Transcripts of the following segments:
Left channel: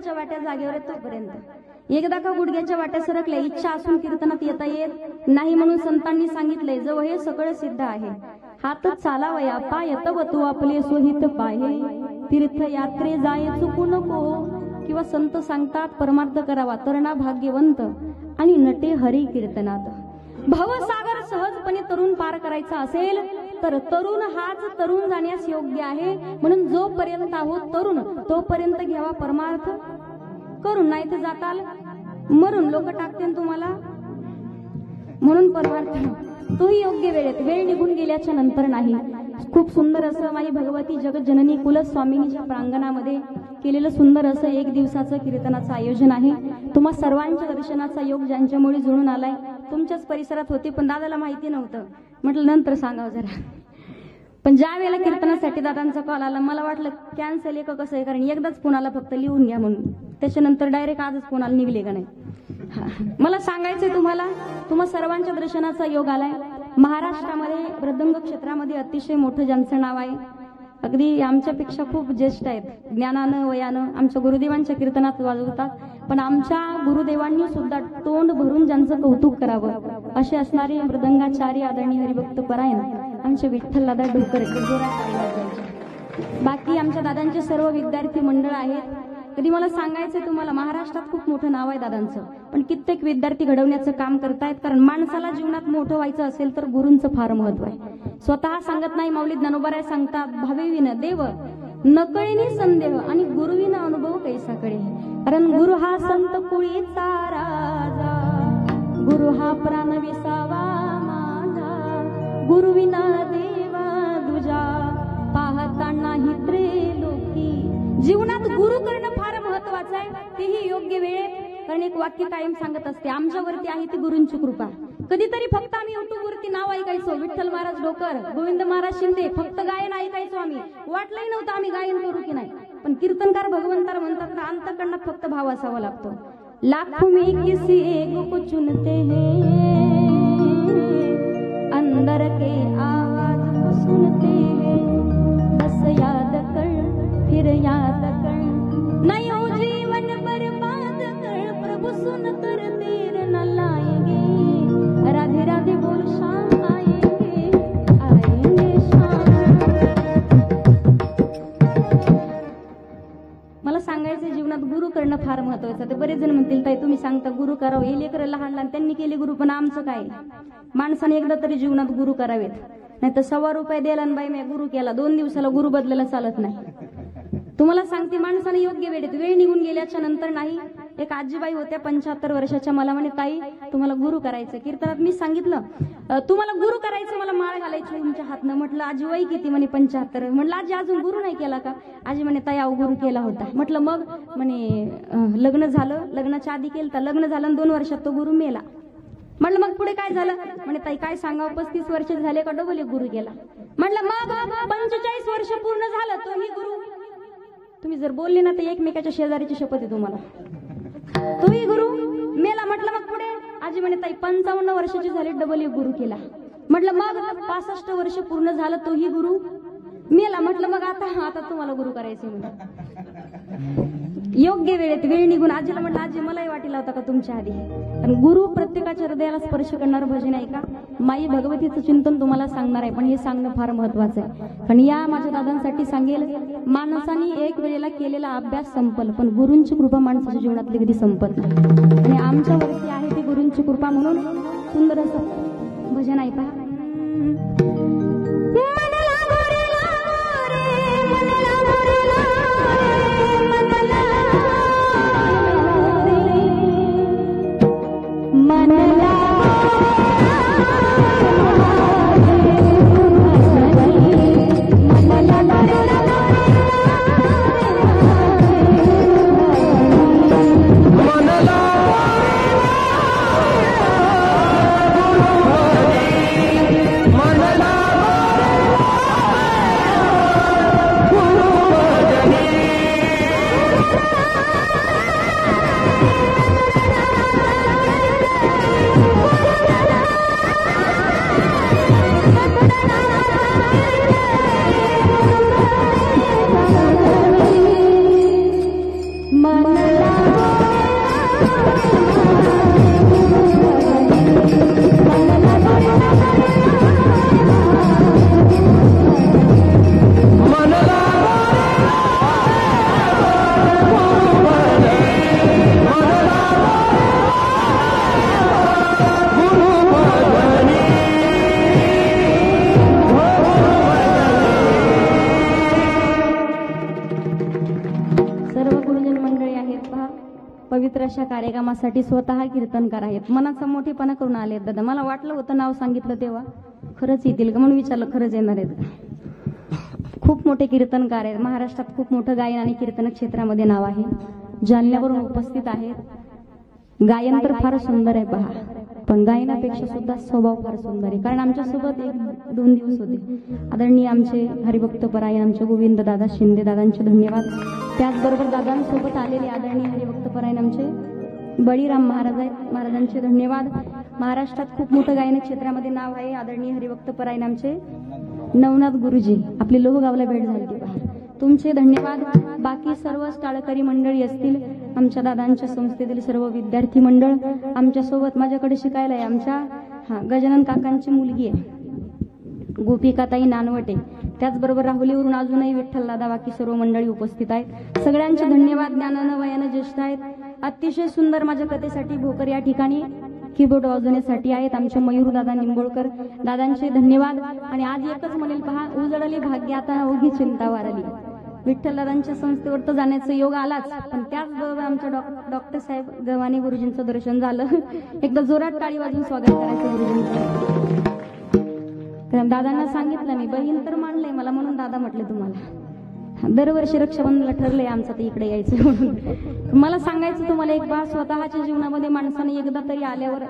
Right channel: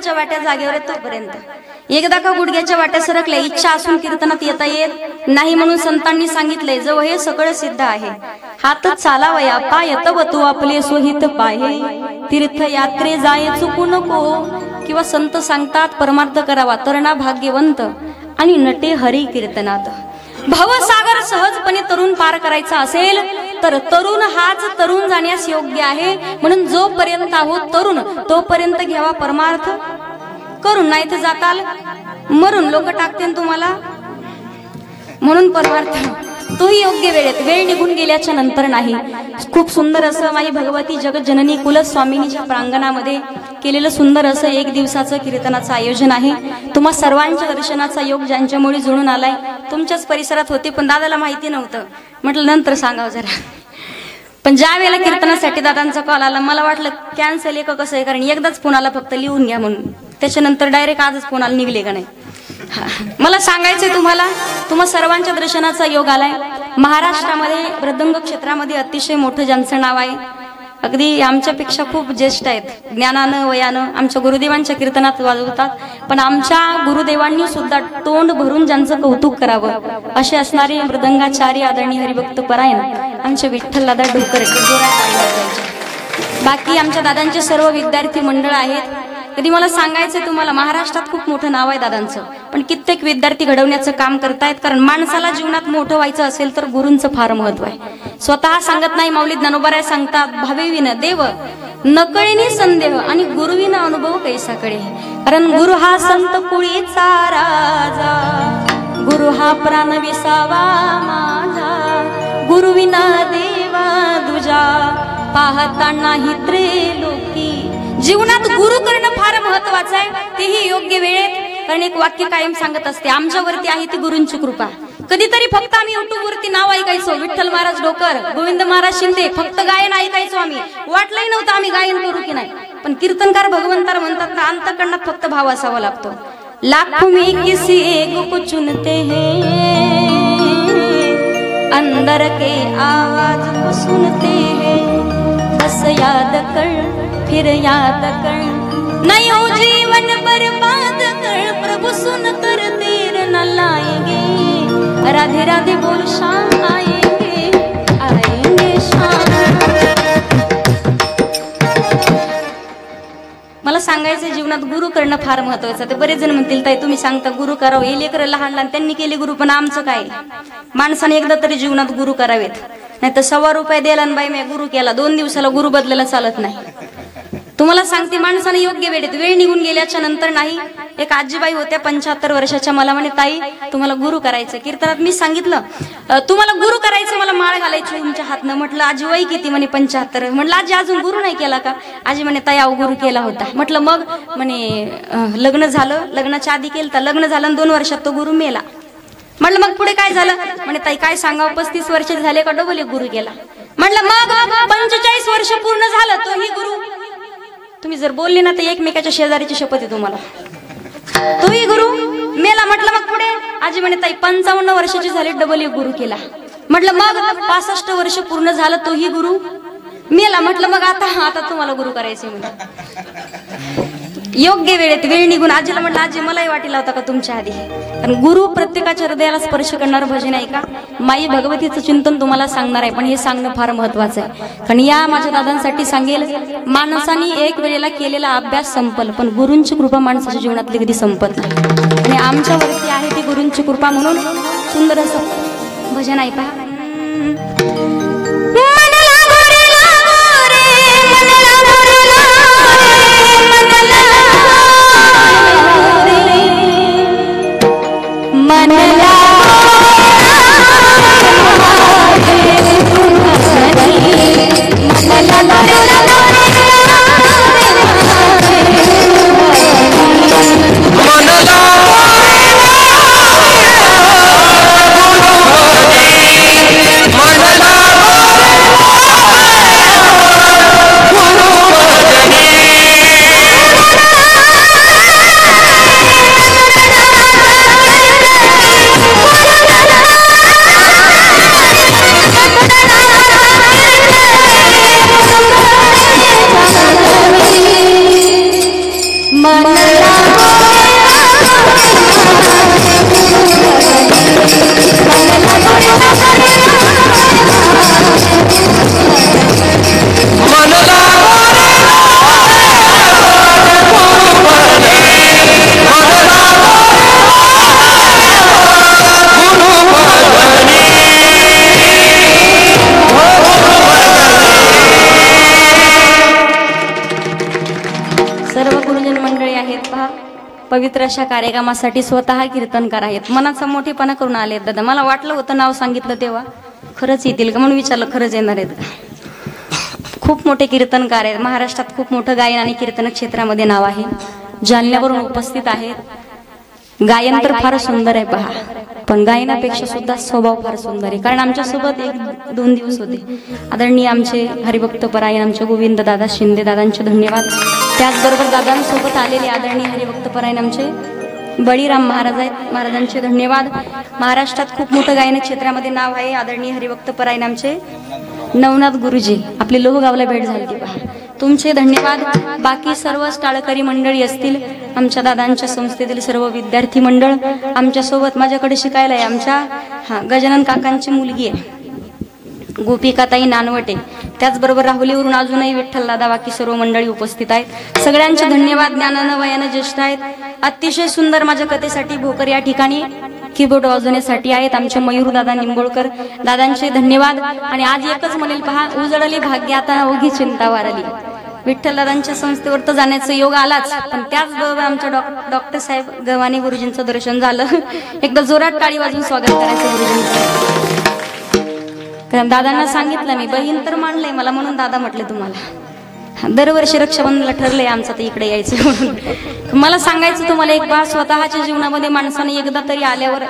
गुडघ्याच्या वाट्या जागेवर आहे तोपर्यंत। एकदा का गुडघ्याच्या वाट्या सरकल्या, इच्छा असून कीर्तनात येता येत नाही म्हणून संतांनी सांगितले, जव हे सगळं सिद्ध आहे। हात चालावया पाय तव तू आपले सोहित पाहे, तीर्थ यात्रे जाय चुकू नको। किंवा संत सांगतात परमार्थ करावा तरणा भाग्यवंत आणि नटे हरी कीर्तनात। भवसागर सहजपणे तरुण पार करायचा असेल तर तरुण हाच तरुण जाण्यास योग्य आहे। म्हणून जोपर्यंत आहोत तरुण तोपर्यंत घ्यावा परमार्थ करून, नाही तर जाताल मरून, लोक टाकतील तुम्हाला। म्हणून परमार्थ तोही योग्य वेळेत, वेळ निघून गेल्याच्या नंतर नाही। खूप सुंदर असं माई भगवती जगज्जननी कुलस्वामिनीच्या प्रांगणामध्ये केलेलं सुंदर असं एक दिवसाचं कीर्तनाचं आयोजन आहे। तुम्हा सर्वांच्या दर्शनाचा योग ज्यांच्यामुळे जुळून आलाय, तुमच्याच परिसरात होते पण दादाला माहिती नव्हतं, म्हटलं नंतर सांगावं जरा। पण ज्या वेळेला कीर्तनासाठी दादांचा कॉल आला, मला वाटलं कॅन्सल आहे का कसं आहे, कारण एकदाच फोनाला फक्त लिहून घ्या म्हणून, त्याच्यानंतर डायरेक्ट आजच फोनाला निघले का नाही। मला सांगायचंय तुम्हाला, तुम्हा सर्वांच्या दर्शनाचा योग आलाय। महाराष्ट्रामध्ये मृदंग क्षेत्रामध्ये अतिशय मोठं ज्यांचं नाव आहे, अगदी आमच्यापेक्षा खूप ज्येष्ठ आहेत, ज्ञानानं वयानं आमच्या गुरुदेवांच्या कीर्तनात वाजवतात, पण आमच्या गुरुदेवांनी सुद्धा तोंड भरून ज्यांचं कौतुक करावं असे असणारे मृदंगाचार्य आदरणीय हरिभक्त परायण आमचे विठ्ठल दादा ढोकर। बाकी आमच्या दादांचे सर्व विद्यार्थी मंडळ आहेत। कधी मला सांगायचं तुम्हाला, महाराष्ट्रात खूप मोठं नाव आहे दादांचं, पण कित्येक विद्यार्थी घडवण्याचं काम करतायत। कारण माणसाला जीवनात मोठं व्हायचं असेल तर गुरूंचं फार महत्व आहे। स्वतः सांगत नाही, माऊली ज्ञानोबा सांगतात, भावेविन देव नकळीने संदेह आणि गुरुविन अनुभव कैसाकडे। कारण गुरु हा संत कुळीचा राजा, गुरु हा प्राण विसावा माझा, गुरुविना देवा दुजा पाहता नाही त्रिलोकी। जीवनात गुरु करणं फार महत्वाचं आहे, तेही योग्य वेळेत। कारण एक वाक्य कायम सांगत असते, आमच्यावरती आहे ती गुरूंची कृपा। कधीतरी फक्त आम्ही युट्यूब वरती नाव ऐकायचो, विठ्ठल महाराज ढोकर, गोविंद महाराज शिंदे, फक्त गायन ऐकायचो आम्ही, वाटलंही नव्हतं आम्ही गायन करू की नाही। पण कीर्तनकार भगवंतार म्हणतात ना, अंतःकरणात फक्त भाव असावा लागतो। लाखों में किसी एक को चुनते हैं, अंदर के आवाज को सुनते हैं, बस याद कर फिर याद कर, नहीं हो जीवन बर्बाद कर, प्रभु सुन कर देर न लाएंगे, राधे राधे बोल शाम आएंगे, आएंगे शाम। मला सांगायचं जीवनात गुरु करणं फार महत्वाचं। ते बरेच जण म्हणतील ताई तुम्ही सांगता गुरु करावं, हे लेकरं लहान लहान त्यांनी केले गुरु, पण आमचं काय, माणसाने एकदा तरी जीवनात गुरु करावेत, नाही तर ₹100 द्यायला बाई मी गुरु केला, 2 दिवसाला गुरु बदलायला चालत नाही। तुम्हाला सांगते, माणसाने योग्य वेळेत, वेळ निघून गेल्याच्या नंतर नाही। एक आजीबाई होत्या 75 वर्षाच्या, मला म्हणे ताई तुम्हाला गुरु करायचं। कीर्तनात मी सांगितलं तुम्हाला गुरु करायचं, मला माळ घालायची तुमच्या हातनं। म्हटलं आजी वय किती? म्हणे 75। म्हटलं आजी अजून गुरु नाही केला का? आजी म्हणे ताई अहो गुरु केला होता। म्हटलं मग? म्हणे लग्न झालं, लग्नाच्या आधी केलं तर, लग्न झालं 2 वर्षात तो गुरु मेला। म्हटलं मग पुढे काय झालं? म्हणे ताई काय सांगावं, 35 वर्षाचे झाले का डबल एक गुरु केला। म्हटलं मग 45 वर्ष पूर्ण झालं तोही गुरु। तुम्ही जर बोलले ना तर एकमेकाच्या शेजारीची शपथ आहे तुम्हाला, तोही गुरु मेला। म्हटलं मग पुढे? आजी म्हणे ताई 55 वर्षाची झाली डबल एक गुरु केला। म्हटलं मग 65 वर्ष पूर्ण झालं तोही गुरु मेला। म्हटलं मग आता तुम्हाला गुरु करायचे म्हणजे योग्य वेळेत, वेळ निघून। आजीला म्हटलं आजी मलाही वाटेला होता का तुमच्या आधी, कारण गुरु प्रत्येकाच्या हृदयाला स्पर्श करणार भजन आहे का, माई भगवतीचं चिंतन तुम्हाला सांगणार आहे, पण हे सांगणं फार महत्वाचं आहे। कारण या माझ्या दादांसाठी सांगेल, माणसाने एक वेळेला केलेला अभ्यास संपल, पण गुरूंची कृपा माणसाच्या जीवनातली कधी संपत नाही, आणि आमच्यावरती आहे ती गुरूंची कृपा। म्हणून सुंदर असं भजन ऐका। मनला पवित्र अशा कार्यक्रमासाठी स्वतः कीर्तनकार आहेत. मनाचा मोठेपणा करून आले आहेत दादा. मला वाटलं होतं नाव सांगितलं तेव्हा खरंच येतील का म्हणून विचारलं, खरंच येणार आहेत. खूप मोठे कीर्तनकार आहेत. महाराष्ट्रात खूप मोठं गायन आणि कीर्तन क्षेत्रामध्ये नाव आहे. जालन्यावरून उपस्थित आहेत. गायन तर फार सुंदर आहे पहा, पण गायनापेक्षा सुद्धा स्वभाव फार सुंदर आहे. कारण आमच्या सोबत 1-2 दिवस होते आदरणीय आमचे हरिभक्त परायण आमचे गोविंद दादा शिंदे दादांचे धन्यवाद. त्याचबरोबर दादांसोबत आलेले आदरणीय हरिभक्त परायण आमचे बळीराम महाराज आहेत, महाराजांचे धन्यवाद. महाराष्ट्रात खूप मोठं गायन क्षेत्रामध्ये नाव आहे. आदरणीय हरिभक्त परायण आमचे नवनाथ गुरुजी, आपली लोहगावला भेट झाली पहा, तुमचे धन्यवाद. बाकी सर्व टाळकरी मंडळी असतील, आमच्या दादांच्या संस्थेतील सर्व विद्यार्थी मंडळ आमच्या सोबत माझ्याकडे शिकायला आहे. आमच्या गजानन काकांची मुलगी आहे गोपिकाताई नानवटे, त्याचबरोबर राहुलीवरून अजूनही विठ्ठल दादा, बाकी सर्व मंडळी उपस्थित आहेत. सगळ्यांचे धन्यवाद. ज्ञानानं वयानं ज्येष्ठ आहेत. अतिशय सुंदर माझ्या कथेसाठी भोकर या ठिकाणी कीबोर्ड वाजवण्यासाठी आहेत आमचे मयूर दादा निंबोळकर, दादांचे धन्यवाद. आणि आज एकच म्हणेल पहा, उजळली भाग्य आता अवघी चिंता वारली. विठ्ठल दादांच्या संस्थेवर तर जाण्याचा योग आलाच, पण त्याचबरोबर आमच्या डॉक्टर साहेब गव्हाणे गुरुजींचं दर्शन झालं. एकदा जोरात टाळी वाजून स्वागत करायचं गुरुजींचं. कारण दादांना सांगितलं मी, बहीण तर मानलंय मला म्हणून दादा म्हटले तुम्हाला. दरवर्षी रक्षाबंधनला ठरलंय आमचं तर इकडे यायचं म्हणून. मला सांगायचं तुम्हाला एक बात, स्वतःच्या जीवनामध्ये माणसाने एकदा तरी आल्यावर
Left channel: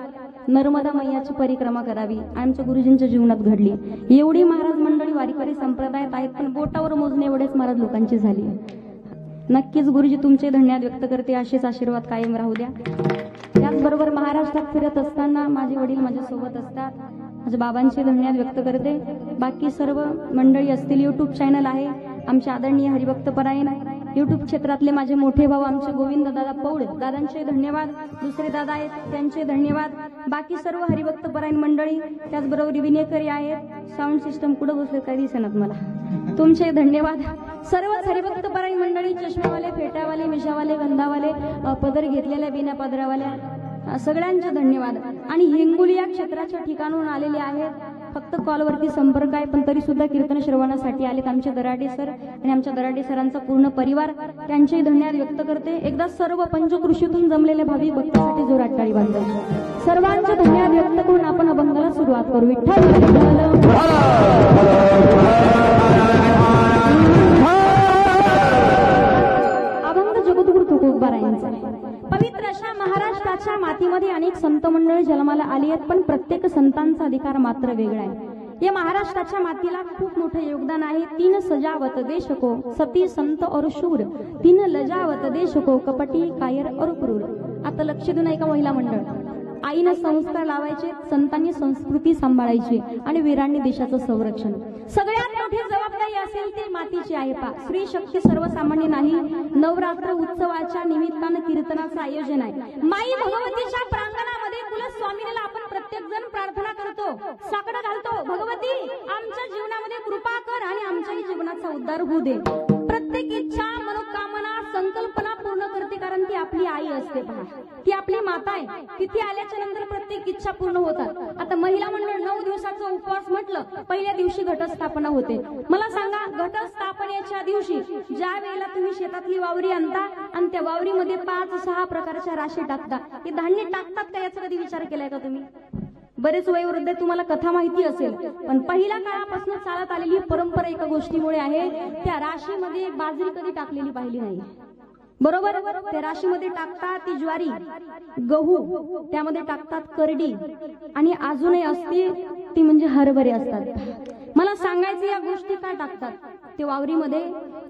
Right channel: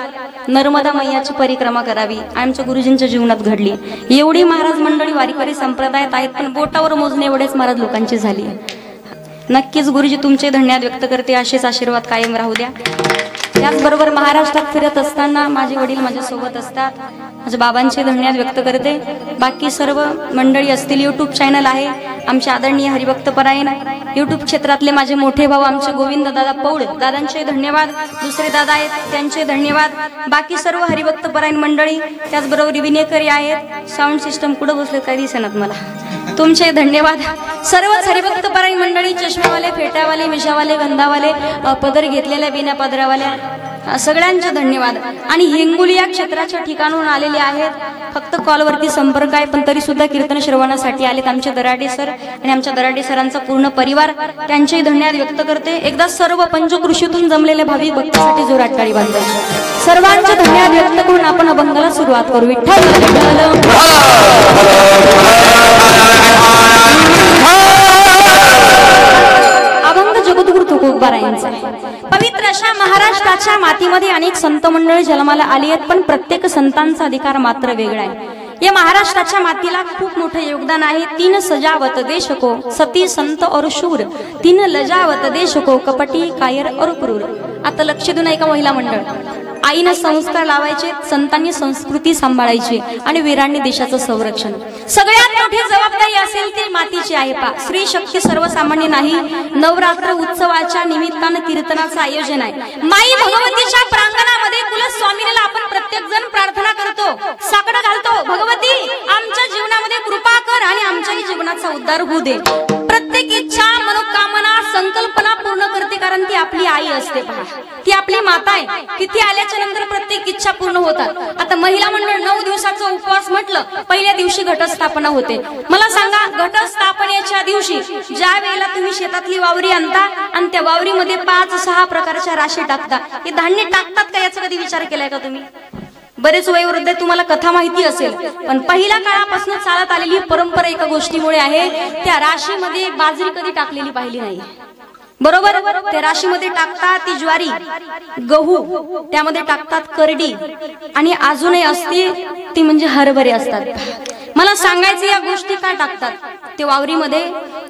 नर्मदा मैयाची परिक्रमा करावी. आमच्या गुरुजींच्या जीवनात घडली. एवढी महाराज मंडळी वारीकरी संप्रदायात आहेत, पण बोटावर मोजणे एवढेच महाराज लोकांची झाली. नक्कीच गुरुजी तुमचे धन्यवाद व्यक्त करते. असेच आशीर्वाद कायम राहू द्या. त्याचबरोबर महाराष्ट्रात फिरत असताना माझे वडील माझ्या सोबत असतात, माझ्या बाबांचे धन्यवाद व्यक्त करते. बाकी सर्व मंडळी असतील. युट्यूब चॅनल आहे आमचे आदरणीय हरिभक्त परायण, युट्यूब क्षेत्रातले माझे मोठे भाऊ आमचे गोविंद दादा पौड, दादांचे धन्यवाद. दुसरे दादा आहेत त्यांचे धन्यवाद. बाकी सर्व हरिभक्त परायण मंडळी, त्याचबरोबर विनेकरी आहेत. साऊंड सिस्टम कुठं बसले काही दिसेनात मला, तुमचे धन्यवाद. सर्वच हरिभक्त परायण मंडळी, चष्मेवाले, फेट्यावाले, मिशावाले, गंधावाले, पदर घेतलेल्या बिना पदरावाल्या, सगळ्यांचे धन्यवाद. आणि हिंगोली या क्षेत्राच्या ठिकाणून आलेले आहेत. फक्त कॉलवरती संपर्क आहे, पण तरी सुद्धा कीर्तन श्रवणासाठी आलेत आमचे दराडे सर आणि आमच्या दराडे सरांचा पूर्ण परिवार, त्यांचेही धन्यवाद व्यक्त करते. एकदा सर्व पंचकृषीतून जमलेल्या भाविक भक्तांसाठी जोरात टाळी वाजवायची. सर्वांचे धन्यवाद व्यक्त करून आपण अभंगाला सुरुवात करू. अभंग जगद्गुरु तुकोबारायांचा. पवित्र अशा महाराष्ट्राच्या मातीमध्ये अनेक संत मंडळी जन्माला आली आहेत, पण प्रत्येक संतांचा अधिकार मात्र वेगळा आहे. या महाराष्ट्राच्या मातीला खूप मोठं योगदान आहे. 3 सजावत देश को, सती संत और शूर, 3 लजावत देश को, कपटी कायर और क्रूर. आता लक्ष देऊन ऐका महिला मंडळ, आईनं संस्कार लावायचे, संतांनी संस्कृती सांभाळायची आणि वीरांनी देशाचं संरक्षण. सगळ्यात मोठी जबाबदारी असेल ती मातीची आहे पा. स्त्री शक्ती सर्वसामान्य नाही. नवरात्र उत्सवाच्या निमित्तानं कीर्तनाचं आयोजन आहे. माई भगवतीच्या प्रांगणामध्ये कुलस्वामिनीला आपण प्रत्येक जण प्रार्थना करतो, साकडं घालतो, भगवती आमच्या जीवनामध्ये कृपा कर आणि आमच्याही जीवनाचा उद्धार होऊ दे. प्रत्येक इच्छा, मनोकामना, संकल्पना पूर्ण करते, कारण ती आपली आई असते पहा, ती आपली माता आहे. तिथे आल्याच्या नंतर प्रत्येक इच्छा पूर्ण होतात. आता महिला मंडळ 9 दिवसाचा उपवास म्हटलं, पहिल्या दिवशी घटस्थापना होते. मला सांगा, घटस्थापनेच्या दिवशी ज्या वेळेला तुम्ही शेतातली वावरी आणता आणि त्या वावरीमध्ये 5-6 प्रकारच्या राशी टाकता, हे धान्य टाकतात का याचा कधी विचार केलाय का तुम्ही? बरेच वयोवृद्ध तुम्हाला कथा माहिती असेल, पण पहिल्या काळापासून चालत आलेली परंपरा एका गोष्टीमुळे आहे, त्या राशीमध्ये बाजरी कधी टाकलेली पाहिली नाही. बरोबर, त्या राशीमध्ये टाकतात ती ज्वारी, गहू, त्यामध्ये टाकतात करडी आणि अजूनही असते ती म्हणजे हरभरे असतात. मला सांगायचं या गोष्टी का टाकतात ते वावरीमध्ये,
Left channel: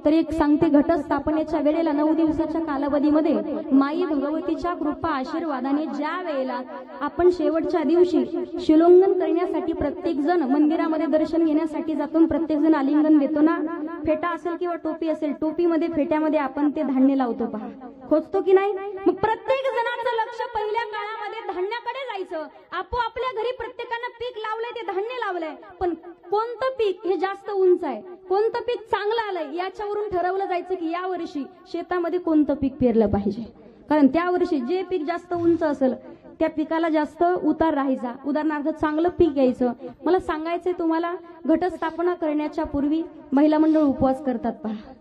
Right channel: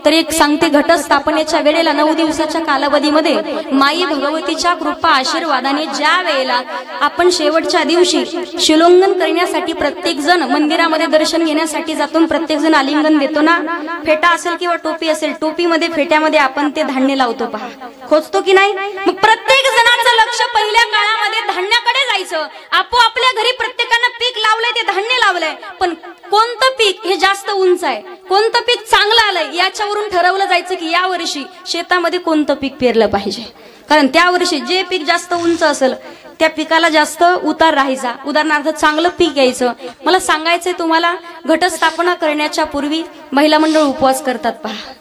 तर एक सांगते, घटस्थापनेच्या वेळेला 9 दिवसाच्या कालावधीमध्ये माई भगवतीच्या कृपा आशीर्वादाने ज्या वेळेला आपण शेवटच्या दिवशी शिलोंगन करण्यासाठी प्रत्येक जण मंदिरामध्ये दर्शन घेण्यासाठी जातो, प्रत्येक जण आलिंगन देतो ना, फेटा असेल किंवा टोपी असेल, टोपीमध्ये फेट्यामध्ये आपण ते धान्य लावतो पहा, खोचतो की नाही? मग प्रत्येक जणांचं लक्ष पहिल्या काळामध्ये धान्याकडे जायचं. आपल्या घरी प्रत्येकानं पीक लावलंय, ते धान्य लावलंय, पण कोणतं पीक हे जास्त उंच आहे, कोणतं पीक चांगलं आलंय, याच्यावरून ठरवलं जायचं की या वर्षी शेतामध्ये कोणतं पीक पेरलं पाहिजे. कारण त्या वर्षी जे पीक जास्त उंच असेल त्या पिकाला जास्त उतार राहायचा. उदाहरणार्थ चांगलं पीक यायचं. मला सांगायचंय तुम्हाला, घटस्थापना करण्याच्या पूर्वी महिला मंडळ उपवास करतात पहा,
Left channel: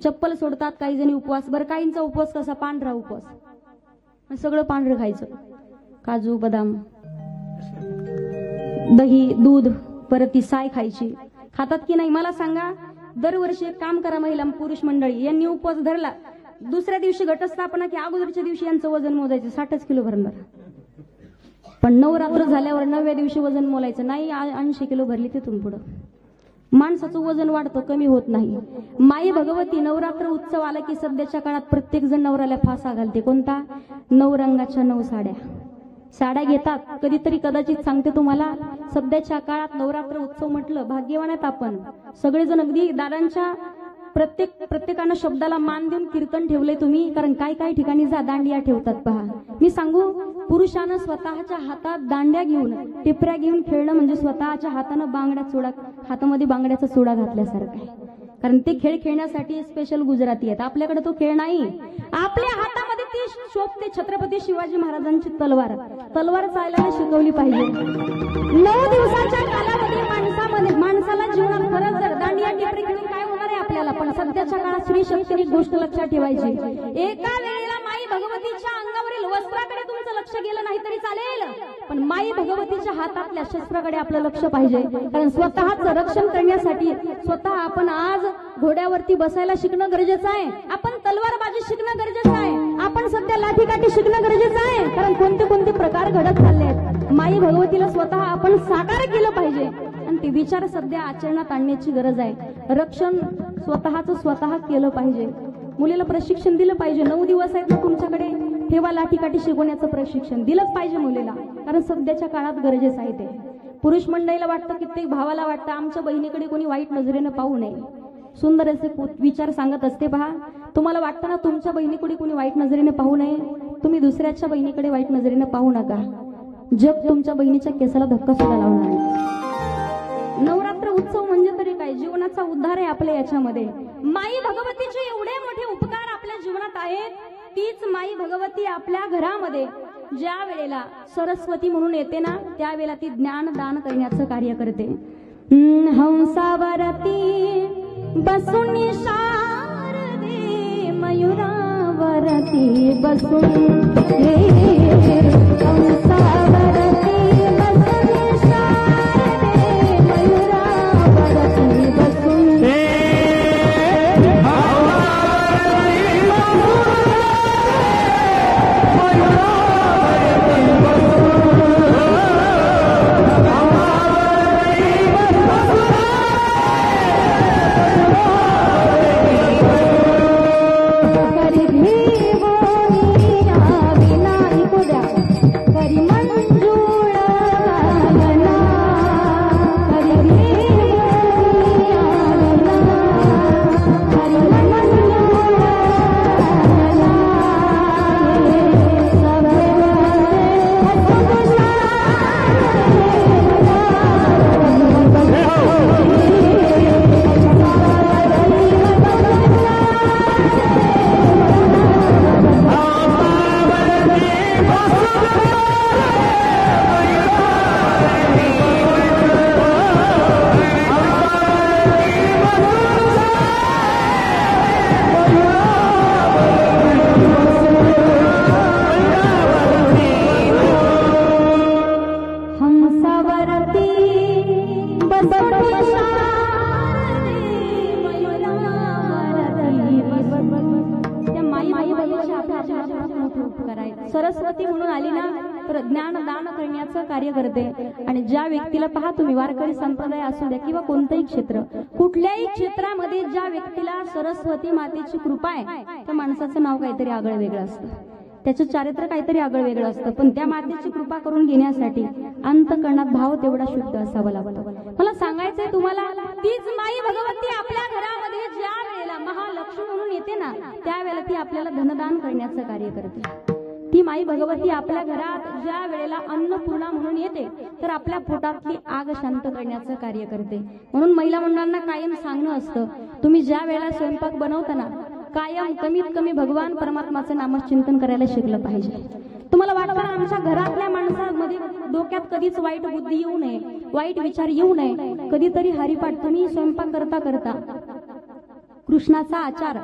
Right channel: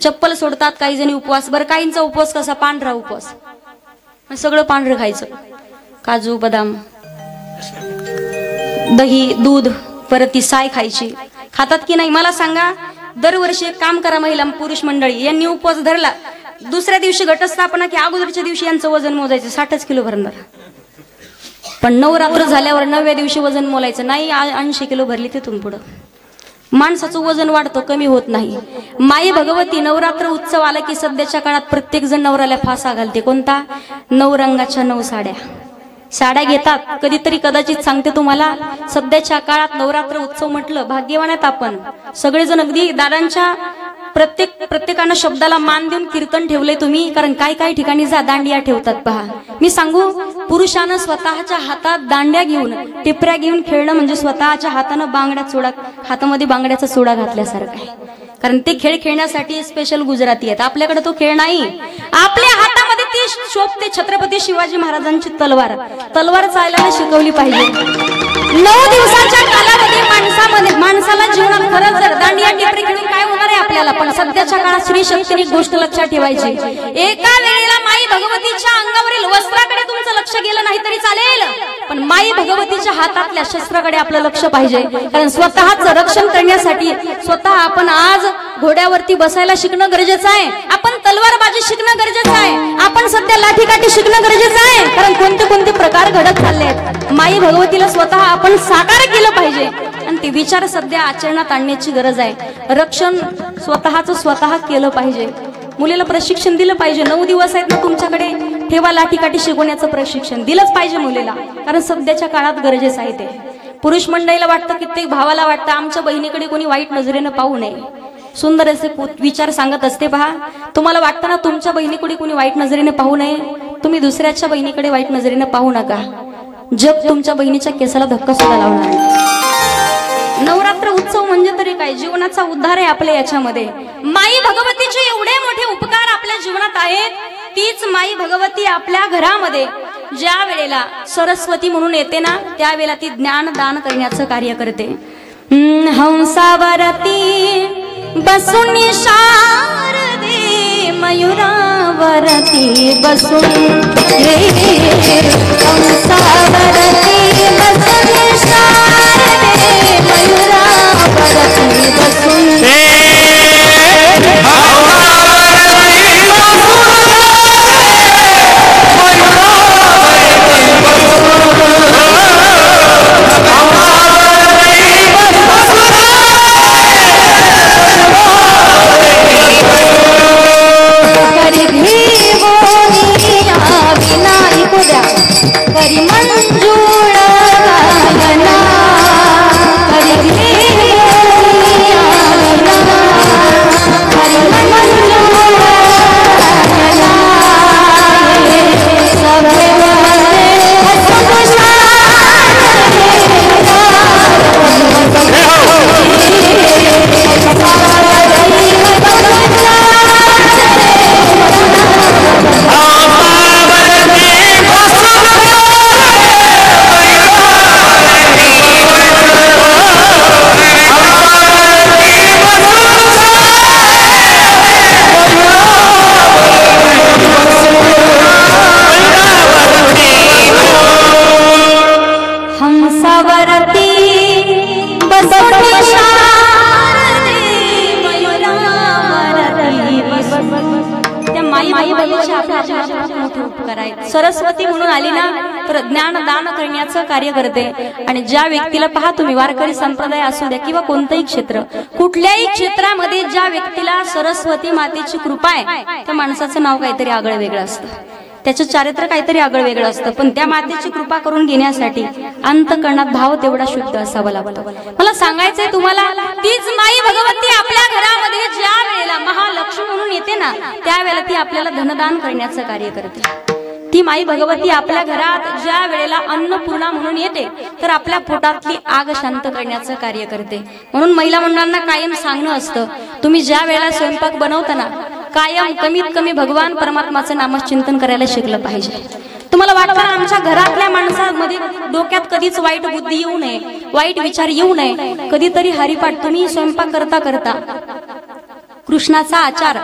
चप्पल सोडतात काही जणी उपवास. बरं, काहींचा उपवास कसा, पांढरा उपवास, सगळं पांढरं खायचं, काजू बदाम दही दूध परत ती साय खायची. खातात की नाही मला सांगा. दरवर्षी एक काम करा महिला पुरुष मंडळी, यांनी उपवास धरला, दुसऱ्या दिवशी घटस्थापना की अगोदरच्या दिवशी यांचं वजन मोजायचं 60 किलो भरणार. पण नवरात्र झाल्यावर 9व्या दिवशी वजन मोलायचं नाही, 80 किलो भरली तिथून पुढं. माणसाचं वजन वाढतं, कमी होत नाही. माई भगवती नवरात्र उत्सव आला की सध्याच्या काळात प्रत्येक जण नवऱ्याला फासा घालते. कोणता? 9 रंगाच्या 9 साड्या घेतात. कधीतरी कदाचित सांगते तुम्हाला, सध्याच्या काळात नवरात्र उत्सव म्हटलं भाग्यवान आहेत आपण सगळेजण. अगदी दादांच्या प्रत्येकानं शब्दाला मान देऊन कीर्तन ठेवले तुम्ही. कारण काय ठिकाणी जा दांडिया ठेवतात पहा. मी सांगू, पुरुषानं स्वतःच्या हातात दांड्या घेऊन टिपऱ्या घेऊन खेळणं म्हणजे स्वतःच्या हातानं हातामध्ये बांगड्याचा चुडा घातल्यासारखं आहे. कारण ते खेळ खेळण्यासाठी स्पेशल गुजराती आहेत. आपल्याकडे तो खेळ नाही. आपल्या हातामध्ये ती शोभते छत्रपती शिवाजी महाराजांची तलवार चालायला शिकवली पाहिजे. 9 दिवसाच्या कालावधी माणसाला जीवनात खरंच जर दांडिया टिपरी खेळून काय होणार आहे आपल्याला. पण सध्याच्या काळात स्त्री शक्तीने गोष्ट लक्षात ठेवायची. एका वेळेला माई भगवतीच्या अंगावरील वस्त्राकडे तुमचं लक्ष गेलं नाही तरी चालेल, पण माई भगवतीच्या हातातल्या शस्त्राकडे आपलं लक्ष पाहिजे. कारण स्वतःचं रक्षण करण्यासाठी स्वतः आपण आज घोड्यावरती बसायला शिकणं गरजेचं आहे. आपण तलवारबाजी शिकणं गरजेचं आहे. आपण सध्या लाठीकाठी शिकणं गरजेचं आहे. कारण कोणते प्रकार घडत चालले आहेत. माई भगवतीला स्वतः आपण साकार केलं पाहिजे आणि ते विचार सध्या आचरणात आणण्याची गरज आहे. रक्षण स्वतः केलं पाहिजे. मुलीला प्रशिक्षण दिलं पाहिजे. 9 दिवस आहेत ना तुमच्याकडे, ठेवा लाठीकाठी शिकवण्याचं प्रशिक्षण दिलंच पाहिजे मुलीला. कारण सध्याच्या काळात गरजेचं आहे ते. पुरुष मंडळीला वाटतं, कित्येक भावाला वाटतं आमच्या बहिणीकडे कोणी वाईट नजरेनं पाहू नये. सुंदर असे विचार सांगत असते पहा. तुम्हाला वाटतं ना तुमच्या बहिणीकडे कोणी वाईट नजरेने पाहू नये, तुम्ही दुसऱ्याच्या बहिणीकडे वाईट नजरेने पाहू नका. जग तुमच्या बहिणीच्या केसाला धक्का सुद्धा लावणार. नवरात्र उत्सव म्हणजे तरी काय, जीवनाचा उद्धार आहे आपल्या याच्यामध्ये. माई भगवतीचे एवढे मोठे उपकार आपल्या जीवनात आहेत. तीच माई भगवती आपल्या घरामध्ये ज्या वेळेला सरस्वती म्हणून येते ना, त्यावेळेला ती ज्ञान दान करण्याचं कार्य करते. हंसावरती बसून शारदे, मयुरावरती बसून हंसावरती बसून शारदे, मयुरावरती बसून सरस्वती म्हणून आली ना तर ज्ञान दान करण्याचं कार्य करते. आणि ज्या व्यक्तीला पहा तुम्ही, वारकरी संप्रदाय असू द्या किंवा कोणतंही क्षेत्र, कुठल्याही क्षेत्रामध्ये ज्या व्यक्तीला सरस्वती मातेची कृपा आहे त्या माणसाचं नाव काहीतरी आगळं वेगळं असतं, त्याचं चारित्र्य काहीतरी आगळं वेगळं असतं. पण त्या मातेची कृपा करून घेण्यासाठी अंतःकरणात भाव तेवढा शुद्ध असावा लागतो. मला सांगायचंय तुम्हाला, तीच माई भगवती आपल्या घरामध्ये ज्या वेळेला महालक्ष्मी म्हणून येते ना, त्यावेळेला ती आपल्याला धनदान करण्याचं कार्य करते. ती माई भगवती आपल्या घरात ज्या वेळेला अन्नपूर्णा म्हणून येते तर आपल्या पोटातली आग शांत करण्याचं कार्य करते. म्हणून महिला मंडळांना कायम सांगणं असतं, तुम्ही ज्या वेळेला स्वयंपाक बनवताना कायम कमीत कमी भगवान परमात्माचं नामचिंतन करायला शिकलं पाहिजे. तुम्हाला वाटतं आमच्या घरातल्या माणसांमध्ये डोक्यात कधीच वाईट बुद्धी येऊ नये, वाईट विचार येऊ नये. कधीतरी हरिपाठ तुम्ही स्वयंपाक करता करता कृष्णाचा आचार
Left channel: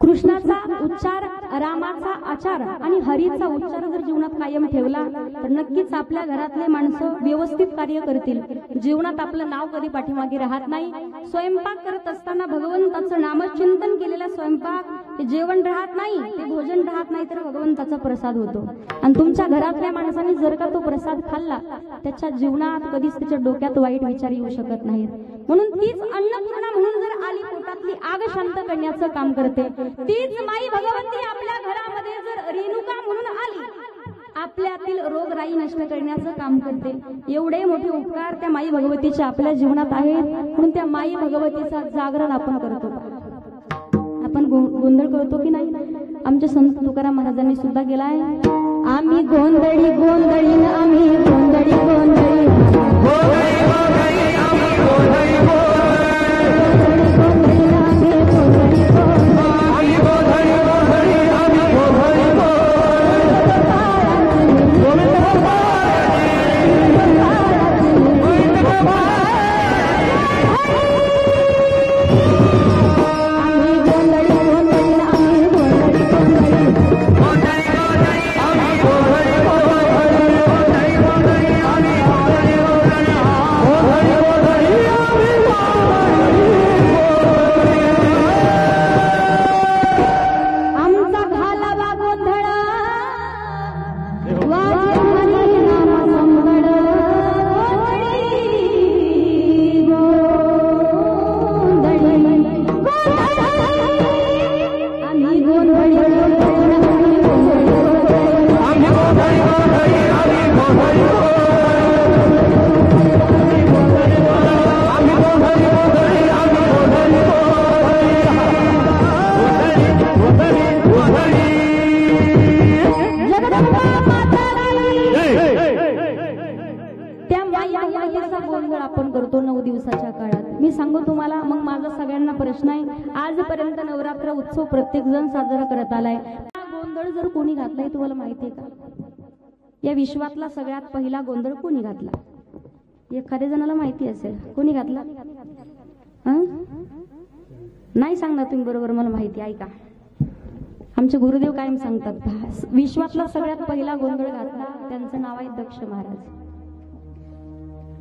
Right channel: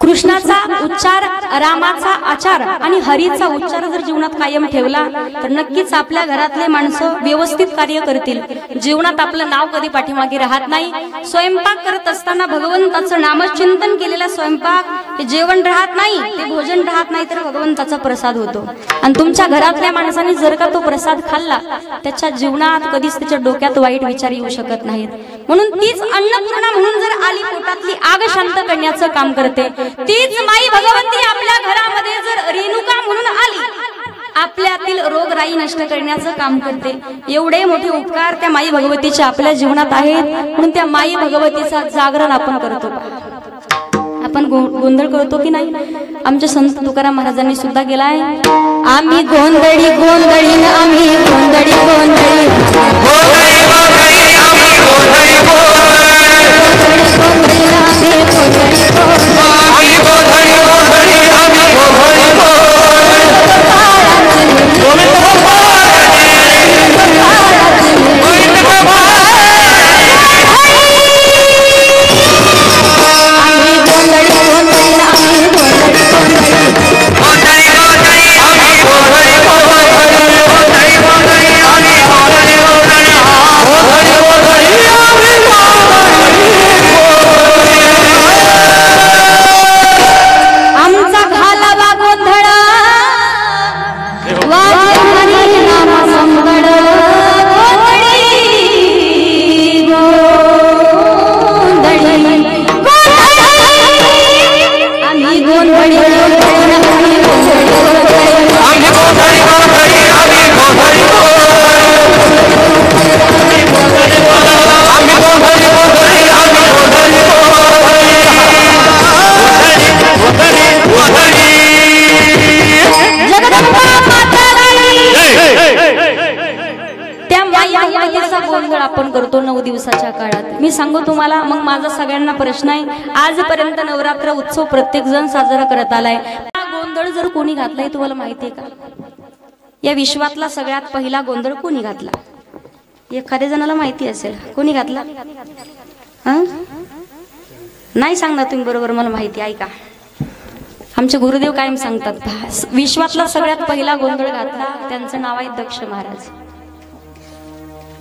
कृष्णाचा उच्चार, रामाचा आचार आणि हरीचा उच्चार जर जीवनात कायम ठेवला तर नक्कीच आपल्या घरातले माणसं व्यवस्थित कार्य करतील. जीवनात आपलं नाव कधी पाठीमागे राहत नाही. स्वयंपाक करत असताना भगवंताचं नामचिंतन केलेला स्वयंपाक हे जेवण राहत नाही, ते भोजन राहत नाही, तर भगवंताचा प्रसाद होतो. आणि तुमच्या घरातल्या माणसाने जर का तो प्रसाद खाल्ला त्याच्या जीवनात कधीच त्याच्या डोक्यात वाईट विचार येऊ शकत नाहीत. म्हणून तीच अन्नपूर्णा म्हणून जर आली, पोटातली आग शांत करण्याचं काम करते. तीच माई भगवती आपल्या घरामध्ये जर रेणुका म्हणून आली, आपल्यातील रोगराई नष्ट करण्याचं काम करते. एवढे मोठे उपकार त्या माई भगवतीचे आपल्या जीवनात आहेत. म्हणून त्या माई भगवतीचा जागरण आपण करतो. आपण गोंधळ करतो की नाही? आमच्या संत तुकाराम महाराजांनी सुद्धा केलाय. आम्ही गोंधळी गोंधळी आम्ही गोंधळी गोंधळी आपण करतो 9 दिवसाच्या काळात. मी सांगू तुम्हाला, मग माझा सगळ्यांना प्रश्न आहे. आजपर्यंत नवरात्र उत्सव प्रत्येक जण साजरा करत आलाय. हा गोंधळ जर कोणी घातलाय तुम्हाला माहितीये का? या विश्वातला सगळ्यात पहिला गोंधळ कोणी घातला? एखाद्या जणाला माहिती असेल. कोणी घातला? नाही सांगणार तुम्ही बरोबर, मला माहिती. ऐका, आमचे गुरुदेव कायम सांगतात, विश्वातला सगळ्यात पहिला गोंधळ घातला त्यांचं नाव आहे दक्ष महाराज.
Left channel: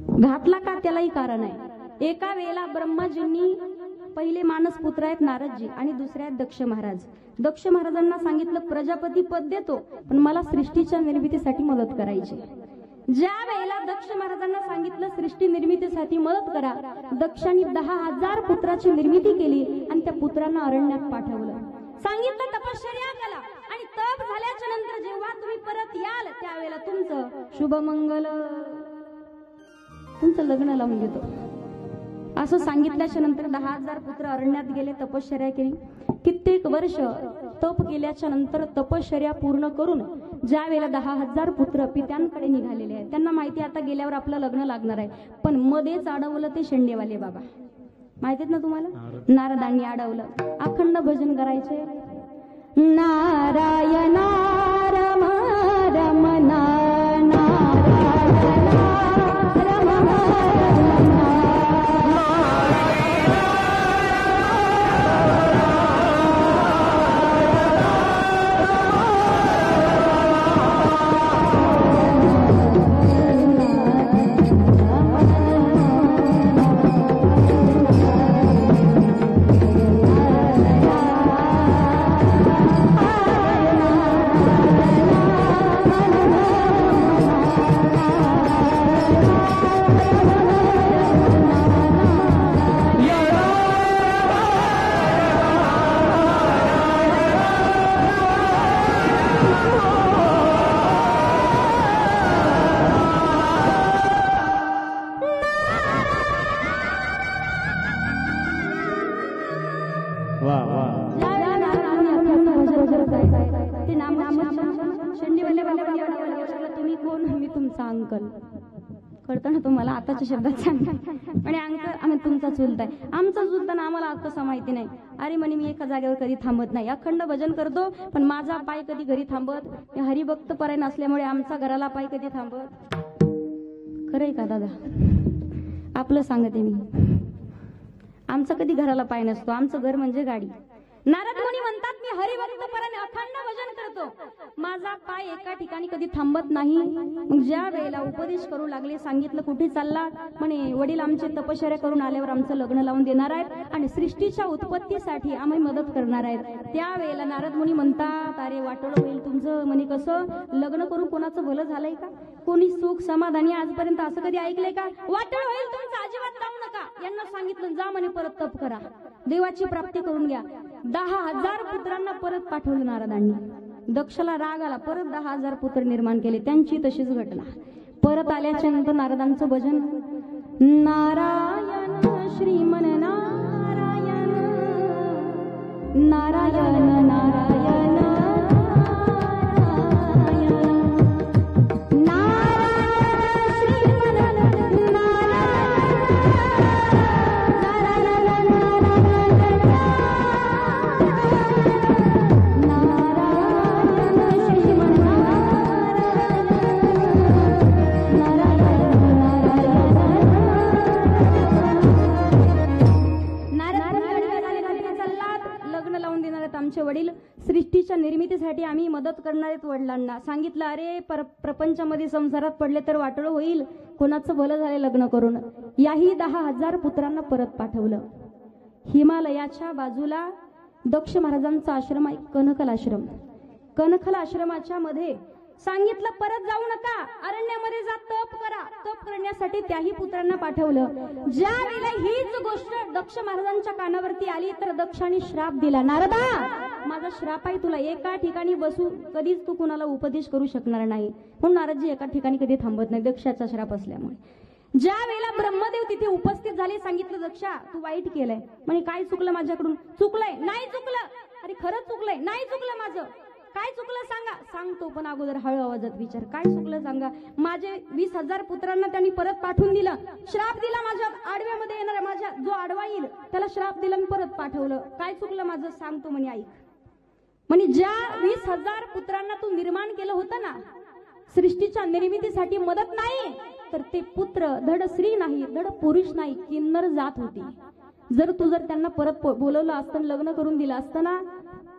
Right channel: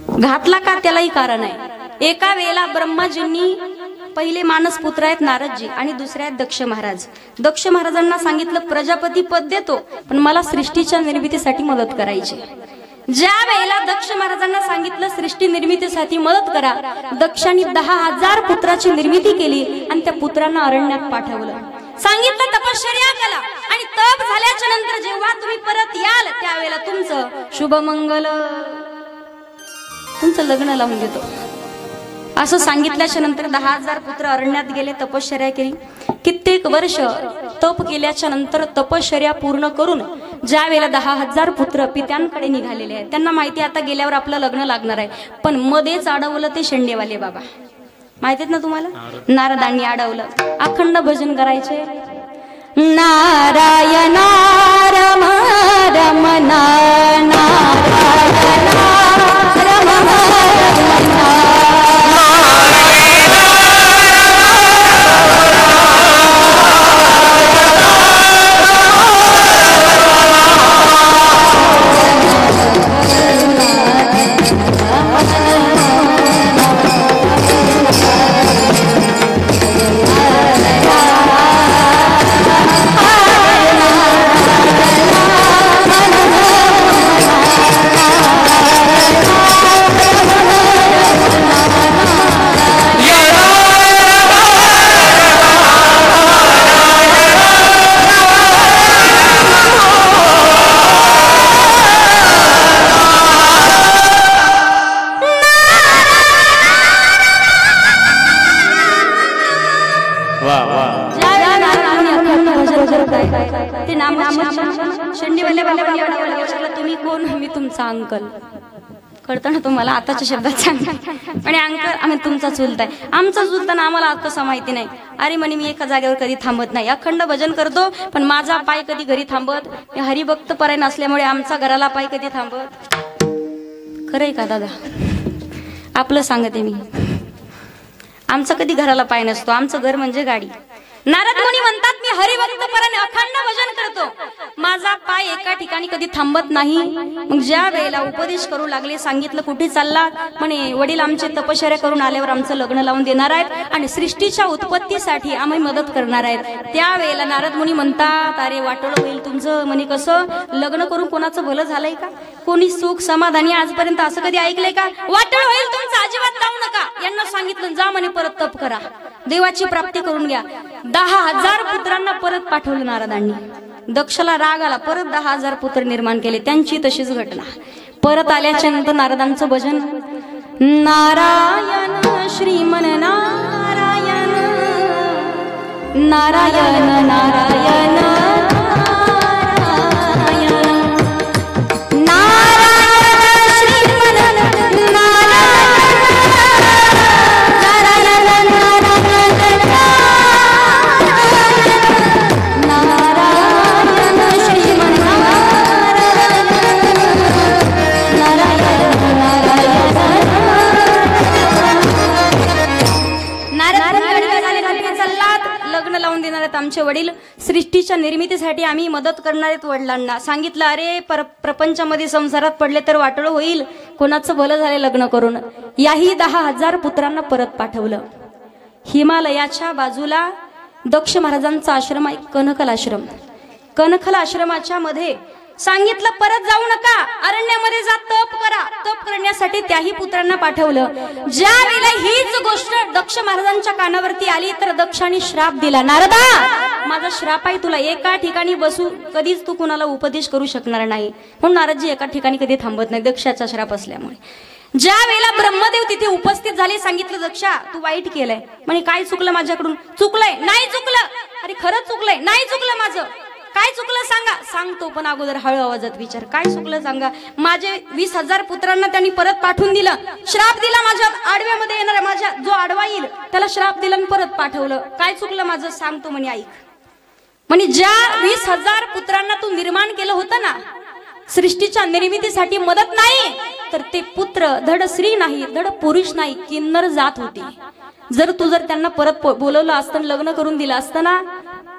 घातला का? त्यालाही कारण आहे. एका वेळेला ब्रह्माजींनी, पहिले मानस पुत्र आहेत नारदजी आणि दुसरे आहेत दक्ष महाराज. दक्ष महाराजांना सांगितलं प्रजापती पद देतो, पण मला सृष्टीच्या निर्मितीसाठी मदत करायची. ज्या वेळेला दक्ष महाराजांना सांगितलं सृष्टी निर्मितीसाठी मदत करा, दक्षांनी 10,000 पुत्राची निर्मिती केली आणि त्या पुत्रांना अरण्यात पाठवलं. सांगितलं तपश्चर्या करा आणि तप झाल्याच्या नंतर जेव्हा तुम्ही परत याल त्यावेळेला तुमचं शुभमंगल, तुमचं लग्न लावून देतो असं सांगितल्याच्या नंतर 10,000 पुत्र अरण्यात गेले, तपश्चर्या केली. कित्येक वर्ष तप केल्याच्या नंतर तपश्चर्या पूर्ण करून ज्या वेळेला 10,000 पुत्र पित्यांकडे निघालेले आहेत, त्यांना माहिती आता गेल्यावर आपलं लग्न लागणार आहे. पण मध्येच अडवलं ते शेंडेवाले बाबा, माहितीत ना तुम्हाला? नारदांनी अडवलं. अखंड भजन करायचे. नारायण रम रमना तुम्ही कोण? मी तुमचा अंकल. कळतं ना तुम्हाला? आताच्या शब्दात सांगते आणि अंकल आम्ही तुमचा चुलता आहे. आमचा चुलताना आम्हाला कसं माहिती नाही. अरे म्हणे मी एका जागेवर कधी थांबत नाही, अखंड भजन करतो, पण माझा पाय कधी घरी थांबत. हरिभक्त परायण असल्यामुळे आमचा घराला पाय कधी थांबत. खरंय का दादा? आपलं सांगते मी. आमचा कधी घराला पाय नसतो. आमचं घर म्हणजे गाडी. नारद मुनी म्हणतात मी हरिभक्त पराने अखंड भजन करतो, माझा पाय एका ठिकाणी कधी थांबत नाही. मग ज्या वेळेला उपदेश करू लागले, सांगितलं कुठे चालला, म्हणे वडील आमचे तपश्चर्या करून आल्यावर आमचं लग्न लावून देणार आहेत आणि सृष्टीच्या उत्पत्तीसाठी आम्ही मदत करणार आहेत. त्यावेळेला नारद मुनी म्हणतात अरे वाटोळं होईल तुमचं. म्हणे कसं, लग्न करून कोणाचं भलं झालंय का, कोणी सुख समाधानी आजपर्यंत असं कधी ऐकलंय का, वाटोळं होईल तुमचं, अजिबात जाऊ नका. यांना सांगितलं जा म्हणे परत तप करा, देवाची प्राप्ती करून घ्या. 10,000 पुत्रांना परत पाठवलं नारदांनी. दक्षला राग आला, परत 10,000 पुत्र निर्माण केले. त्यांची तशीच घटना. परत आल्याच्या नंतर नारदांचं भजन, नारायण श्रीमन नारायण नारायण नारायण आमचे वडील सृष्टीच्या निर्मितीसाठी आम्ही मदत करणार आहेत. वडिलांना सांगितलं अरे प्रपंचामध्ये संसारात पडले तर वाटोळं होईल, कोणाचं भलं झाले लग्न करून. याही 10,000 पुत्रांना परत पाठवलं. हिमालयाच्या बाजूला दक्ष महाराजांचा आश्रम आहे, कनखल आश्रम. कनखल आश्रमाच्या मध्ये सांगितलं परत जाऊ नका, अरण्यामध्ये जा, तप करा. तप करण्यासाठी त्याही पुत्रांना पाठवलं. ज्या वेळेला हीच गोष्ट दक्ष महाराजांच्या कानावरती आली तर दक्षाने श्राप दिला, नारदा माझा श्राप आहे, तुला एका ठिकाणी बसू कधीच तू कुणाला उपदेश करू शकणार नाही. म्हणून नारदजी एका ठिकाणी कधी थांबत नाही, दक्षाचा श्राप असल्यामुळे. ज्या वेळेला ब्रह्मदेव तिथे उपस्थित झाले, सांगितलं दक्षा तू वाईट केलंय. म्हणे काय चुकलं माझ्याकडून, चुकलंय नाही चुकलं, अरे खरंच चुकलंय, नाही चुकलं माझं, काय चुकलं सांगा. सांगतो पण अगोदर हळू आवाजात विचार, काय चुकलं सांगा. माझे 20,000 पुत्रांना त्यांनी परत पाठवून दिलं, श्राप दिला, माझ्या आडव्यामध्ये येणारा माझ्या जो आडवा येईल त्याला श्राप दिला आणि परत पाठवलं. काय चुकलं माझं सांगतो म्हणे ऐक. म्हणे ज्या 20,000 पुत्रांना तू निर्माण केलं होतं ना, सृष्टीच्या निर्मितीसाठी मदत नाही, तर ते पुत्र धड स्त्री नाही, धड पुरुष नाही, किन्नर जात होती. जर त्यांना परत बोलवलं असतं, लग्न करून दिलं असतं ना,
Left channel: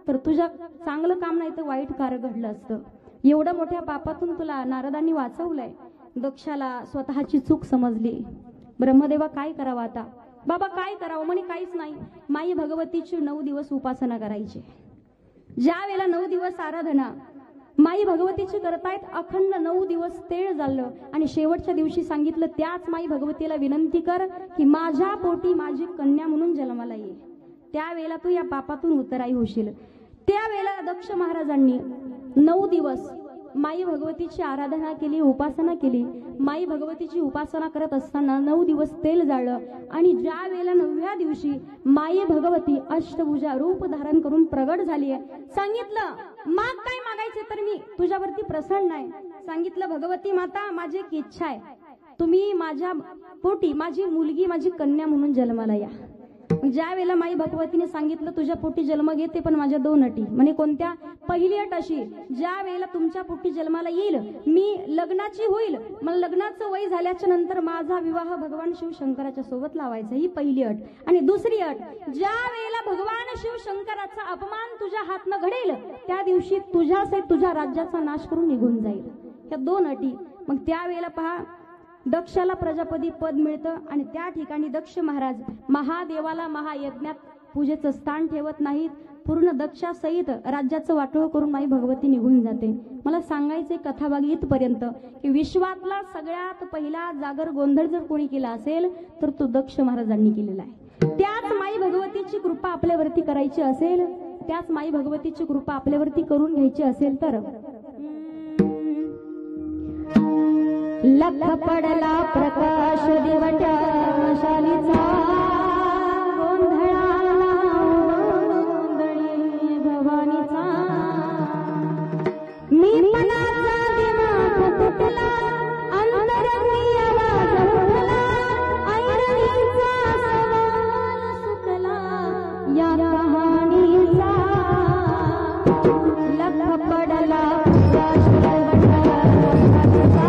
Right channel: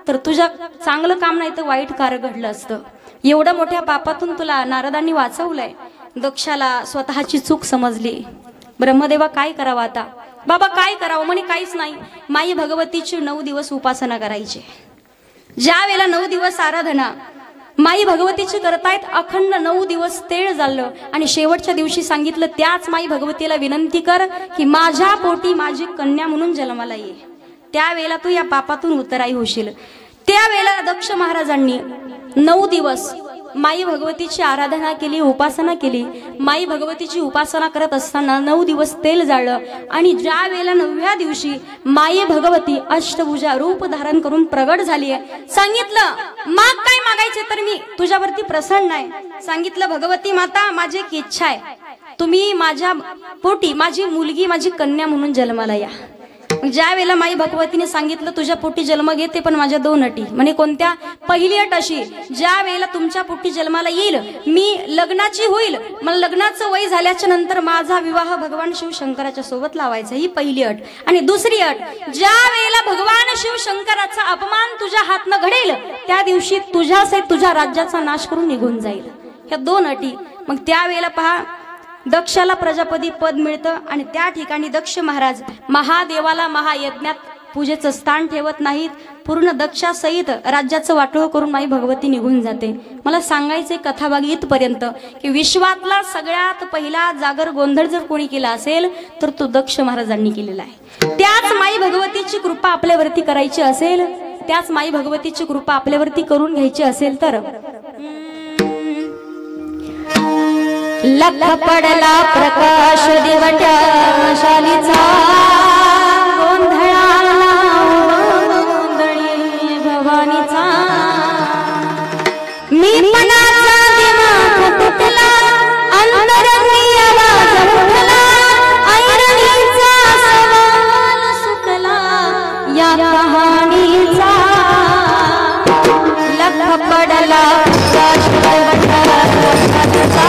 तर तुझ्या चांगलं काम नाही तर वाईट कार्य घडलं असतं. एवढ्या मोठ्या पापातून तुला नारदांनी वाचवलंय. दक्षाला स्वतःची चूक समजली. ब्रह्मदेवा काय करावं आता, बाबा काय करावं. म्हणे काहीच नाही, माई भगवतीची 9 दिवस उपासना करायची. ज्या वेळेला 9 दिवस आराधना माई भगवतीची करतायत, अखंड 9 दिवस तेळ झालं आणि शेवटच्या दिवशी सांगितलं त्याच माई भगवतीला विनंती कर की माझ्या पोटी माझी कन्या म्हणून जन्माला ये, त्यावेळेला तू या पापातून उतराई होशील. त्यावेळेला दक्ष महाराजांनी 9 दिवस माई भगवतीची आराधना केली, उपासना केली. माई भगवतीची उपासना करत असताना 9 दिवस तेल जाळलं आणि ज्या वेळेला 9व्या दिवशी माई भगवती अष्टभुजा रूप धारण करून प्रगट झाली आहे. सांगितलं माग काय मागायचे तर मी तुझ्यावरती प्रसन्न आहे. सांगितलं भगवती माता माझी एक इच्छा आहे, तुम्ही माझ्या पोटी माझी मुलगी माझी कन्या म्हणून जन्माला या. ज्या वेळेला माई भगवतीने सांगितलं तुझ्या पोटी जन्म घेते पण माझ्या 2 अटी. म्हणे कोणत्या. पहिली अट अशी, ज्या वेळेला तुमच्या पोटी जन्माला येईल मी लग्नाची होईल, मला लग्नाचं वय झाल्याच्या नंतर माझा विवाह भगवान शिव शंकराच्या सोबत लावायचा, ही पहिली अट. आणि दुसरी अट, ज्या वेळेला भगवान शिव शंकराचा अपमान तुझ्या हातनं घडेल त्या दिवशी तुझ्यासहित तुझ्या राज्याचा नाश करून निघून जाईल. ह्या 2 अटी. मग त्यावेळेला पहा दक्षाला प्रजापती पद मिळतं आणि त्या ठिकाणी दक्ष महाराज महादेवाला महायज्ञात पूजेचं स्थान ठेवत नाहीत. पूर्ण दक्षासहित राज्याचं वाटोळं करून माई भगवती निघून जाते. मला सांगायचे कथाभाग इथपर्यंत की विश्वातला सगळ्यात पहिला जागर गोंधळ जर कोणी केला असेल तर तो दक्ष महाराजांनी केलेला आहे. त्याच माई भगवतीची कृपा आपल्यावरती करायची असेल, त्याच माई भगवतीची कृपा आपल्यावरती करून घ्यायची असेल तर लख पडला प्रकाश दिवट्या शालीचा, गोंधळाला गोंधळी भवानीचा. मी पणाचा दिमाग तुटला, अंतरंगी आवाज उठला, ऐरणीचा सवाल सुटला या कहाणीचा. लख पडला प्रकाश दिवट्या शालीचा,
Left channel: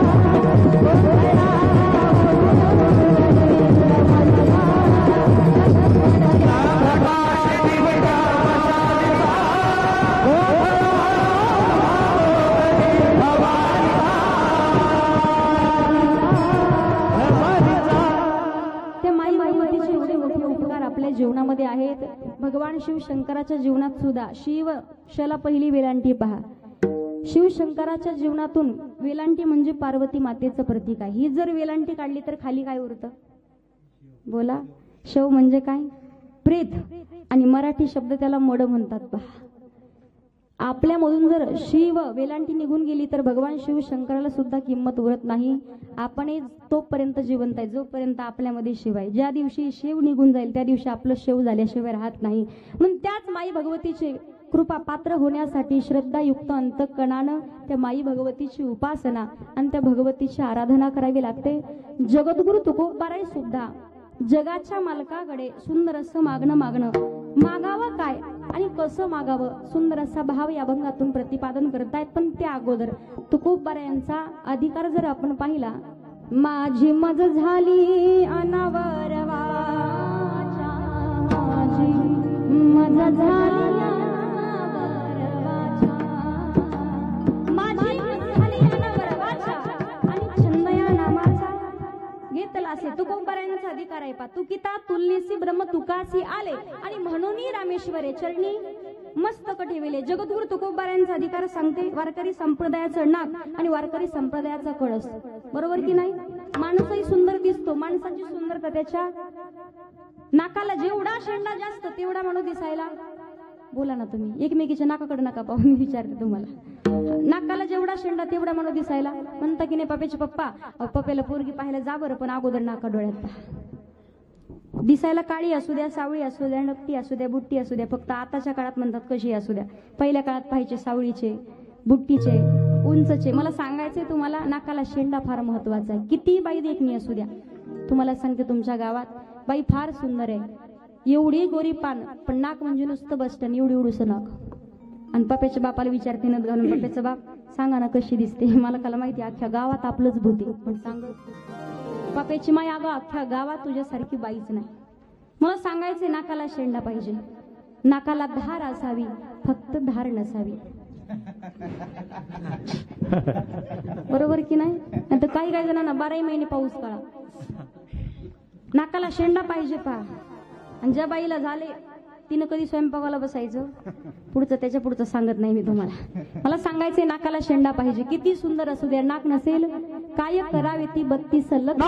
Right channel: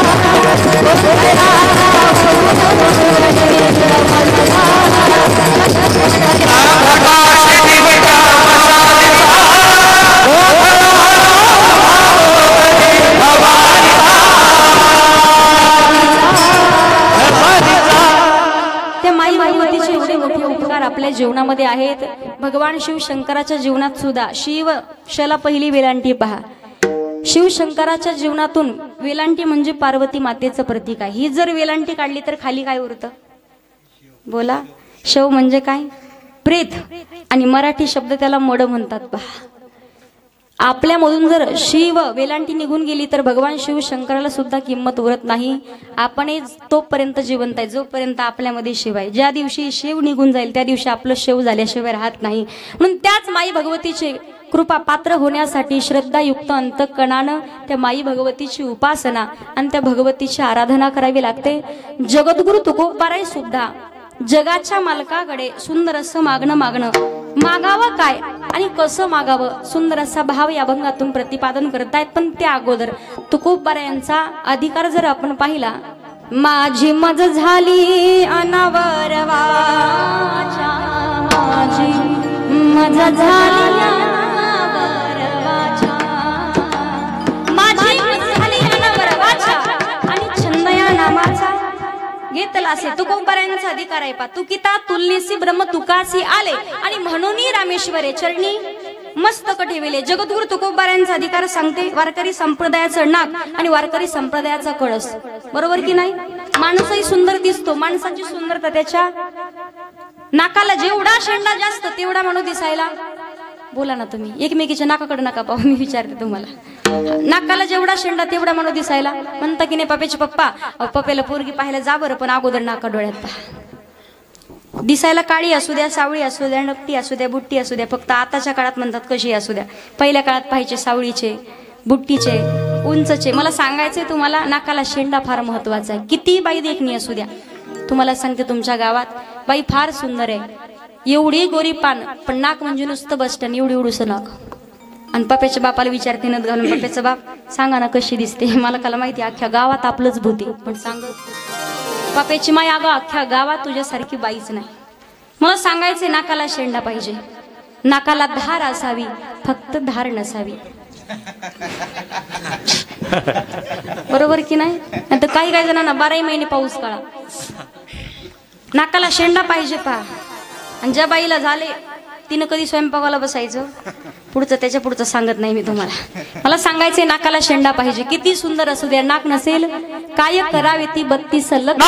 भावामध्ये आहेत. भगवान शिव शंकराच्या जीवनात सुद्धा शिवशाला पहिली वेलांटी पहा. शिवशंकराच्या जीवनातून वेलांटी म्हणजे पार्वती मातेचं प्रतीक आहे. ही जर वेलांटी काढली तर खाली काय उरतं बोला. शव म्हणजे काय प्रेत आणि मराठी शब्द त्याला मड म्हणतात पहा. आपल्यामधून जर शिव वेलांटी निघून गेली तर भगवान शिव शंकराला सुद्धा किंमत उरत नाही. आपण तोपर्यंत जिवंत आहे जोपर्यंत आपल्यामध्ये शिव आहे. ज्या दिवशी शिव निघून जाईल त्या दिवशी आपलं शिव झाल्याशिवाय राहत नाही. म्हणून त्याच माई भगवतीचे कृपा पात्र होण्यासाठी श्रद्धायुक्त अंतःकरणानं त्या माई भगवतीची उपासना आणि त्या भगवतीची आराधना करावी लागते. जगद्गुरु तुकोबाराय सुद्धा जगाच्या मालकाकडे सुंदर असं मागणं मागावं काय आणि कसं मागावं सुंदर असा भाव या अभंगातून प्रतिपादन करतायत. पण त्या अगोदर तुकोबारायांचा अधिकार जर आपण पाहिला, माझी मज झाली अनावर वाचा, माझी मज झाली अनावर वाचा, माझी मज झाली अनावर वाचा आणि छंद या नामाचा घेतला असे. तुकोबारायांचा अधिकार आहे पा. तुकिता तुलनेसी ब्रह्म तुकासी आले आणि म्हणून रामेश्वरे चरणी मस्तक ठेविले. जगद्गुरु तुकोबारायांचा अधिकार सांगते वारकरी संप्रदायाचं नाक आणि वारकरी संप्रदायाचा कळस. बरोबर की नाही. माणूसही सुंदर दिसतो, माणसाची सुंदरता त्याच्या नाकाला जेवढा शेंडा जास्त तेवढा म्हणून दिसायला. बोला ना तुम्ही, एकमेकीच्या नाकाकडे नका पाहू. मी विचारते तुम्हाला, नाकाला जेवढा शेंडा तेवढा म्हणून दिसायला. म्हणता की नाही पप्याचे पप्पा, पप्याला पोरगी पाहायला जा बरं, पण अगोदर नाका डोळ्यात पहा. दिसायला काळी असू द्या, सावळी असू द्या, नकटी असू द्या, बुट्टी असू द्या, फक्त आताच्या काळात म्हणतात कशी असू द्या. पहिल्या काळात पाहिजे सावळीचे, बुट्टीचे, उंचचे. मला सांगायचंय तुम्हाला, नाकाला शेंडा फार महत्वाचा आहे. किती बाई देखणी असू द्या. तुम्हाला सांगते तुमच्या गावात बाई फार सुंदर आहे, एवढी गोरी पान, पण नाक म्हणजे नुसतं बसटन एवढी एवढूसं नाक. आणि पप्याच्या बापाला विचारते नद घालून, पप्याचा बाप सांगा ना कशी दिसते. मला काला माहिती अख्ख्या गावात आपलंच भूती, पण सांग पप्याची माय अगं अख्ख्या गावात तुझ्यासारखी बाईच नाही. मला सांगायचे नाकाला शेंडा पाहिजे, नाकाला धार असावी, फक्त धार नसावी. बरोबर की नाही. तर काही काही जणांना 12 महिने पाऊस काळा नाकाला शेंडा पाहिजे पहा. आणि ज्या बाईला झाले तिनं कधी स्वयंपाकाला बसायचं, पुढचं त्याच्या पुढचं सांगत नाही मी तुम्हाला. मला सांगायचंय नाकाला शेंडा पाहिजे. किती सुंदर असू द्या, नाक नसेल काय करावे ती 32 सलग.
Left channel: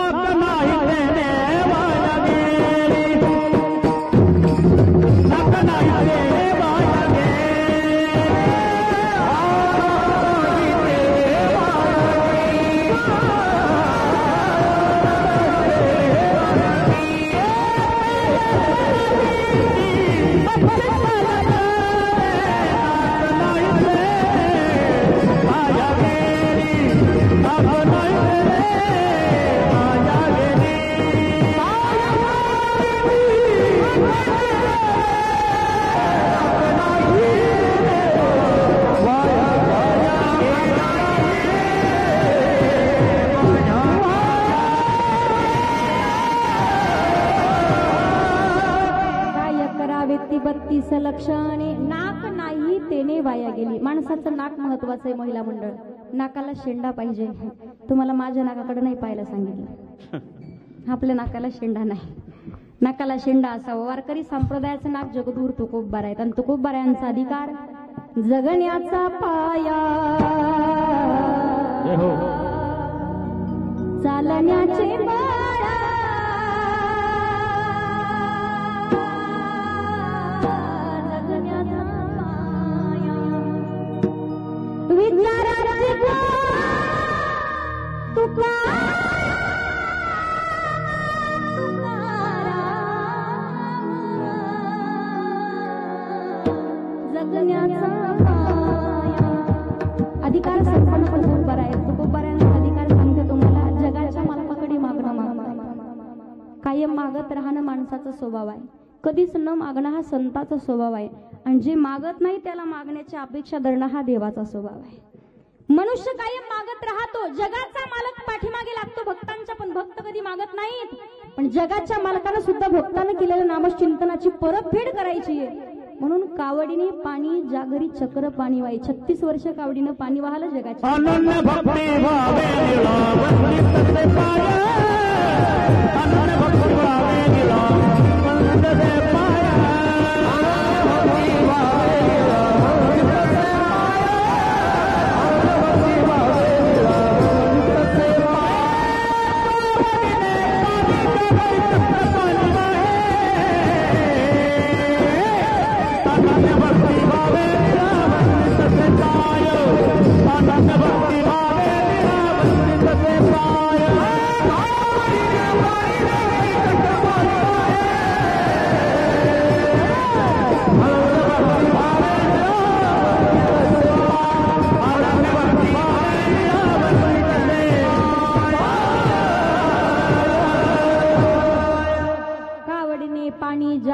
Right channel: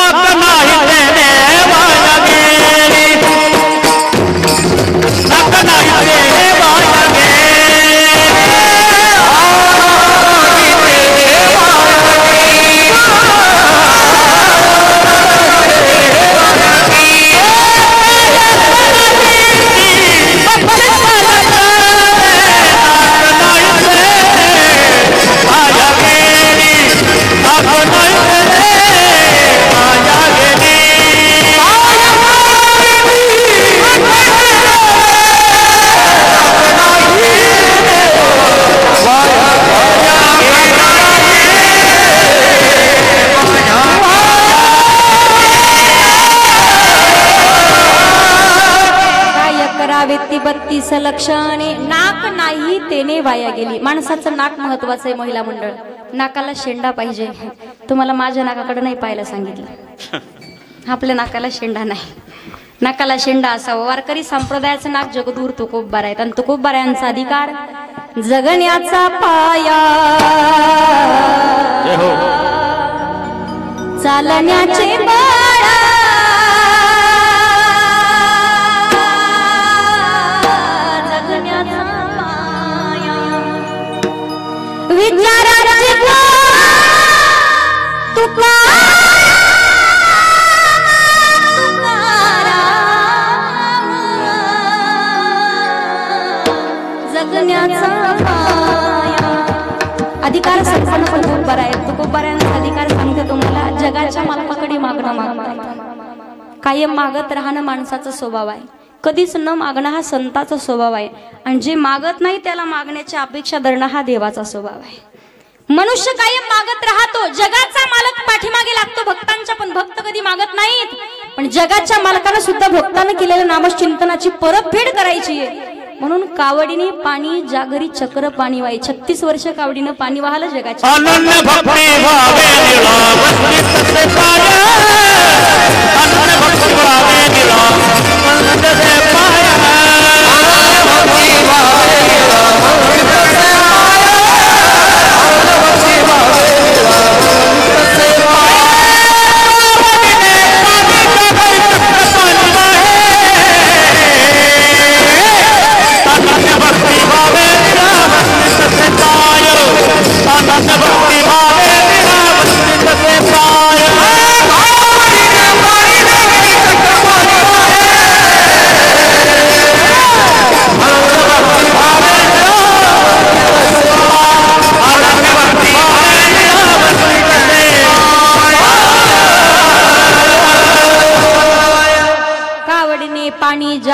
लक्षणे नाक नाही तेने वाया गेली. माणसाचं नाक महत्वाचं आहे. महिला मंडळ, नाकाला शेंडा पाहिजे. तुम्हाला माझ्या नाकाकडे नाही पाहायला सांगितलं, आपल्या नाकाला शेंडा नाही. नाकाला शेंडा असावा. वारकरी संप्रदायाचं नाक जगद्गुरु तुकोबार आहेत आणि तुकोबारायांचा अधिकार जगण्याचा पाया, चालण्याचे बळ, जगण्याचा पाया, विचाराचे तुका अधिकार संपन्न तुकोबार आहेत. तुकोबारायांचा अधिकार सांगते तुम्हाला, जगाच्या मालकाकडे मागणं मागणं, कायम मागत राहणं माणसाचा स्वभाव आहे. कधीच न मागणं हा संताचा स्वभाव आहे. आणि जे मागत नाही त्याला मागण्याची अपेक्षा धरणं हा देवाचा स्वभाव आहे. मनुष्य कायम मागत राहतो. जगाचा मालक पाठीमागे लागतो भक्तांच्या, पण भक्त कधी मागत नाहीत. पण जगाच्या मालकानं सुद्धा भक्तानं केलेल्या नामचिंतनाची परतफेड करायची आहे. म्हणून कावडीने पाणी जागरी चक्र पाणी वाई. 36 वर्ष कावडीनं पाणी वाहलं जगाच्या. अनन्य भक्ती भावे निळा वस्ती पाया, अनन्य भक्ती भावे निळा वस्ती पाया.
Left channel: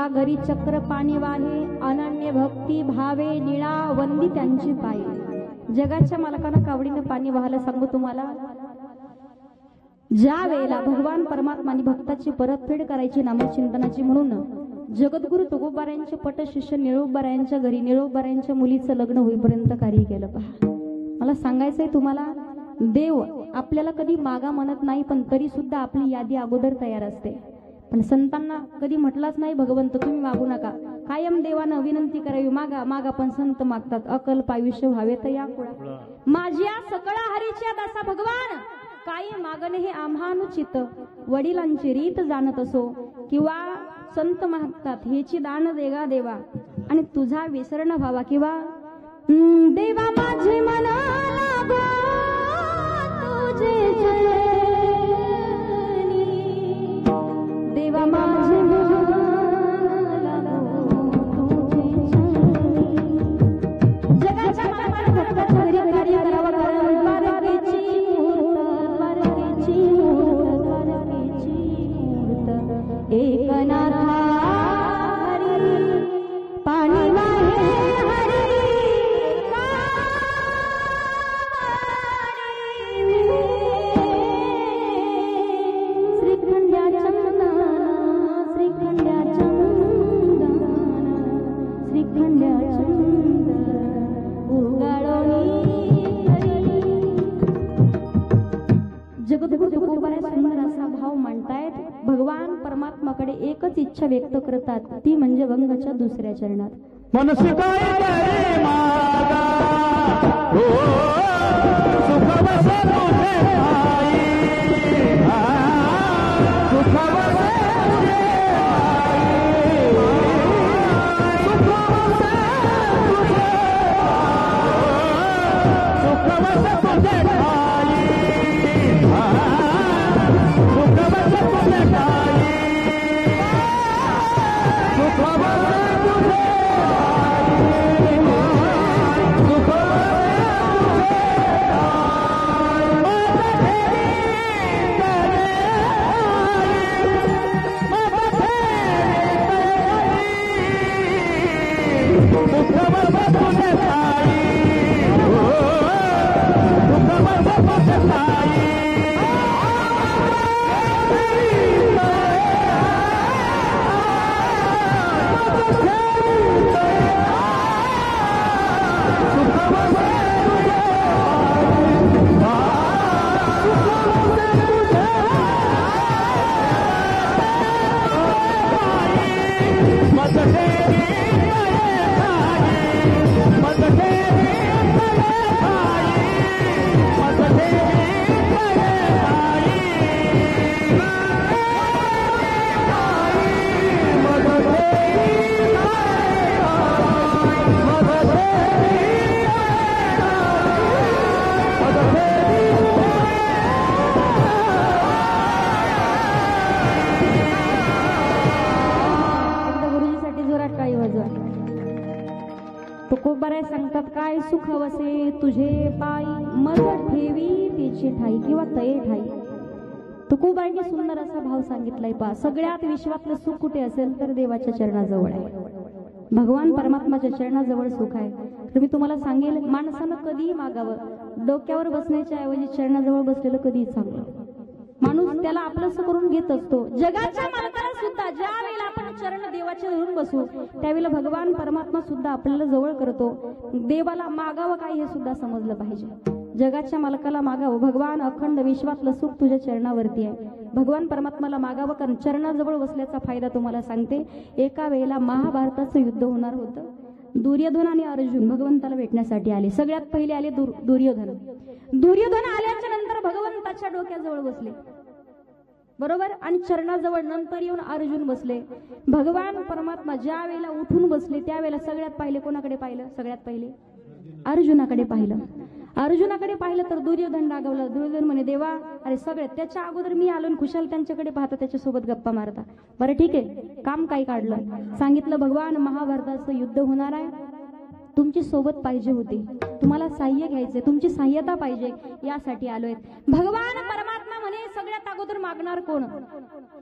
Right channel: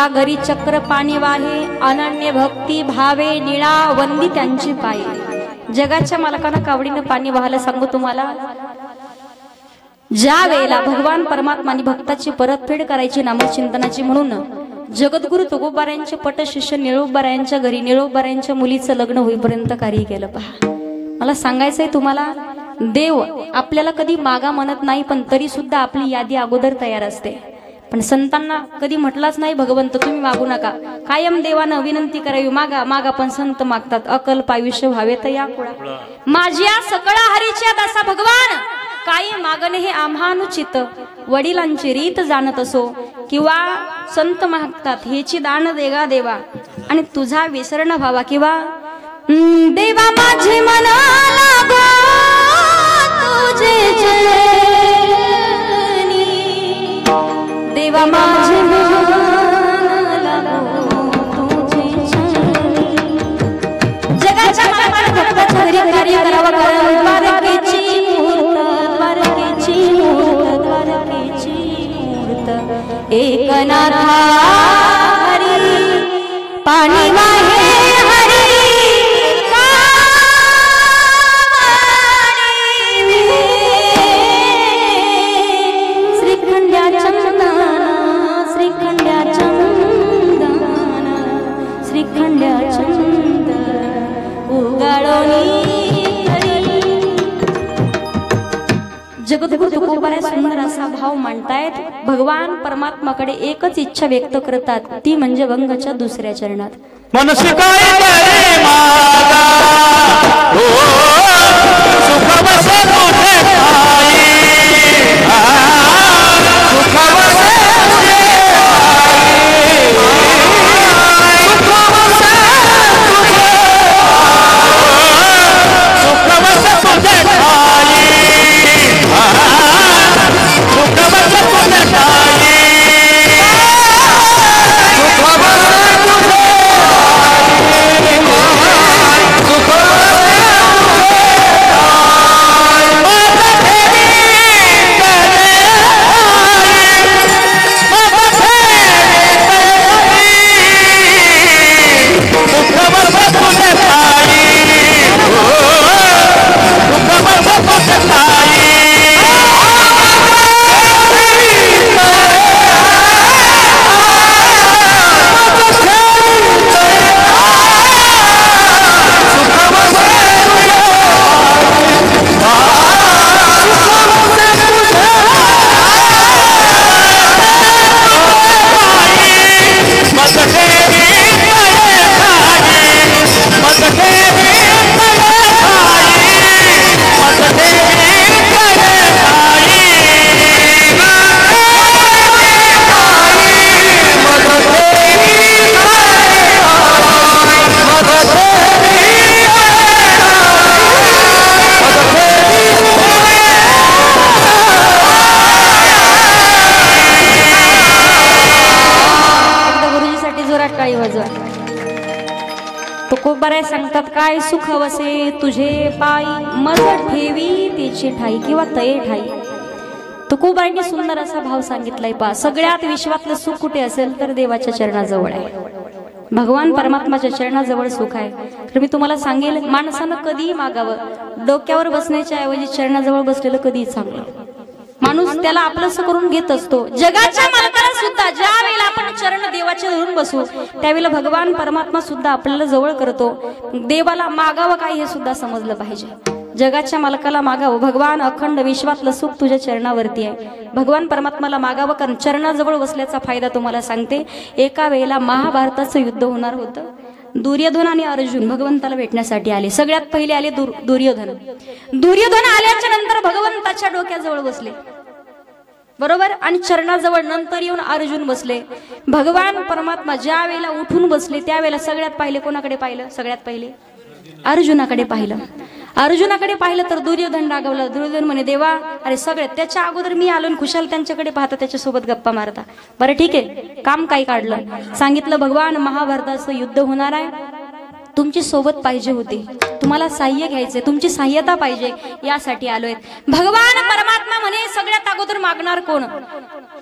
घरी चक्र पाणी वाहे अनन्य भक्ती भावे निळा वंदी त्यांची पाये। जगाच्या मालकांना कावडीने पाणी वाहायला सांगू तुम्हाला। ज्या वेळेला भगवान परमात्माने भक्ताची परतफेड करायची नामचिंतनाची म्हणून जगद्गुरु तुकोबारायांचे पट शिष्य निळोबारायांच्या घरी निळोबारायांच्या मुलीचं लग्न होईपर्यंत कार्य केलं। पहा मला सांगायचंय तुम्हाला, देव आपल्याला कधी मागा म्हणत नाही, पण तरी सुद्धा आपली यादी अगोदर तयार असते। पण संतांना कधी म्हटलाच नाही भगवंत तुम्ही मागू नका, कायम देवानं विनंती करावी मागा मागा, पण संत मागतात अकल्प आयुष्य व्हावे तर या कुळा माझ्या सकळा हरीच्या दासा भगवान काही मागणे हे आम्हानुचित। वडिलांची रीत जाणत असो किंवा संत मागतात हेची दान देगा देवा आणि तुझा विसरण व्हावा किंवा देवा माझे मना लागो तुझे देवा माझे जगाच्या भक्ताच्या घरी कार्य करावं द्वारकेची मूर्त एकनाथा हरी पाणी वाहे जगद्गुरु तुकोबाराय सुंदर असा भाव मांडतायत। भगवान परमात्माकडे एकच इच्छा व्यक्त करतात, ती म्हणजे वंगाच्या दुसऱ्या चरणात मनसे काय करे मागा हो सुख बसे तुझे पायी सुख बसे तुझे सुख बसे तुझे पायी सुख बसे तुझे पायी सुख बसे तुझे तुकोबाराय सांगतात काय सुख वसे तुझे पायी मज ठेवी त्याची ठाई किंवा तये ठाई। तुकोबारांनी सुंदर असा भाव सांगितलाय। पा सगळ्यात विश्वातलं सुख कुठे असेल तर देवाच्या चरणाजवळ आहे, भगवान परमात्माच्या चरणाजवळ सुख आहे। तर मी तुम्हाला सांगेल माणसानं कधी मागावं, डोक्यावर बसण्याच्या ऐवजी चरणाजवळ बसलेलं कधी चांगलं। माणूस त्याला आपलंसं करून घेत असतो। जगाच्या मालकाला सुद्धा ज्या वेळेला आपण चरण देवाचे धरून बसू त्यावेळेला भगवान परमात्मा सुद्धा आपल्याला जवळ करतो। देवाला मागावं काय हे सुद्धा समजलं पाहिजे। जगाच्या मालकाला मागावं, भगवान अखंड विश्वातलं सुख तुझ्या चरणावरती आहे। भगवान परमात्माला मागावं, कारण चरणाजवळ बसल्याचा फायदा तुम्हाला सांगते। एका वेळेला महाभारताचं युद्ध होणार होतं दुर्योधन आणि अर्जुन भगवंताला भेटण्यासाठी आले. सगळ्यात पहिले आले दुर्योधन. दुर्योधन आल्याच्या नंतर भगवंताच्या डोक्याजवळ बसले, बरोबर, आणि चरणाजवळ. नंतर येऊन अर्जुन बसले. भगवान परमात्मा ज्या वेळेला उठून बसले त्यावेळेला सगळ्यात पहिले कोणाकडे पाहिलं? सगळ्यात पहिले अर्जुनाकडे पाहिलं. अर्जुनाकडे पाहिलं तर दुर्योधन रागवला. दुर्योधन म्हणे, देवा, अरे सगळे त्याच्या अगोदर मी आलो आणि खुशाल त्यांच्याकडे पाहता, त्याच्यासोबत गप्पा मारता. बरं ठीक आहे, काम काय काढलं? सांगितलं, भगवान महाभारताचं युद्ध होणार आहे, तुमची सोबत पाहिजे होती, तुम्हाला साह्य घ्यायचे, तुमची सहाय्यता पाहिजे, यासाठी आलोय. भगवान परमात्मा म्हणे, सगळ्यात अगोदर मागणार कोण?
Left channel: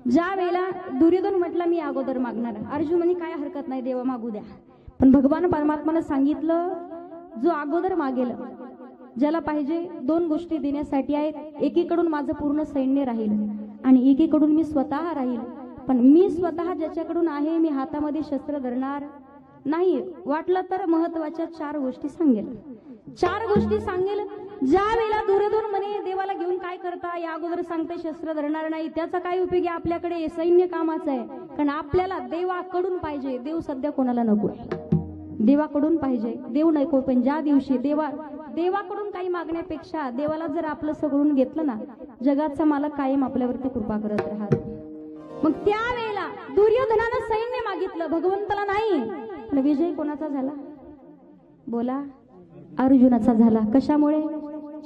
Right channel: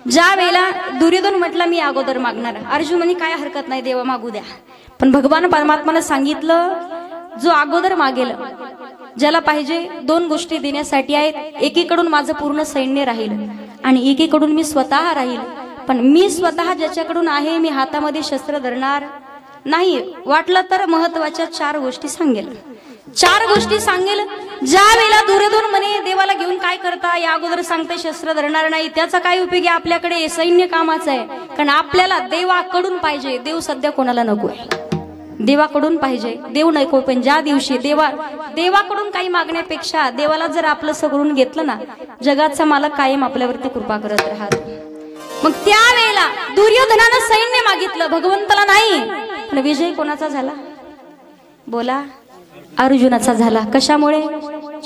ज्या वेळेला दुर्योधन म्हटलं मी अगोदर मागणार. अर्जुन म्हणे, काय हरकत नाही देवा, मागू द्या. पण भगवान परमात्माने सांगितलं, जो अगोदर मागेल, ज्याला पाहिजे, दोन गोष्टी देण्यासाठी आहेत. एकीकडून माझं पूर्ण सैन्य राहील आणि एकीकडून मी स्वतः राहील. पण मी स्वतः ज्याच्याकडून आहे, मी हातामध्ये शस्त्र धरणार नाही. वाटलं तर महत्वाच्या 4 गोष्टी सांगेल. 4 गोष्टी सांगेल. ज्या वेळेला दुर्योधन म्हणे, देवाला घेऊन काय करता, या अगोदर सांगते शस्त्र धरणार नाही, त्याचा काय उपयोग आहे? आपल्याकडे सैन्य कामाचं आहे. कारण आपल्याला देवाकडून पाहिजे. देव सध्या कोणाला नको आहे, देवाकडून पाहिजे. देव नको, पण ज्या दिवशी देवाकडून काही मागण्यापेक्षा देवाला जर आपलं सगळून घेतलं ना, जगाचा मालक कायम आपल्यावरती कृपा करत राहतो. मग त्यावेळेला दुर्योधनानं सैन्य मागितलं, भगवंताला नाही. पण विजय कोणाचा झाला? बोला, अर्जुनाचा झाला. कशामुळे?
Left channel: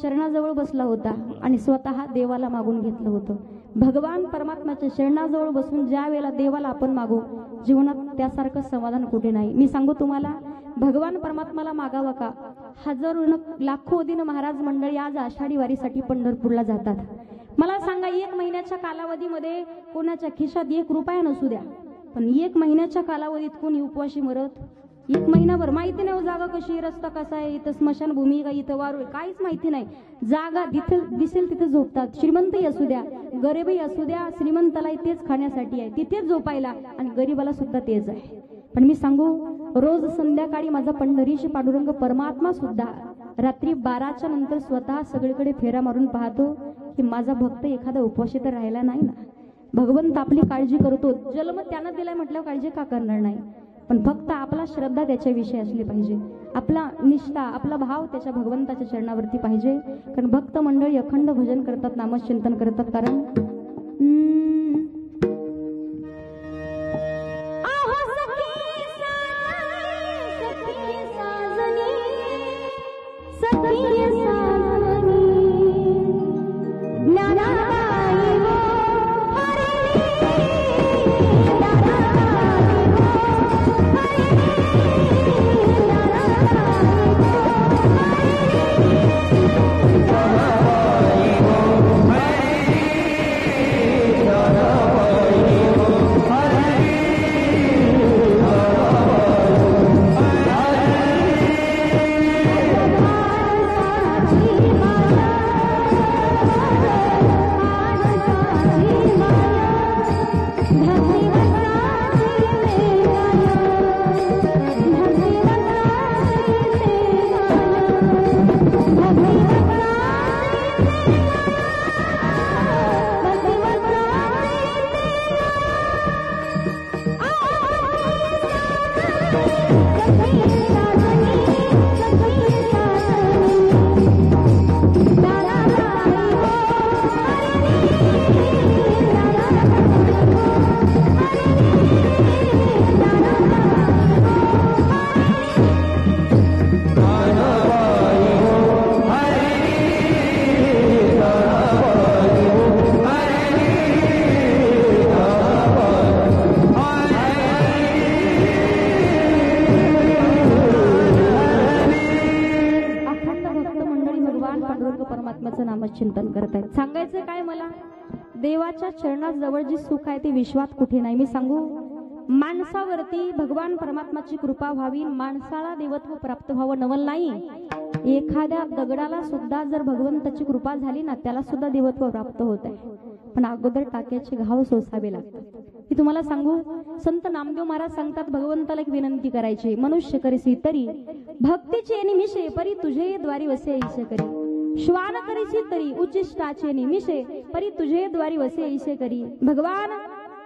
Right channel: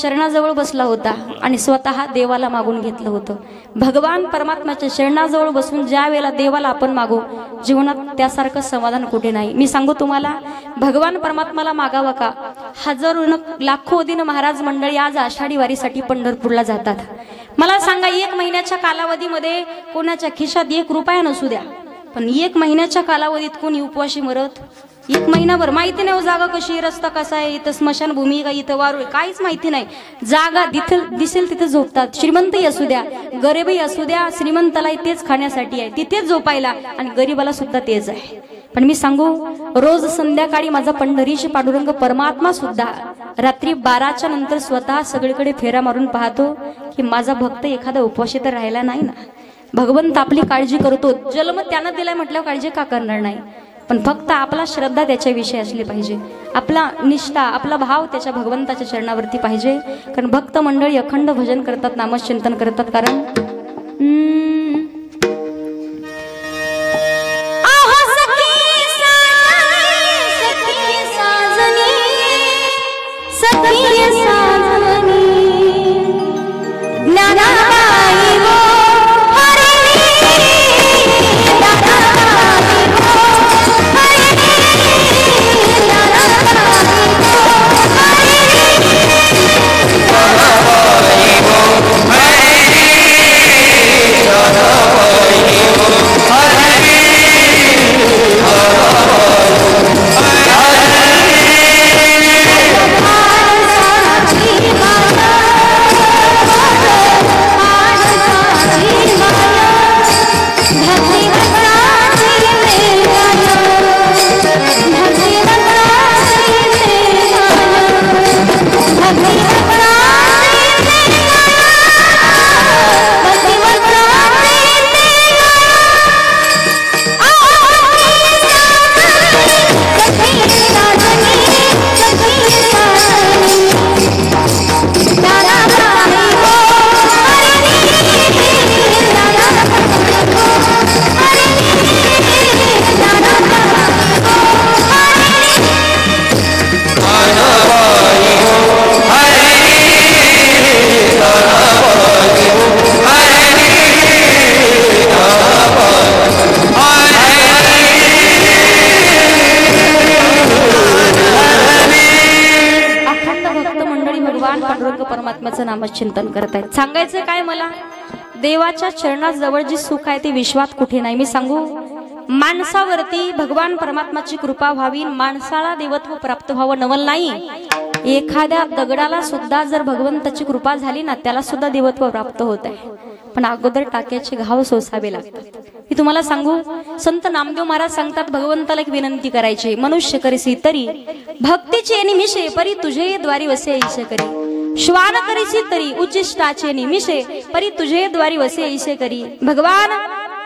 चरणाजवळ बसला होता आणि स्वतः देवाला मागून घेतलं होतं. भगवान परमात्म्याच्या चरणाजवळ बसून ज्या वेळेला देवाला आपण मागू, जीवनात त्यासारखं समाधान कुठे नाही. मी सांगू तुम्हाला, भगवान परमात्माला मागावं का? हजारो लाखो दिन महाराज मंडळी आज आषाढी वारीसाठी पंढरपूरला जातात. मला सांगा, 1 महिन्याच्या कालावधीमध्ये कोणाच्या खिशात 1 रुपया नसू द्या, पण 1 महिन्याच्या कालावधीत कोणी उपवाशी मरत? 1 महिनाभर माहिती नाही जागा कशी, रस्ता कसा आहे, इथं स्मशानभूमी का, इथं वारू, काहीच माहिती नाही. जागा दिसेल तिथं झोपतात. श्रीमंतही असू द्या, गरीबही असू द्या, श्रीमंताला तेच खाण्यासाठी आहे, तिथेच झोपायला, आणि गरीबाला सुद्धा तेच आहे. पण मी सांगू, रोज संध्याकाळी माझा पंढरीशी पांडुरंग परमात्मा सुद्धा रात्री 12च्या नंतर स्वतः सगळीकडे फेरा मारून पाहतो की माझा भक्त एखादा उपवाशी तर राहिला नाही ना. भगवंत आपली काळजी करतो. जन्म त्यानं दिलाय म्हटल्यावर काळजी का करणार नाही? पण फक्त आपला श्रद्धा त्याच्याविषयी असली पाहिजे, आपला निष्ठा, आपला भाव त्याच्या भगवंताच्या चरणावरती पाहिजे. कारण भक्त मंडळी अखंड भजन करतात, नामचिंतन करतात. कारण परमात्म्याचं नामचिंतन करतायत. सांगायचं काय मला, देवाच्या चरणाजवळ जी सुख आहे ते विश्वात कुठे नाही. मी सांगू, माणसावरती भगवान परमात्माची कृपा व्हावी, माणसाला देवत्व प्राप्त व्हावं नवल नाही. एखाद्या दगडाला सुद्धा जर भगवंताची कृपा झाली ना, त्याला सुद्धा देवत्व प्राप्त होत आहे. पण अगोदर टाक्याचे घाव सोसावे लागतात. मी तुम्हाला सांगू, संत नामदेव महाराज सांगतात, भगवंताला एक विनंती करायची, मनुष्य करीसी तरी भक्तीचे निमिषे, परी तुझे द्वारी वसे ऐसे करी. श्वान करीसी तरी उच्चिष्टाचे निमिषे, परी तुझे द्वारी वसे ऐसे करी. भगवान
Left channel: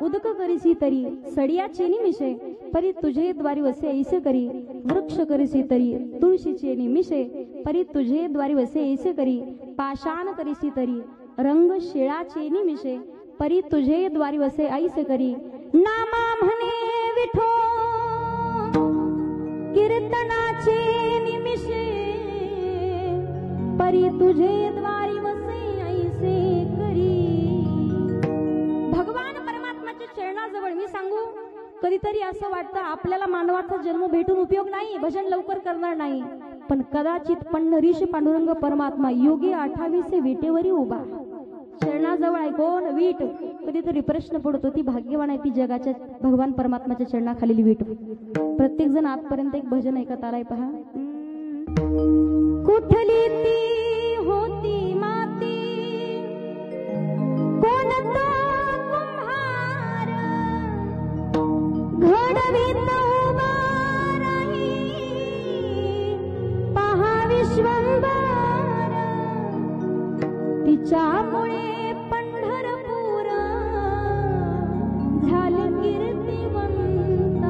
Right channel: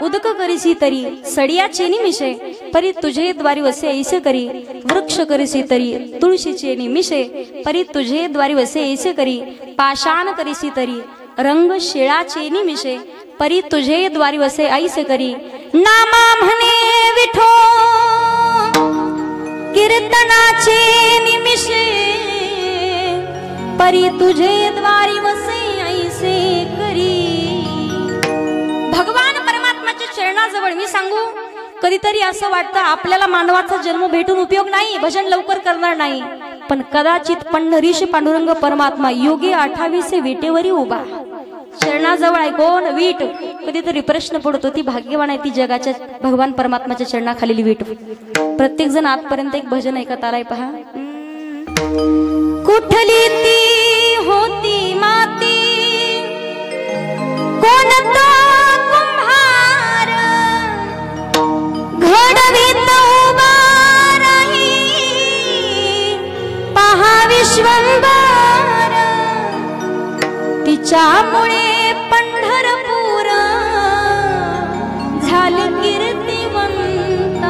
उदक करीसी तरी सडियाचे निमिषे परी तुझे द्वारी वसे ऐसे करी वृक्ष करीसी तरी तुळशीचे निमिषे परी तुझे द्वारी वसे ऐसे करी पाषाण करीसी तरी रंग शिळाचे निमिषे परी तुझे द्वारी वसे ऐसे करी नामा म्हणे विठो कीर्तनाचे निमिषे परी तुझे द्वारी वसे ऐसे करी। भगवान परमात्म्याच्या चरणाजवळ मी सांगू कधीतरी असं वाटतं आपल्याला मानवाचा जन्म भेटून उपयोग नाही, भजन लवकर करणार नाही, पण कदाचित पंढरीश पांडुरंग परमात्मा योगी 28 विटेवरी उभा चरणाजवळ आहे कोण वीट। कधीतरी प्रश्न पडतो ती भाग्यवान आहे ती जगाच्या भगवान परमात्म्याच्या चरणाखालील वीट। प्रत्येक जण आजपर्यंत एक भजन ऐकत आलाय पहा। कुठली ती होती माती कोणता कुंभार घडवीत उभा राही पहा विश्वंभर तिच्यामुळे पंढरपूर झाले कीर्तिवंत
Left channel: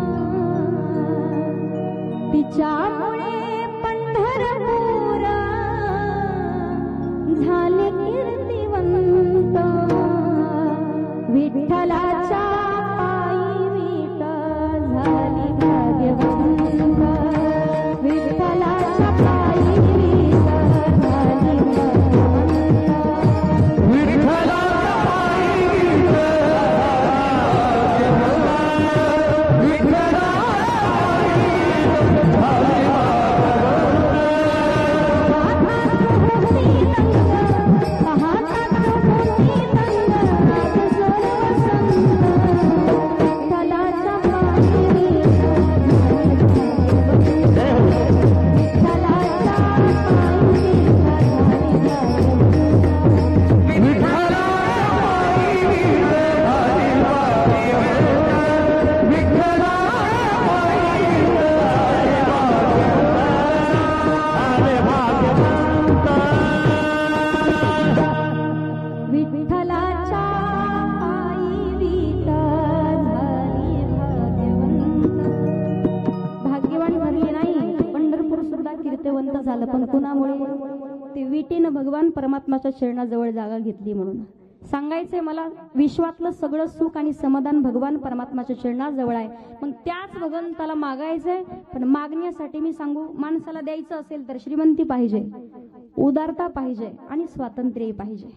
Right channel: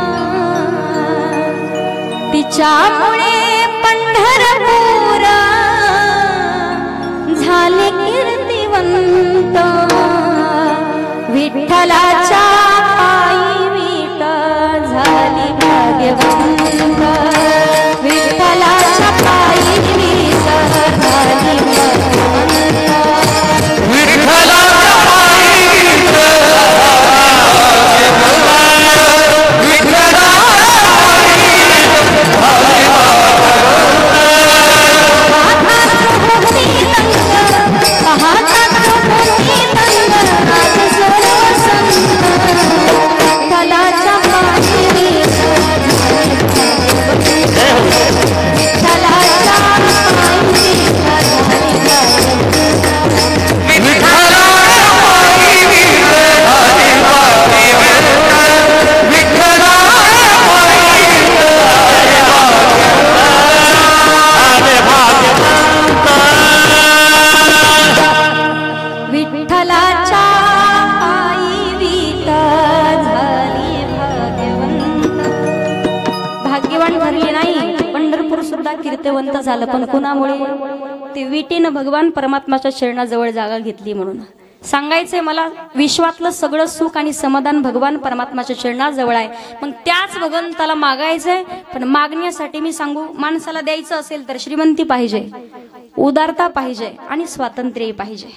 तिच्यामुळे पंढरपूर झाले कीर्तिवंत विठ्ठलाच्या पायी वीट झाली भाग्यवंत विठ्ठलाच्या पायी वीट झाली कीर्तिवंत झालं पण कुणामुळे ते विटेनं भगवान परमात्म्याच्या चरणाजवळ जागा घेतली म्हणून। सांगायचंय मला विश्वातलं सगळं सुख आणि समाधान भगवान परमात्म्याच्या चरणाजवळ आहे, मग त्याच भगवंताला मागायचंय। पण मागण्यासाठी मी सांगू माणसाला द्यायचं असेल तर श्रीमंती पाहिजे, उदारता पाहिजे आणि स्वातंत्र्य पाहिजे।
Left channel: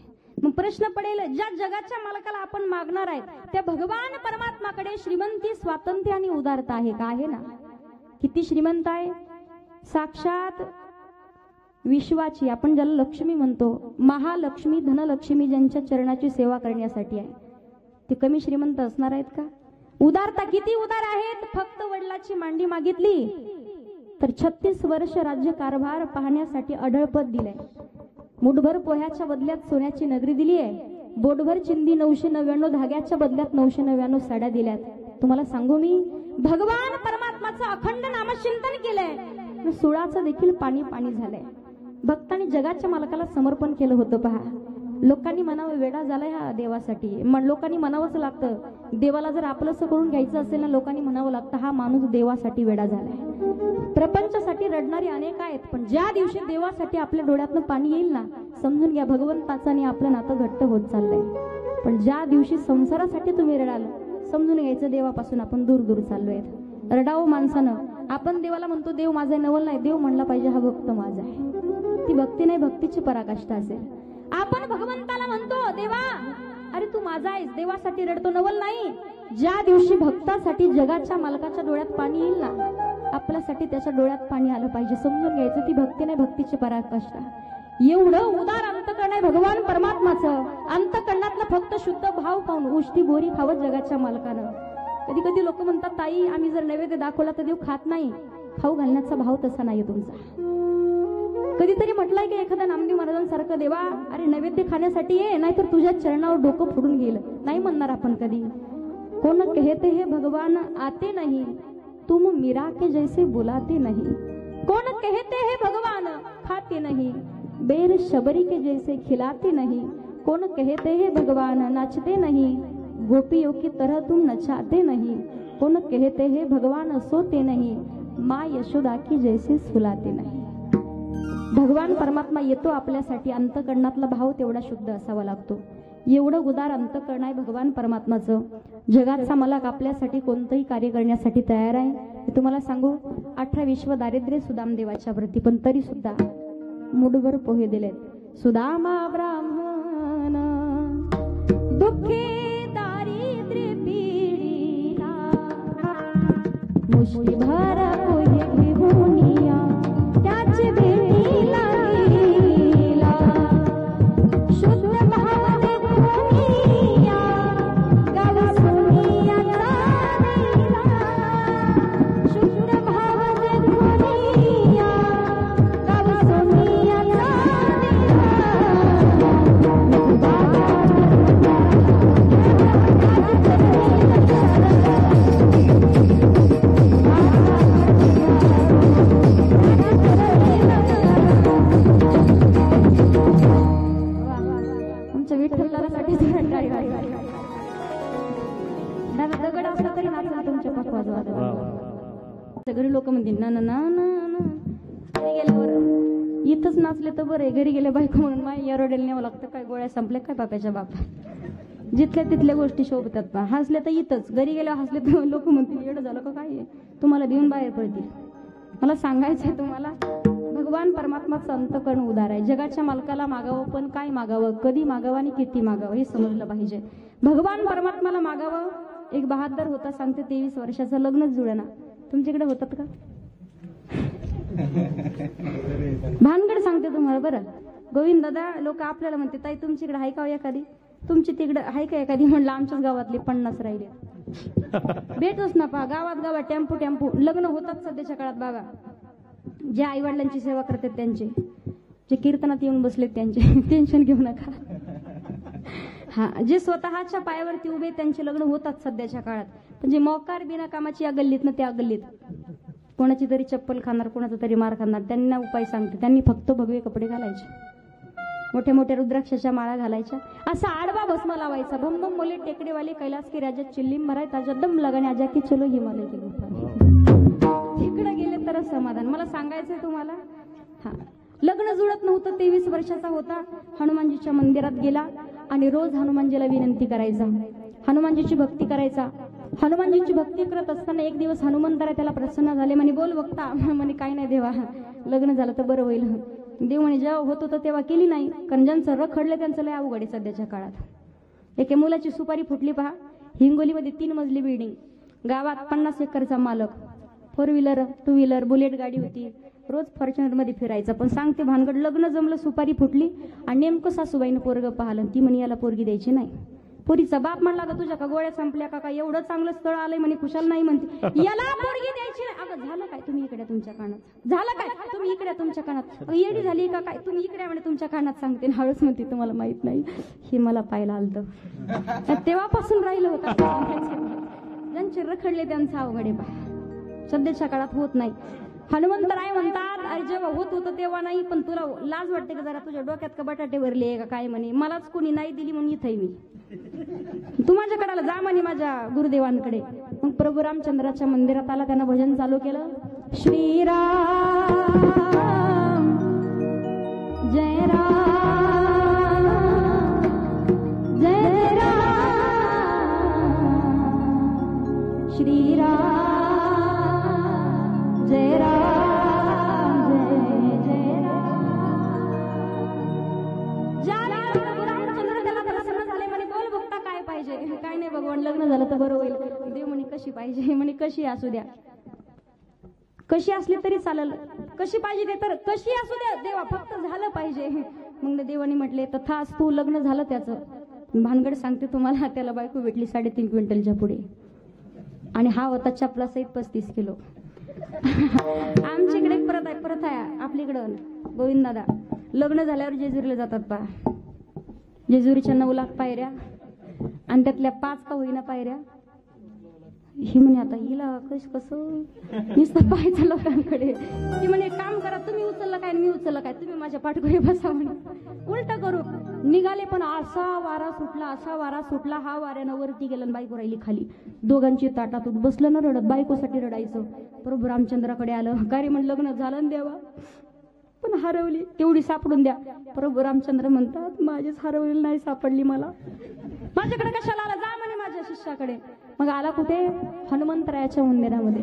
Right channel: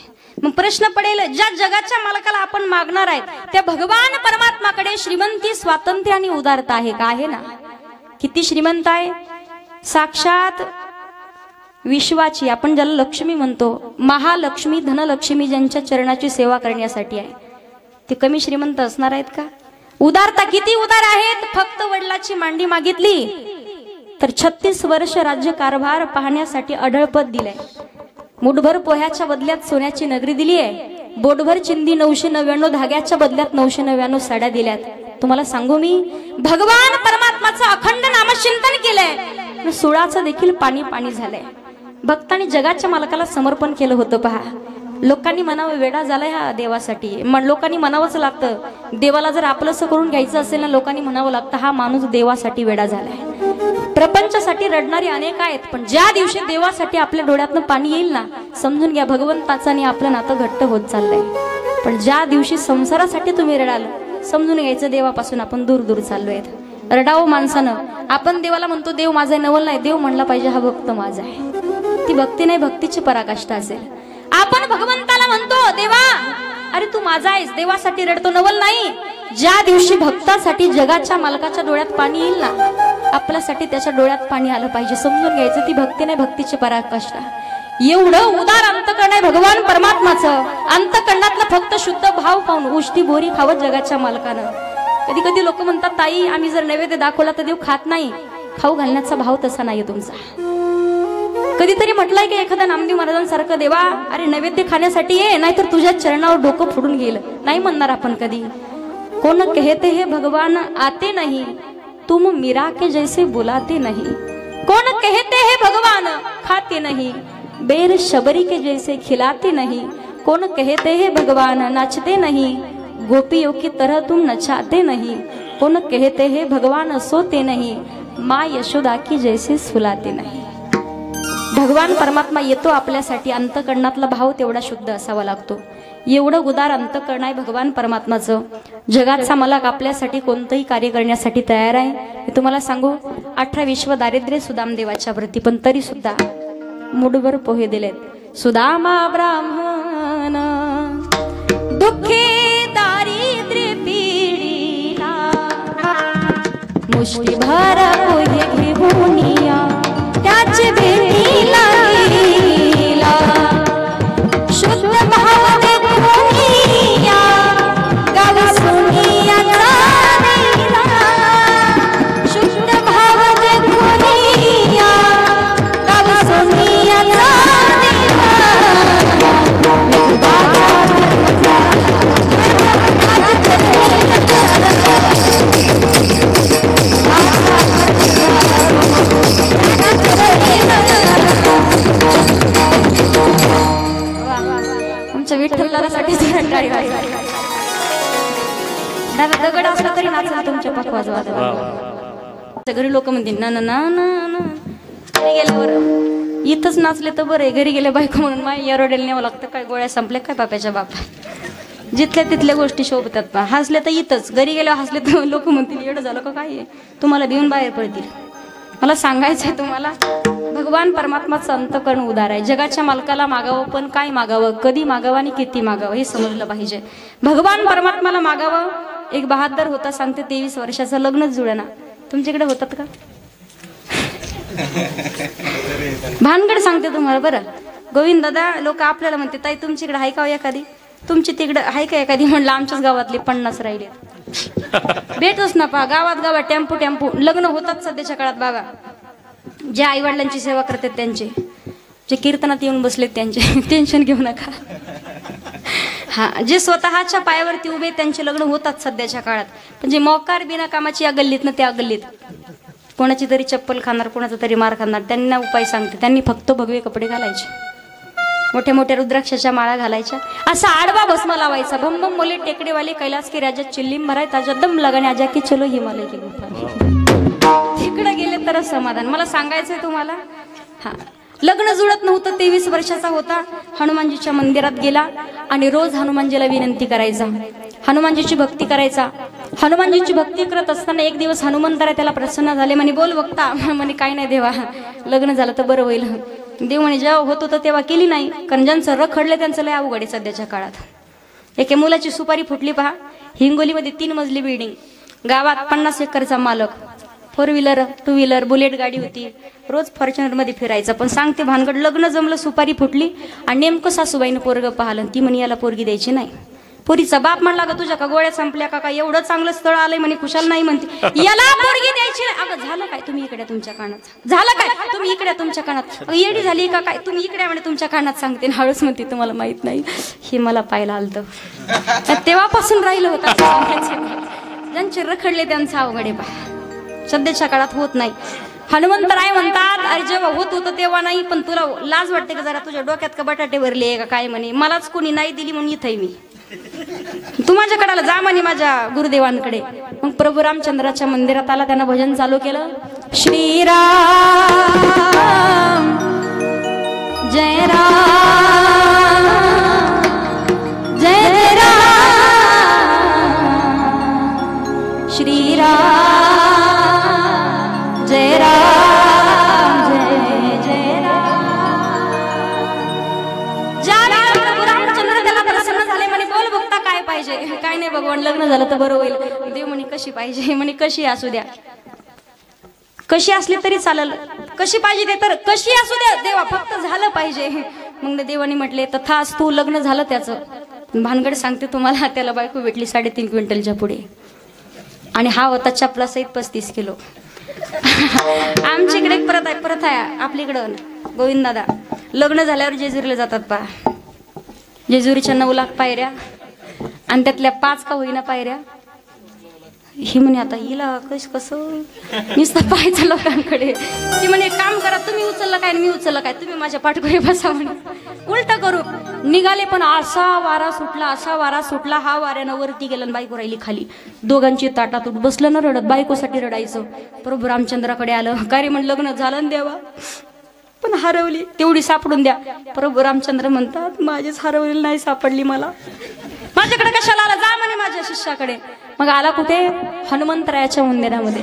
मग प्रश्न पडेल ज्या जगाच्या मालकाला आपण मागणार आहेत त्या भगवान परमात्म्याकडे श्रीमंती स्वातंत्र्य आणि उदारता आहे का? आहे ना? किती श्रीमंत आहे? साक्षात विश्वाची आपण ज्याला लक्ष्मी म्हणतो महालक्ष्मी धनलक्ष्मी ज्यांच्या चरणाची सेवा करण्यासाठी आहे ते कमी श्रीमंत असणार आहेत का? उदारता किती उदार आहेत। फक्त वडिलाची मांडी मागितली तर 36 वर्ष राज्य कारभार पाहण्यासाठी अढळपद दिलंय। मुठभर पोह्याच्या बदल्यात सोन्याची नगरी दिली आहे, बोटभर चिंदी 999 धाग्याच्या बदल्यात 999 साड्या दिल्यात। तुम्हाला सांगू मी भगवान परमात्माचं अखंड नामचिंतन केलंय, सुळाचं देखील पाणी पाणी झालंय। भक्तांनी जगाच्या मालकाला समर्पण केलं होतं पहा। लोकांनी म्हणावं वेडा झालाय हा देवासाठी, लोकांनी म्हणावंच लागतं देवाला जर आपलंसं करून घ्यायचं असेल ना लोकांनी म्हणावं लागतं हा माणूस देवासाठी वेडा झालाय। प्रपंचासाठी रडणारे अनेक आहेत पण ज्या दिवशी देवासाठी आपल्या डोळ्यातनं पाणी येईल ना समजून घ्या भगवंताचं आणि आपलं नातं घट्ट होत चाललंय। पण ज्या दिवशी संसारासाठी तुम्ही रडाल समजून घ्यायचं देवापासून आपण दूर दूर चाललोय। रडावं माणसानं, आपण देवाला म्हणतो देव माझा नवल नाही, देव म्हणला पाहिजे हा भक्त माझा आहे। ती भक्ती नाही, भक्तीची पराकाष्ठा असेल। आपण भगवंताला म्हणतो देवा अरे तू माझा आहेस, देवासाठी रडतो नवल नाही। ज्या दिवशी भक्तासाठी जगाच्या मालकाच्या डोळ्यात पाणी येईल ना आपल्यासाठी त्याच्या डोळ्यात पाणी आलं पाहिजे। समजून घ्यायचं ती भक्ती नाही, भक्तीची पराकाष्ठा। एवढं उदार अंतकरण आहे भगवान परमात्माचं। अंतकरणातलं फक्त शुद्ध भाव पाहून उष्टी बोरी खावत जगाच्या मालकानं। कधी कधी लोक म्हणतात ताई आम्ही जर नैवेद्य दाखवला तर देव खात नाही, खाऊ घालण्याचा भाव तसा नाहीये तुमचा। कधीतरी म्हटलंय की एखाद्या नामदेव महाराजांसारखं देवा अरे नैवेद्य खाण्यासाठी ये नाहीतर तुझ्या चरणावर डोकं फोडून गेलं, नाही म्हणणार आपण कधी। कोण कहते हे भगवान आते नहीं तुम मीरा के जैसे बुलाते नहीं, कौन कहते हैं भगवान खाते नहीं बेर शबरी के जैसे खिलाते नहीं, कौन कहते हैं भगवान नाचते नहीं गोपियों की तरह तुम नचाते नहीं, कौन कहते हैं भगवान सोते नहीं, माँ यशोदा की जैसे सुलाते नाही। भगवान परमात्मा येतो आपल्यासाठी, अंतकरणातला भाव तेवढा शुद्ध असावा लागतो। एवढं उदार अंतकरण आहे भगवान परमात्माचं। जगाचा मालक आपल्यासाठी कोणतंही कार्य करण्यासाठी तयार आहे। मी तुम्हाला सांगू, 18 विश्व दारिद्र्य सुदाम देवाच्या व्रती, पण तरी सुद्धा मुठभर पोहे दिलेत। सुदामा ब्राह्मण दुःखी दारिद्र्य पीडिला, मुष्टीभर पोहे घेऊन या त्याचे भेटीला गेला। शुद्ध भाव देखून या गावी सोनियाचा दिला, शुद्ध भाव देखून या गावी सोनियाचा दिला। विठ्ठलासाठी दगड असला तरी नाचला तुमच्या पकवाज वाजवा। घरी लोक म्हणतील ना ना ना ना, गेल्यावर इथंच नाचले तर बरं, घरी गेले बायको म्हणून माय एरोडेल न्यावं लागतं। काय गोळ्या संपल्या काय बाप्याच्या बापा, जिथल्या तिथल्या गोष्टी शोभतात पा। हसले तर इथंच, घरी गेल्यावर हसले तर लोक म्हणतील एवढं झालं का काय, तुम्हाला देऊन बाहेर पडतील। मला सांगायचंय तुम्हाला, भगवान परमात्माचं अंतकरण उदार आहे। जगाच्या मालकाला मागावं, पण काय मागावं, कधी मागावं आणि किती मागावं हे समजलं पाहिजे। भगवान परमात्माला मागावं। एक बहादर होता, सांगते 23 वर्षाचं, लग्नच जुळेना। तुमच्याकडे होतात का भानगड सांगते तुम्हाला बरं। गोविंद दादा लोक आपल्याला म्हणते ताई तुमच्याकडे आहे का एखादी, तुमची तिकडे आहे का एखादी, म्हणलं आमच्याच गावातले 50 राहिले। भेटच ना पहा, गावात टेम्पो टेम्पो लग्न होतात सध्याच्या काळात बाबा। जे आई वडिलांची सेवा करतात त्यांचे, जे कीर्तनात येऊन बसलेत त्यांचे टेन्शन घेऊ नका। हा, जे स्वतःच्या पायावरती उभे त्यांचे लग्न होतात सध्याच्या काळात, पण जे मोकार बिना कामाची या गल्लीत ना त्या गल्लीत, कोणाची तरी चप्पल खाणार, कोणाचा तरी मार खाणार, त्यांना उपाय सांगते। त्यांनी फक्त भगवे कपडे घालायचे, मोठ्या मोठ्या रुद्राक्षाच्या माळा घालायच्या, असा आडवा भस्म लावायचा। भम भम बोले टेकडेवाले कैलास की राजा चिल्लीम भराय ताजा दम लगाने आजा की चलो हिमालय की गुफा। तिकडे गेले तर समाधान। मला सांगायचंय तुम्हाला, हा लग्न जुळत नव्हतं, 23 वर्षाचा होता। हनुमानजीच्या मंदिरात गेला आणि रोज हनुमानजीला विनंती करायचा, हनुमानजीची भक्ती करायचा। हनुमानजीची भक्ती करत असताना एक दिवस हनुमंतराय त्याला प्रसन्न झाले, म्हणे बोल बघता, म्हणे काय नाही देवा, लग्न झालं तर बरं होईल। देव म्हणे जेव्हा होत होतं तेव्हा केली नाही, कारण ज्यांचं रखडले त्यांचं लय अवघड आहे सध्याच्या काळात। एके मुलाची सुपारी फुटली पहा, हिंगोलीमध्ये 3 मजली बिल्डिंग, गावात 50 एकरचा मालक, 4 व्हीलर 2 व्हीलर बुलेट गाडी होती, रोज फॉर्च्युनर मध्ये फिरायचा। पण सांगते भानगड, लग्न जमलं, सुपारी फुटली आणि नेमकं सासूबाईनं पोरग पाहिलं, ती म्हणे याला पोरगी द्यायची नाही। पोरीचा बाप म्हणला ग तुझ्या का गोळ्या संपल्या का, एवढं चांगलं स्थळ आलंय म्हणे, खुशाल नाही म्हणते, याला पोरगी द्यायची नाही। अगं झालं काय, तुम्ही इकडे तुमच्या कानात, झालं काय तुम्ही इकडे तुमच्या कानात, येडी झाली का काय, तुम्ही इकडे म्हणे तुमच्या कानात सांगते। हळूच म्हणते तुम्हाला माहित नाही, हे मला पाहायला आलतं, तेव्हापासून राहिलं होतं। ज्यांचे रखडले त्यांचा अवघड आहे पहा, सध्याच्या काळात होत नाही। हनुमंतराय म्हणतात, अरे जेव्हा होत होतं तेव्हा नाही, पण तुला लाज वाटते का जरा, तुझ्या डोक्यात का बटाटे भरले का काय, म्हणे मलाच कोणी नाही दिली म्हणून इथंय मी, तू माझ्या कडाला जा म्हणे माझ्या गुरुदेवांकडे। मग प्रभू रामचंद्राच्या मंदिरात आला, त्यानं भजन चालू केलं, श्रीराम जय राम जय राम, श्रीराम जय राम जय जय राम। प्रभू रामचंद्र त्याला प्रसन्न झाले, म्हणे बोल बघता काय पाहिजे, काय नाही भगवान लग्न झालं तर बरं होईल। देव म्हणे कशी पाहिजे, म्हणे कशी असू द्या, कशी असली तरी चालेल, कशी पाहिजे ते तर कशी असू द्या देवा, फक्त झालं पाहिजे। मग देवाने म्हटले तथाच तू, लग्न झालं त्याचं। भानगड सांगते तुम्हाला, त्याला बायको भेटली 3.5 क्विंटलच्या पुढे, आणि हा होता चपला सहित 35 किलो। आमच्याकडे एक प्रथा आहे आपल्याकडं, गोविंद दादा लग्न झाल्यावर जेजुरीला जातात पहा, जेजुरीच्या 9 लाख पायऱ्या आणि त्यातल्या 5 का होईना पायऱ्या, ही म्हणे आता हिला कसं नुसतं पाहायचं लोकांकडे, ती म्हणे काम करा तुम्ही, उचलला काय मी उचललं काय, तुम्ही माझ्या पाठकोरी बसा म्हणे. उलट करू निघाले, पण असा वारा सुटला, हा वाऱ्यानं वरती गेला, बायको राहिली खाली. दोघांची ताटातूट बसलं ना रडत, बायकोसाठी रडायचं. प्रभू रामचंद्राकडे आलं, काय रे म्हण लग्न झालं ना देवा, पण हरवली, तेवढी सापडून द्या. प्रभू रामचंद्र म्हणतात माझीच हरवलेली नाही सापडली, मला माझ्याकडे कशाला आला, जा म्हणे माझ्या शिष्याकडे. मग आला कुठे, हनुमंतरायाच्या मंदिरामध्ये.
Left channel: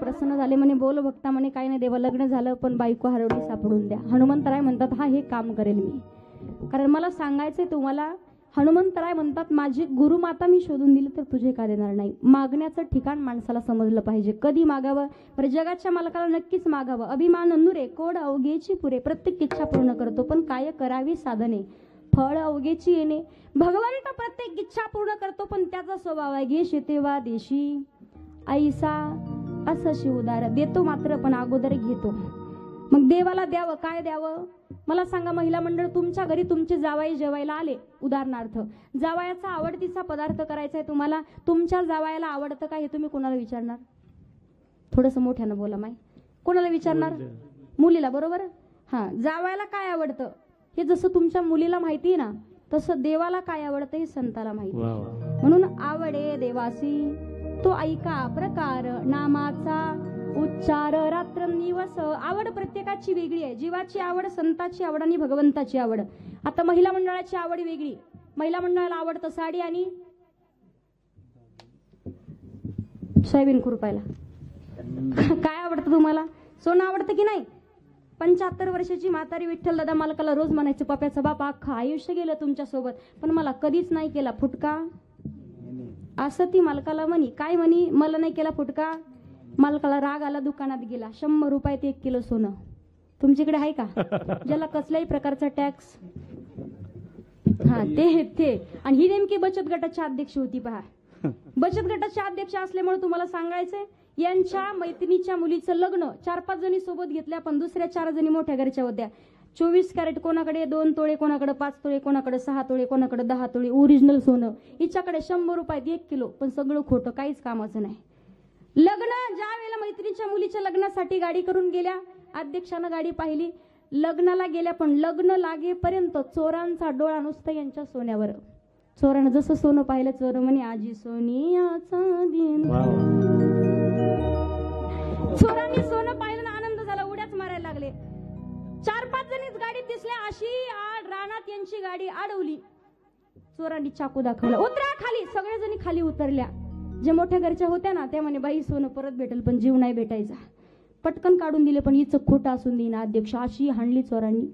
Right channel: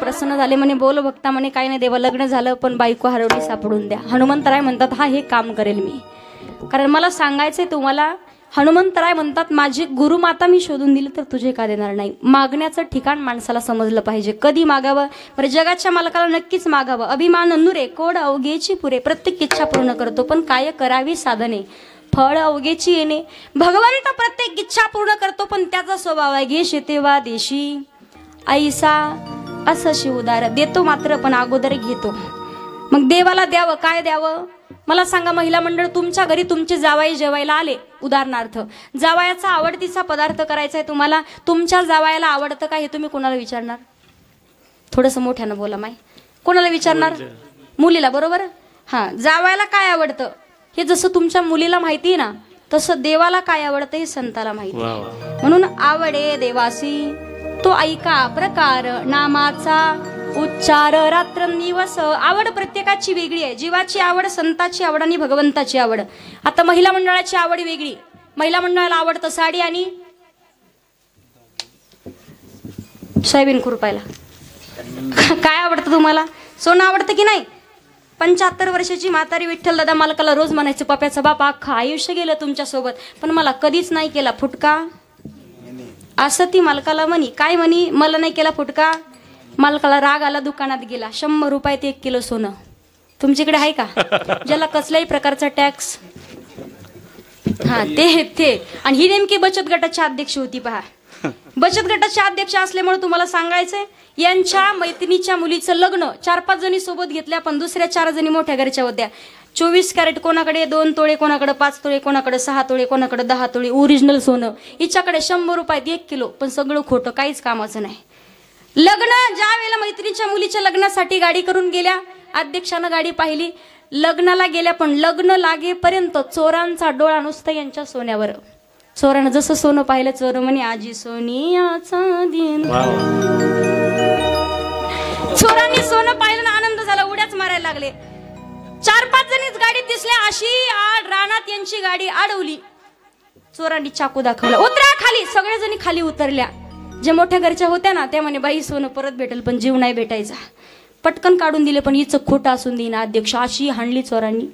प्रसन्न झाले म्हणे, बोल भक्ता म्हणे, काय नाही देवा लग्न झालं पण बायको हरवली सापडून द्या. हनुमंतराय म्हणतात हा हे काम करेल मी, कारण मला सांगायचंय तुम्हाला. हनुमंतराय म्हणतात माझी गुरुमाता मी शोधून दिली तर तुझे का देणार नाही. मागण्याचं ठिकाण माणसाला समजलं पाहिजे, कधी मागावं. बरं जगाच्या मालकाला नक्कीच मागावं. अभिमान नुरे कोड अवघेची पुरे, प्रत्येक इच्छा पूर्ण करतो पण काय करावी साधने, फळ अवघेची येणे. भगवंत प्रत्येक इच्छा पूर्ण करतो पण त्याचा स्वभाव आहे घे शेतेवा देशी ऐसा असं शिवदार, देतो मात्र पण अगोदर घेतो. मग देवाला द्यावं, काय द्यावं मला सांगा. महिला मंडळ तुमच्या घरी तुमचे जावाई जेवायला आले, उदाहरणार्थ जावायाचा आवडतीचा पदार्थ करायचा आहे तुम्हाला, तुमच्या जावायाला आवडतं का हे तुम्ही कोणाला विचारणार? थोडंसं मोठ्यानं बोला माय. कोणाला विचारणार? मुलीला, बरोबर. हा, जावायाला काय आवडतं हे जसं तुमच्या मुलीला माहिती आहे ना, तसं देवाला काय आवडतं हे संताला माहिती. म्हणून आवडे देवासी तो ऐका प्रकार, नामाचा उच्चार रात्रंदिवस. आवड प्रत्येकाची वेगळी आहे. जीवाची आवड, संताची आवड आणि भगवंताची आवड. आता महिला मंडळाची आवड वेगळी. महिला मंडळाला आवडतं साडी आणि सोयाबीन खुरपायला. काय आवडतं तुम्हाला? सोनं आवडतं की नाही? 75 वर्षाची म्हातारी विठ्ठल दादा मालकाला रोज म्हणायचं, पप्याचा बाप अख्खं आयुष्य गेलं तुमच्या सोबत पण मला कधीच नाही केला फुटका. असं ती मालकाला म्हणी. काय म्हणी? मला नाही केला फुटका. मालकाला राग आला, दुकानात गेला, 100 रुपयात 1 किलो सोनं. तुमच्याकडे आहे का ज्याला कसल्याही प्रकारचा टॅक्स? हा, ते आणि ही नेमकी बचत गटाची अध्यक्ष होती. पहा, बचत गटाचे अध्यक्ष असल्यामुळे तुम्हाला सांगायचंय, यांच्या मैत्रिणीच्या मुलीचं लग्न 4-5 जणी सोबत घेतल्या, पण दुसऱ्या 4 जणी मोठ्या घरच्या होत्या. 24 कॅरेट कोणाकडे, 2 तोळे कोणाकडे, 5 तोळे कोणाकडे, 6 तोळे कोणाकडे, 10 तोळे ओरिजिनल सोनं. हिच्याकडे 100 रुपयात 1 किलो, पण सगळं खोटं, काहीच कामाचं नाही. लग्न ज्या वेळेला मैत्रिणीच्या मुलीच्या लग्नासाठी गाडी करून गेल्या, अध्यक्षानं गाडी पाहिली, लग्नाला गेल्या पण लग्न लागेपर्यंत चोरांचा डोळा नुसता यांच्या सोन्यावर. चोरानं जसं सोनं पाहिलं, चोर म्हणे आजी सोनियाचा दिन. चोरांनी सोनं पाहिलं ना, आनंद झाला, उड्याच मारल्या. 4-5 जणीच गाडीत दिसल्या, अशी आड रानात यांची गाडी अडवली. चोरांनी चाकू दाखवला, उतरा खाली. सगळ्या जणी खाली उतरल्या. जे मोठ्या घरच्या होत्या ना त्या म्हणे बाई सोनं परत भेटेल पण जीव नाही भेटायचा. पटकन काढून दिले पण हिचं खोटं असून देईना अध्यक्ष. अशी हाणली चोरांनी.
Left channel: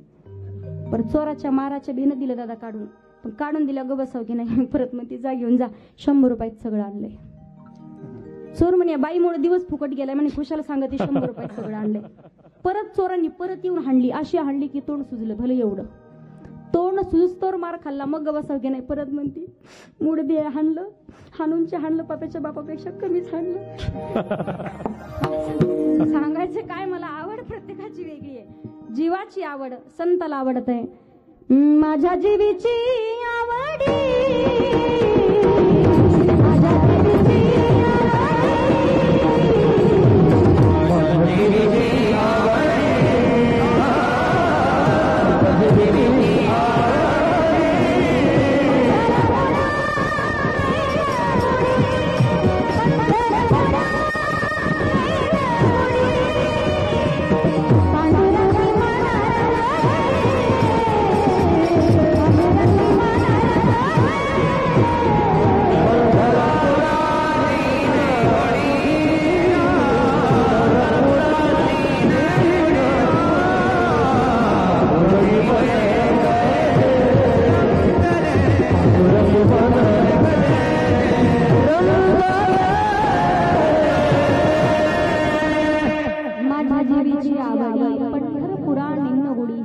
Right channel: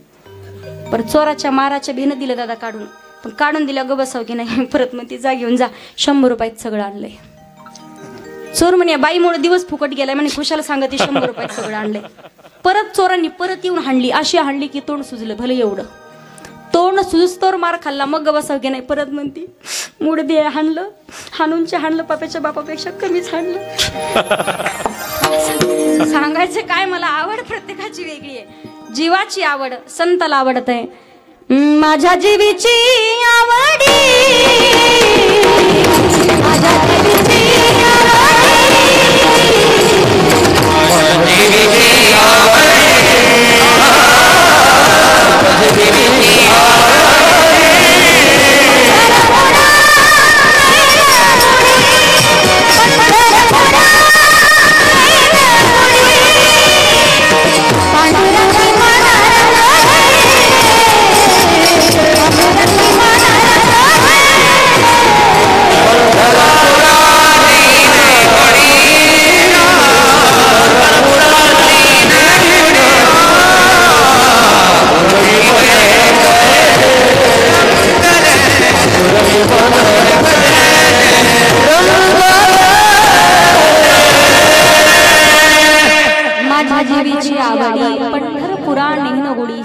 परत चोराच्या माराच्या भेनं दिलं दादा काढून. पण काढून दिलं ग बसाव की नाही. परत मग ती जा घेऊन जा, 100 रुपयात सगळं आणलंय. चोर म्हणे बाईमुळे दिवस फुकट गेलाय म्हणे, खुशाला सांगते 100 रुपयात सगळं आणलंय. परत चोरांनी परत येऊन हाणली. अशी हाणली की तोंड सुजलं. भले एवढं तोंड सुजतोर मार खाल्ला. मग बसाव की नाही. परत म्हणती मूड दे हाणलं, हाणूनचे हाणलं, पाप्याच्या बापापेक्षा कमीच हाणलं. सांगायचं काय, मला आवड प्रत्येकाची वेगळी आहे. जीवाची आवड संताला आवडत आहे. माझ्या जीवीची आवडी, माझ्या जीवीची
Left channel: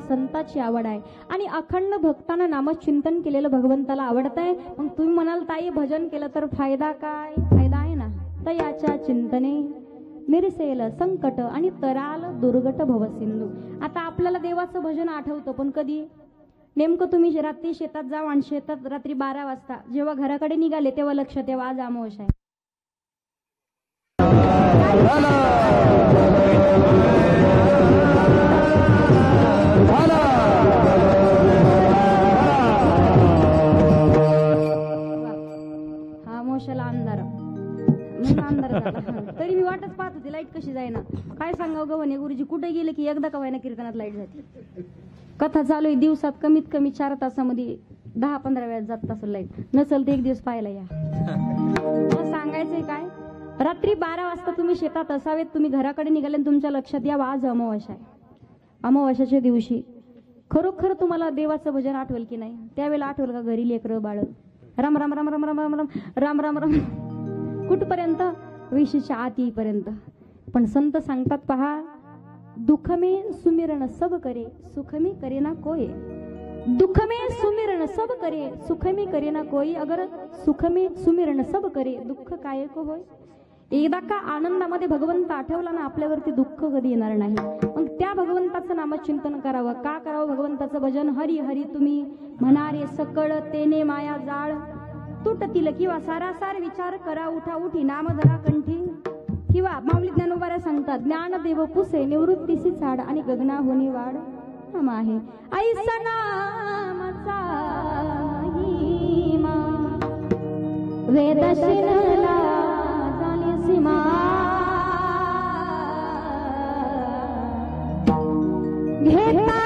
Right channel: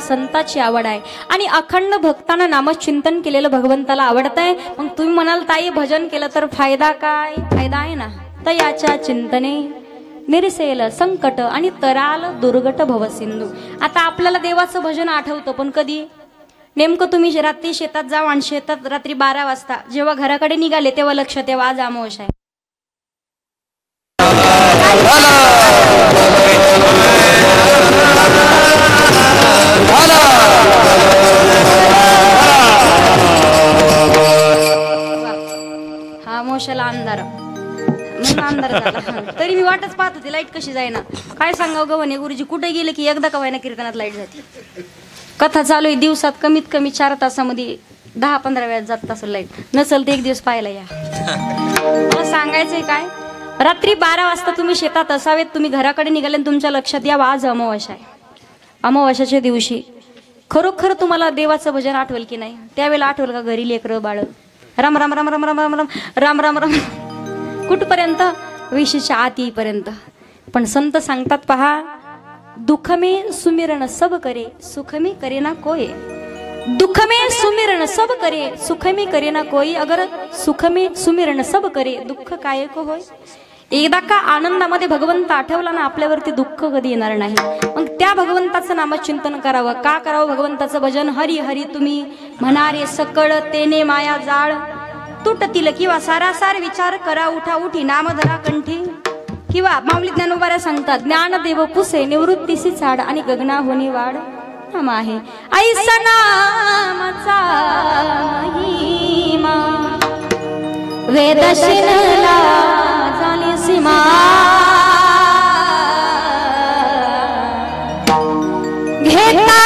संताची आवड आहे. आणि अखंड भक्तांना नामचिंतन केलेलं भगवंताला आवडत आहे. मग तुम्ही म्हणाल ताई भजन केलं तर फायदा काय? फायदा आहे ना. तयाच्या चिंतने निरसेल संकट आणि तराल दुर्गट भवसिंधू. आता आपल्याला देवाचं भजन आठवतं पण कधी? नेमकं तुम्ही रात्री शेतात जाऊ आणि शेतात रात्री 12 वाजता जेव्हा घराकडे निघाले तेव्हा लक्षात येवा आज अमावस आहे. हा मोशाला अंधार अंधार झाला. तरी मी वाटच पाहत होते लाईट कशी जाईना. काय सांगाव गवणे गुरुजी कुठे गेले की एकदा कवायना कीर्तनात लाईट जाते. कथा चालू आहे दिवसात कमीत कमी 4 तासामध्ये 10-15 वेळा जात असेल लाईट. नसेल तर एक दिवस पाहायला या. मला सांगायचंय काय, रात्री 12 वाजता तुम्ही शेतात असावेत, तुम्ही घराकडे निघाले आणि तुमच्या लक्षात यावं आज अमावास्या आहे. अमावास्याच्या दिवशी खरोखर तुम्हाला देवाचं भजन आठवेल की नाही? त्यावेळेला आठवेल का घरी लेकरं बाळ राम राम राम राम राम राम राम राम राम राम कुठपर्यंत? विशीच्या आत येईपर्यंत. पण संत सांगतात पहा, दुःख में सुमिरन सब करे सुख में करे ना कोई. दुःख में सुमिरन सब करे सुख में करे ना कोई. अगर सुख में सुमिरन सब करे दुःख काय को होय. एकदा का आनंदामध्ये भगवंत आठवला ना आपल्यावरती दुःख कधी येणार नाही. मग त्या भगवंताचं नामचिंतन करावं. का करावं भगवंताचं भजन? हरी हरी तुम्ही म्हणारे सकळ तेने माया जाळ तुटतील किंवा सारासार विचार करा उठा उठी नाम धरा कंठी. किंवा माऊली ज्ञानोबाऱ्या सांगतात ज्ञानदेव पुसे निवृत्तीसी झाड आणि गगना होणे वाढ नाम आहे. ऐसा नामाचा महिमा वेदशिनला झाली सीमा. घेता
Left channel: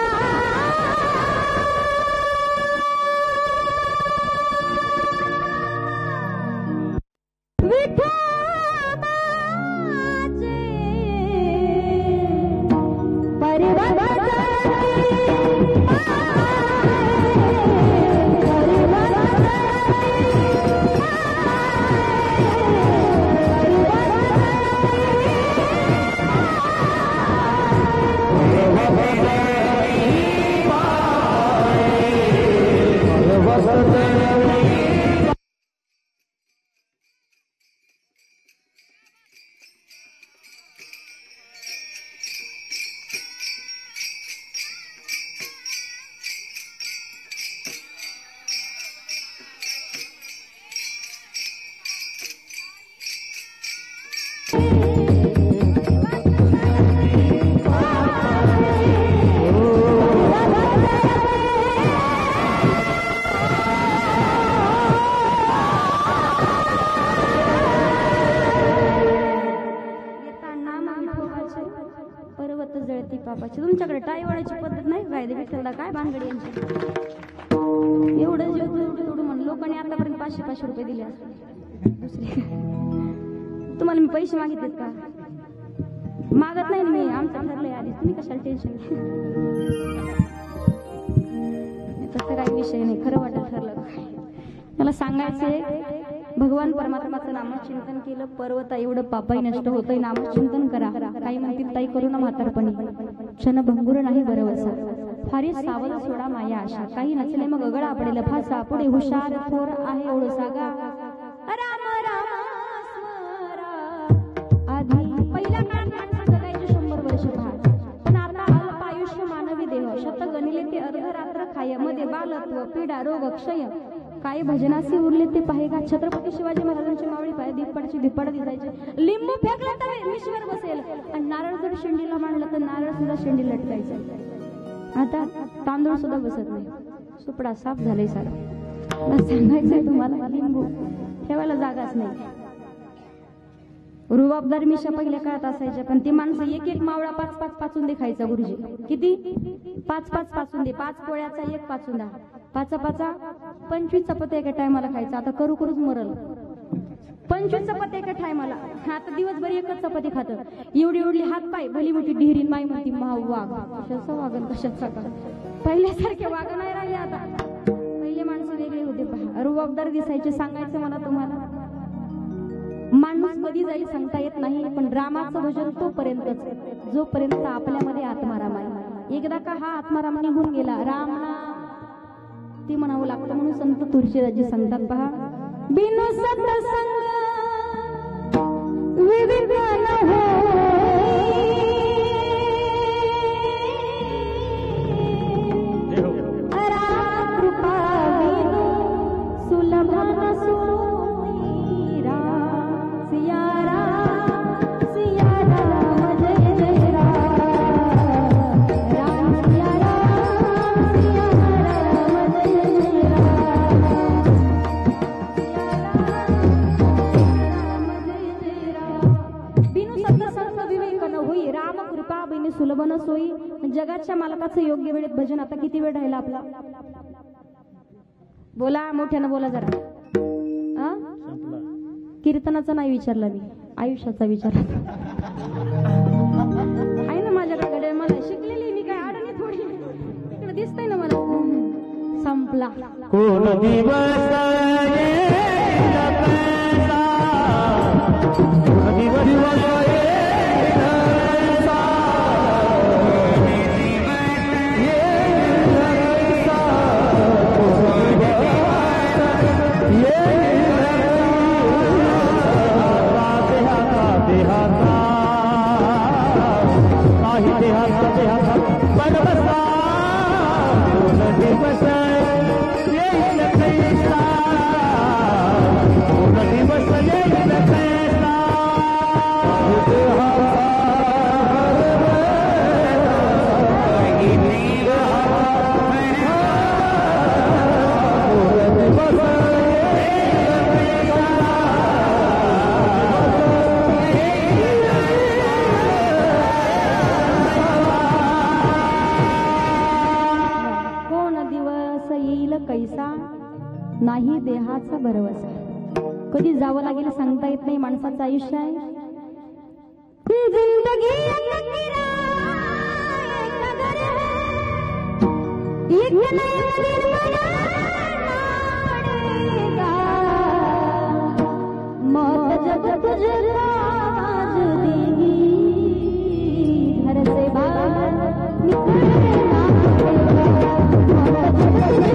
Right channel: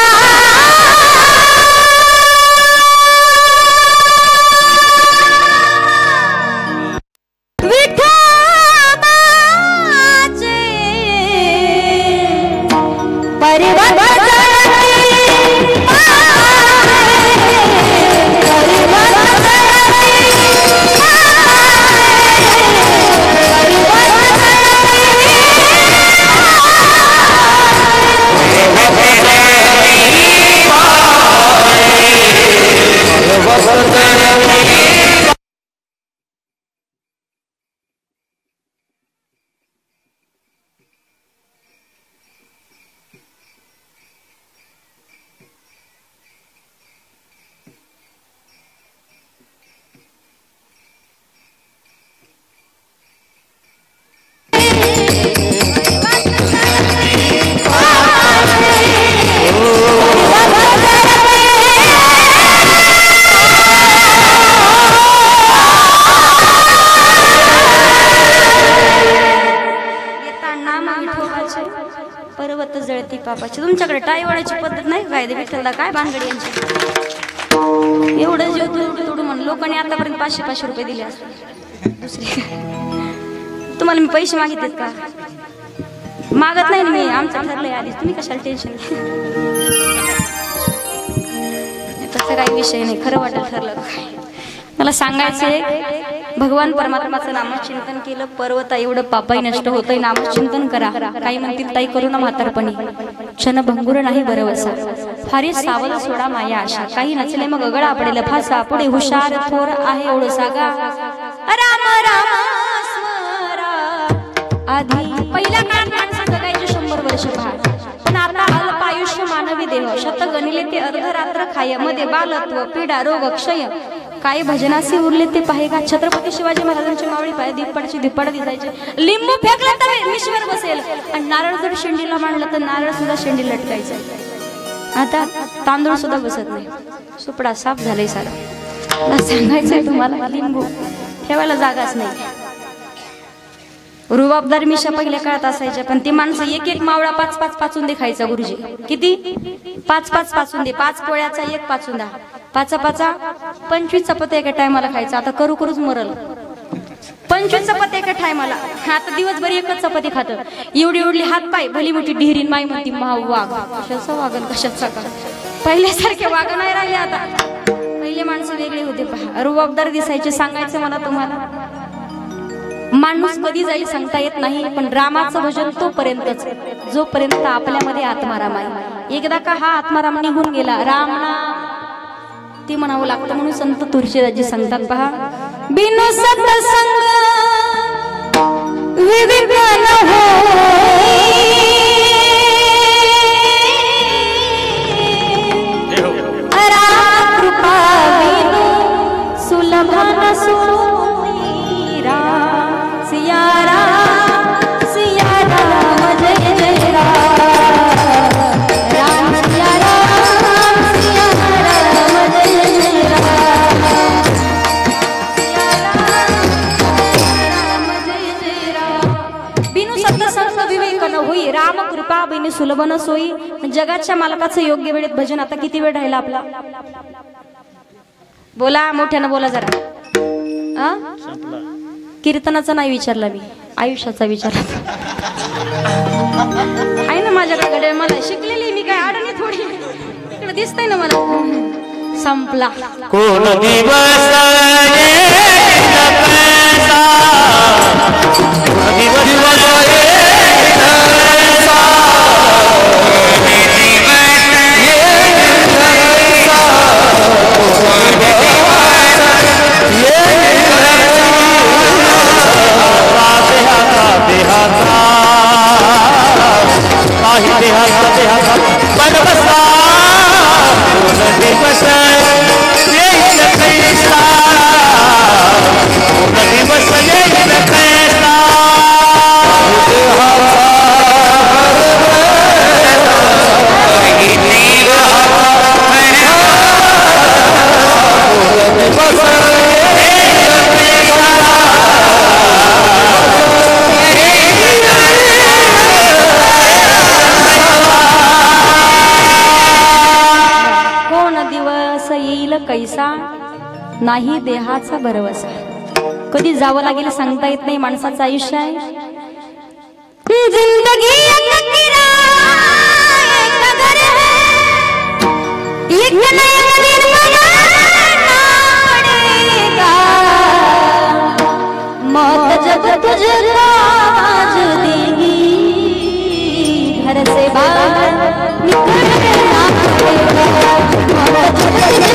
प्रतीक पापाची. तुमच्याकडे टाय वळायची पद्धत नाही काय? विठ्ठलला काय भानगडी यांची? एवढं जीव तोडू म्हणून लोकांनी आतापर्यंत 500-500 रुपये दिले असते. दुसरे तुम्हाला मी पैसे मागितलेत का? मागत नाही मी. आमचं ठरलंय आधीच. तुम्ही कशाला टेन्शन घ्या? तसं काही विषय नाही. खरं वाटेल ठरलं. मला सांगायचंय भगवान परमात्माचं नामचिंतन केलं पर्वता एवढं पापाई नष्ट होतंय. नामचिंतन करा. काही म्हणतील ताई करू ना म्हातारपणी. क्षण भंगुर नाही बरवसा. फारी सावध सोडा माया आशा. काही नचले मग गगडा पडेल फासा. पुढे हुशार थोर आहे एवढं सागा. राम राम स्मरा. आधी पहिल्या काळात माणसं जगायचे 100 वर्ष पहा. पण आता अल्प आयुष्य मानवी देह. शत गणिले ते अर्धरात्र खाय. मध्ये बालत्व पीडा रोग क्षय. काय भजनासी उरले ते पाहे का. छत्रपती शिवाजी महाराजांची मावळी पाय दीपडाची दीपड दिसायचे. लिंबू फेकला तर विश्वर बसेल. आणि नारळ जर शेंडीला मांडलं तर नारळ सुद्धा शेंडी लटकायचं. आता तांदूळ सुद्धा बसत नाही. सुपडा साफ झालंय सारं. मला सांगायचंय तुम्हाला लिंबू ठेवायला जागाच नाही. रुबाबदार मिशा पहिल्या काळात असायच्या. पण ती माणसं एक एक मावळा 5-5 पाचून दे खायचा. गुरुजी किती? 5-5 पाचून दे. 5 पोळ्याचा 1 पाचून द्या. 5-5 25 चपात्या एका टायमाला खायचा. आता करूच मरल. 25 चपात्या एका टायमाला. आता दिवसभर एकच चपाती खात. एवढी एवढी हात पाय भली मोठी ढिरीन माई म्हणती माव वाघ. कशाचं वागन कशाचा का? पहिल्यासारखे वाघ नाही राहिले आता. पहिले माणसं वेगळे होते पहा. रुबाबदार दिसायचे. सांगायचं मला तुम्हाला माणूस कधी जाईल सांगता येत नाही. पण रामाचं भजन तोपर्यंतच जोपर्यंत आपल्यामध्ये आत्माराम आहे. एकदा का हा आत्माराम निघून गेला राम ते म्हणावं लागतं. म्हणून संत तुळशीदासजी सांगतात पहा. बिनु सत्संग विवेक न होई. राम कृपा बिनु सुलभ न सोई. राम सिया राम सिया राम जय जय राम. राम सिया राम सिया राम जय जय राम. राम जय जय राम. बिनु सत्संग विवेक न होई. राम कृपा बिनु सुलभ न सोई. जगाच्या मालकाचं योग्य वेळेत भजन. आता किती वेळ राहिला आपला? बोला मोठ्यानं बोला जरा. कीर्तनाचा नाही विचारला मी. आयुष्याचा विचारला. आहे ना माझ्याकडे. मला शिकलेली मी काय अडणी थोडी. इकडे दिसतंय ना मला. संपला. कोण दिवस कैसा नाही देहाचा भरवसा. कधी जावं लागेल सांगता येत नाही. माणसाचं आयुष्य आहे. जिंदगी मौत जब तुझे आज देगी घर से बाहर निकलना पड़ेगा. मौत जब तुझे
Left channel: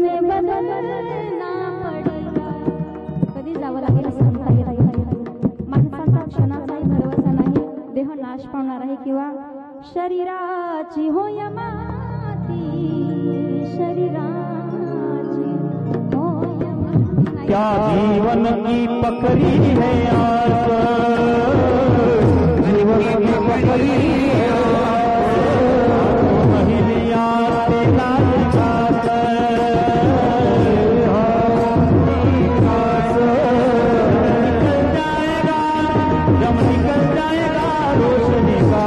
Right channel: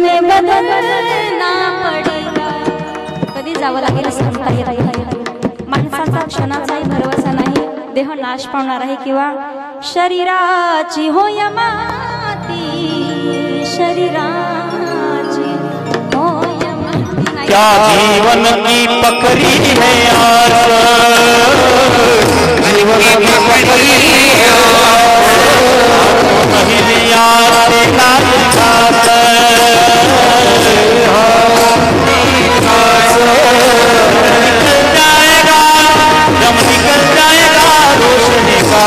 में बदलना पडेगा. कधी जावं लागेल सांगता येत नाही. माणसाचा क्षणाचाही भरवसा नाही. देह नाश पावणार आहे किंवा शरीराची होय माती. शरीराची होय माती. क्या जीवन की पकड़ी है आस, जीवन की पकड़ी है महिलिया से नाच जाएगा, दम निकल जाएगा रोशनी का.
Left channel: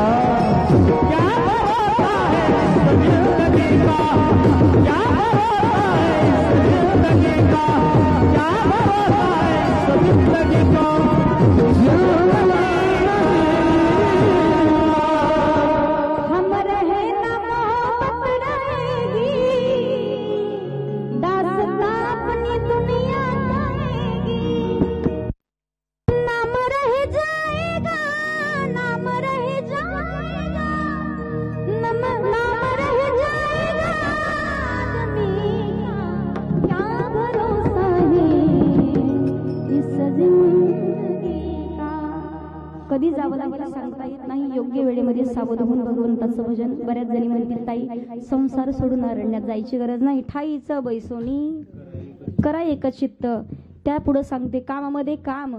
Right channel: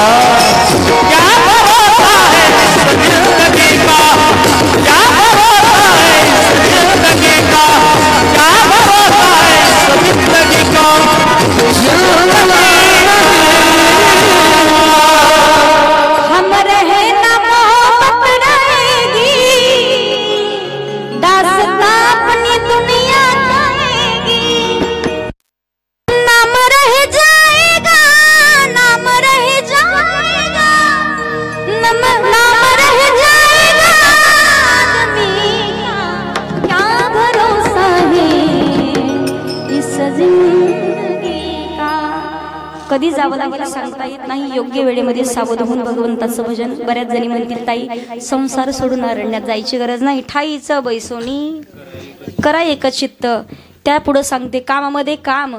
क्या भरोसा है जिंदगी का, क्या भरोसा है जिंदगी का, क्या भरोसा है जिंदगी का. हम रहे ना मोहब्बत रहेगी, दास्तां अपनी दुनिया कहेगी. नाम रह जाएगा, नाम रह जाएगा, नाम रह जाएगा आदमी का. क्या भरोसा है इस जिंदगी का. कधी जावं लागेल सांगता येत नाही. योग्य वेळेमध्ये सावध होऊन भगवंताचं भजन. बऱ्याच जणी म्हणतील ताई संसार सोडून अरण्यात जायची गरज नाही. ठाईचं बैसोनी करा एकचित्त. त्या पुढे सांगते कामामध्ये काम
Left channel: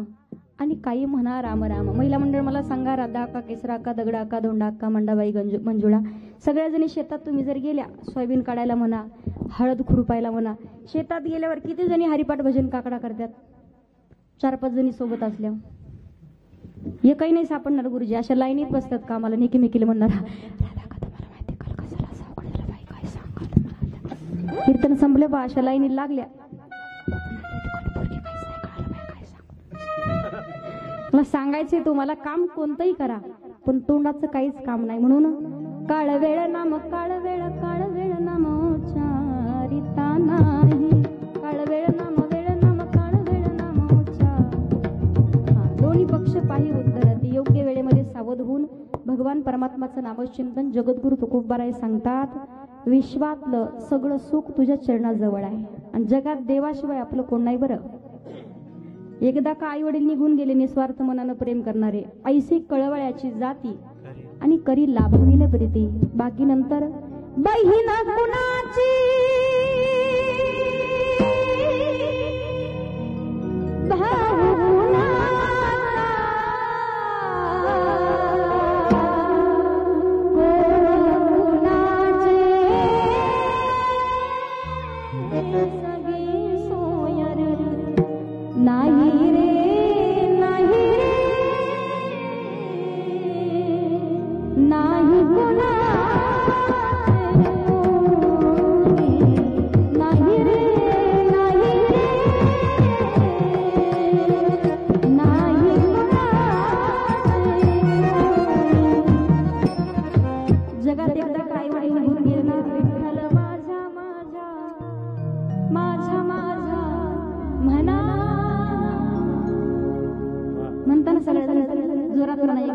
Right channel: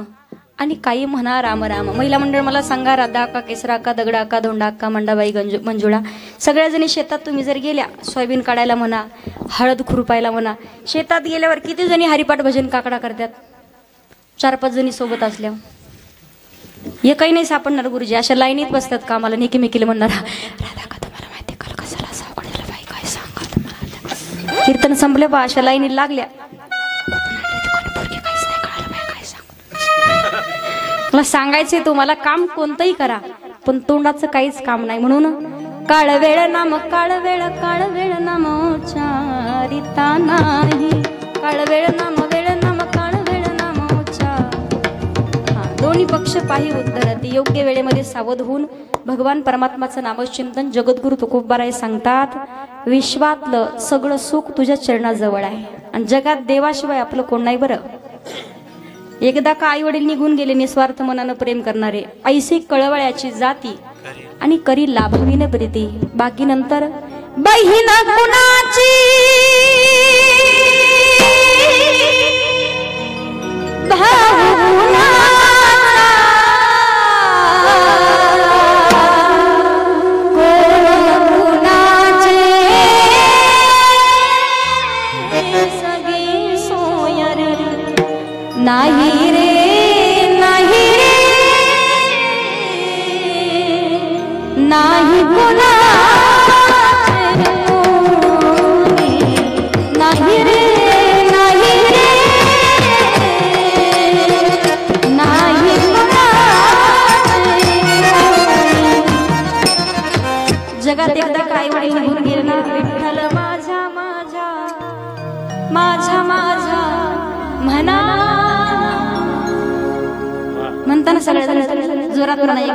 आणि काही म्हणा राम राम. महिला मंडळ मला सांगा, राधा का केसरा का दगडा का धोंडा का मंडाबाई मंजुळा. सगळ्या जणी शेतात तुम्ही जर गेल्या सोयाबीन काढायला म्हणा, हळद खुरपायला म्हणा, शेतात गेल्यावर किती जणी हरिपाठ भजन काकडा करतात. 4-5 जणी सोबत असल्यावर हे काही नाही सापडणार गुरुजी. अशा लाईनीत बसतात कामाला नेकीमेकीला म्हणणार, राधा का तुम्हाला माहिती काल कसाला सावड झाला बाई काय सांगा तुम्हाला. कीर्तन संपले बा अशा लाईनीत लागल्या. मला सांगायचंय तुम्हाला काम कोणतंही करा पण तोंडाचं काहीच काम नाही. म्हणून काळ वेळ नाम काळ वेळ नाम उच्चारिता नाही. काळ वेळ नाम काळ वेळ नाम दोन्ही पक्ष पाही उत्तरती. योग्य वेळेमध्ये सावध होऊन भगवान परमात्माचं नामचिंतन. जगद्गुरु तुकोबाराय सांगतात, विश्वातलं सगळं सुख तुझ्या चरणाजवळ आहे आणि जगात देवाशिवाय आपलं कोण नाही. बरं एकदा का आई वडील निघून गेले निस्वार्थ मनानं प्रेम करणारे, ऐसे कळवळ्याची जाती आणि करी लाभविन प्रीती. बाकी नंतर बहीण कुणाची नाही रे नाही रे नाही कोणा नाही रे नाही रे नाही कोणा. जगात एकदा काय वडील निघून गेले ना, विठ्ठल माझा माझा माझा माझा म्हणा म्हणताना सगळ्या जोरात म्हणा.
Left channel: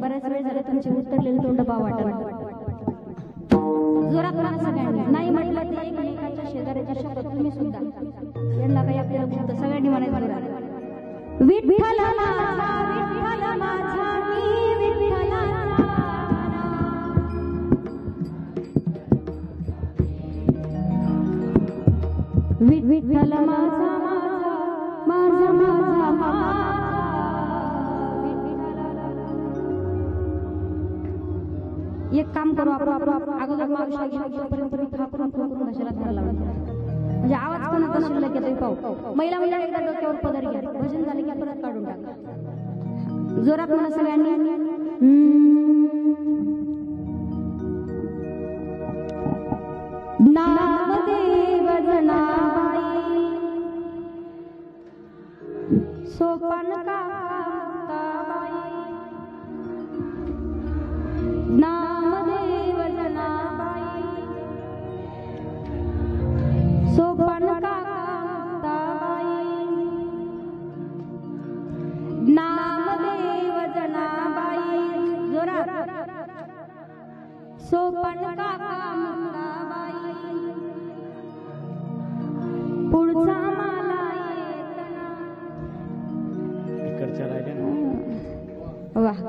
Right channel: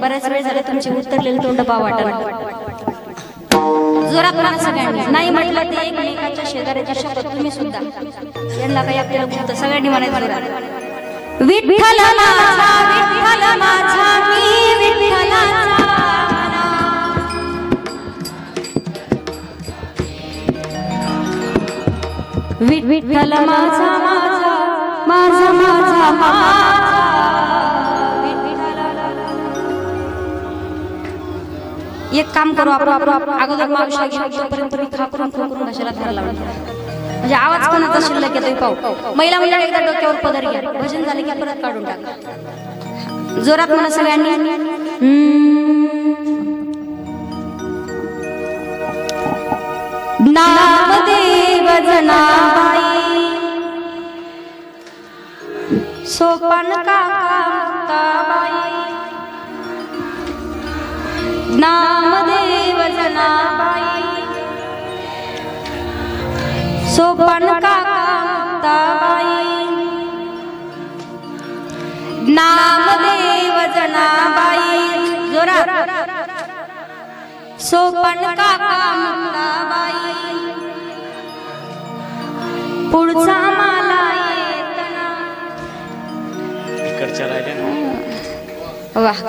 बऱ्याच वेळ झाले तुमचे उत्तरलेले तोंड पाव वाटत. जोरात म्हणा सगळ्यांनी. नाही म्हटलं ते एकमेकाच्या शेजाऱ्याची शपथ. तुम्ही सुद्धा यांना काही आपल्याला बोलतं सगळ्यांनी म्हणायचं, विठ्ठल माझा विठ्ठल माझा मी विठ्ठलाचा. विठ्ठल माझा माझा माझा माझा माझा. एक काम करू आपण अगोदर मावशा घेऊन तोपर्यंत मी खाकरून खोकरून कशाला धरायला म्हणजे आवाज कोणाचा शिल्लक येतोय पाहू. महिला मंडळ एकदा डोक्यावर पदर घ्या. भजन झाले की परत काढून टाका. जोरात म्हणा सगळ्यांनी. नामदेव जनाबाई सोपान काकाबाई. नामदेव जनाबाई सोपान काकाबाई. नामदेव जनाबाई जोरात. सोपान काकाबाई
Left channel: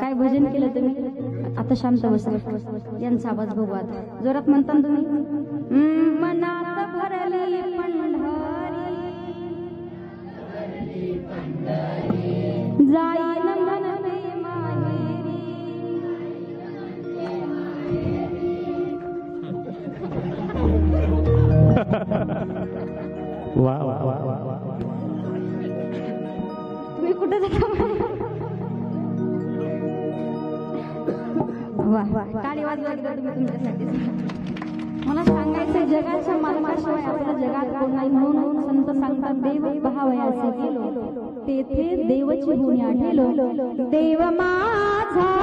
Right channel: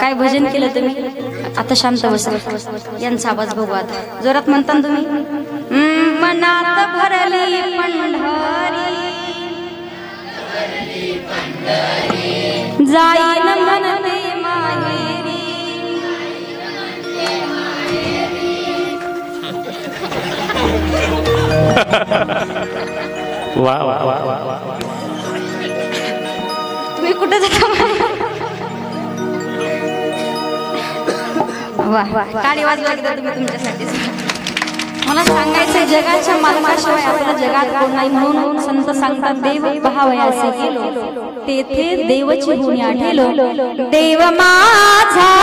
काय भजन केलं तुम्ही? आता शांत बसा. यांचा आवाज बघू आता. जोरात म्हणता तुम्ही. मनात भरली पंढरी जाईन म्हणते माहेरी. वा वा वा वा. तुम्ही कुठे जाता? वाह वाह, टाळी वाजवा एकदा तुम्ही तुमच्यासाठी. मला सांगायचंय जगाच्या मालकाशिवाय आपल्या जगात कोण नाही. म्हणून संत सांगतात देव पहावयासे गेलो तेथे देवची गुणी आढेलो. देव माझा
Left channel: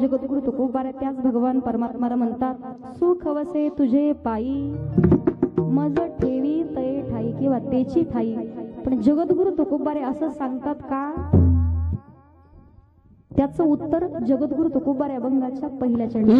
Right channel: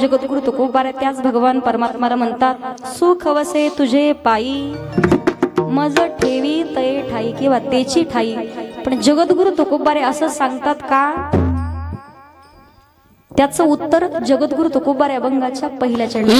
जगद्गुरु तुकोबारा त्याच भगवान परमात्माला म्हणतात सुख वसे तुझे पायी मज ठेवी तय ठाई किंवा तेची ठाई. पण जगद्गुरु तुकोबारे असं सांगतात का? त्याचं उत्तर जगद्गुरु तुकोबारे अभंगाच्या पहिल्या चरणी.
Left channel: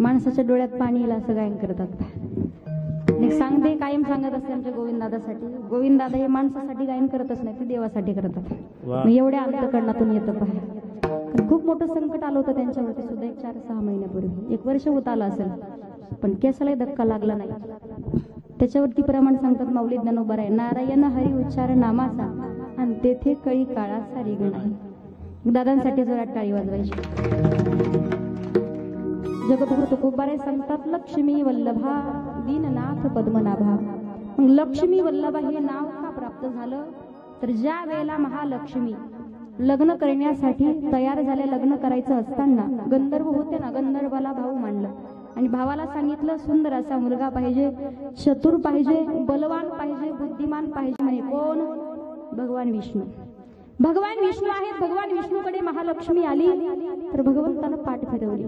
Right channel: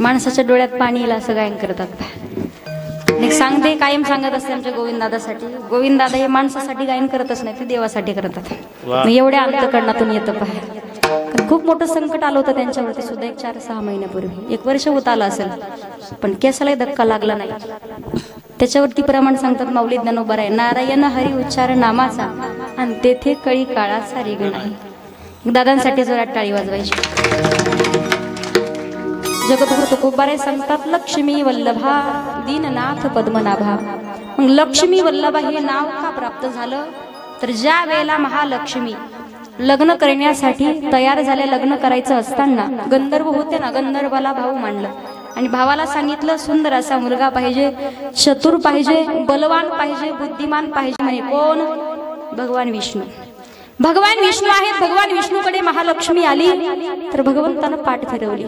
माणसाच्या डोळ्यात पाणी येईल असं गायन करतात. सांगते कायम सांगत असते आमच्या गोविंददादासाठी. गोविंददादा हे माणसासाठी गायन करतच नाही, ते देवासाठी करतात. एवढ्या अंतकरणातून येतं पहा. खूप मोठं संकट आलं होतं त्यांच्यावरती सुद्धा एक 4-6 महिन्यापूर्वी. 1 वर्ष होत आलं असेल, पण केसालाही धक्का लागला नाही. त्याच्यावरती प्रमाण सांगतात माऊली ज्ञानोबा आहे नारायण हरी उच्चार नामाचा आणि तेथे कळी काळाचा रेग नाही. दादांसाठी जोरात टाळी वाजवायची. जगद्गुरु तुकोबारे सांगतात लक्ष्मी वल्लभा दीननाथ पद्मनाभा. मग लक्ष्मी वल्लभा हे नाव का प्राप्त झालं? तर ज्या वेळेला महालक्ष्मी लग्न करण्यासाठी तयार झाले, लग्न करायचं असताना गंधर्व होते ना, गंधर्वाला भाऊ मांडलं आणि भावाला सांगितलं सुंदर असा मुलगा पाहिजे, चतुर पाहिजे, बलवान पाहिजे, बुद्धिमान पाहिजे. म्हणे कोण? भगवान विष्णू. भगवान विष्णू आहेत, भगवान विष्णूकडे महालक्ष्मी आली तर भगवंतानं पाठ फिरवली,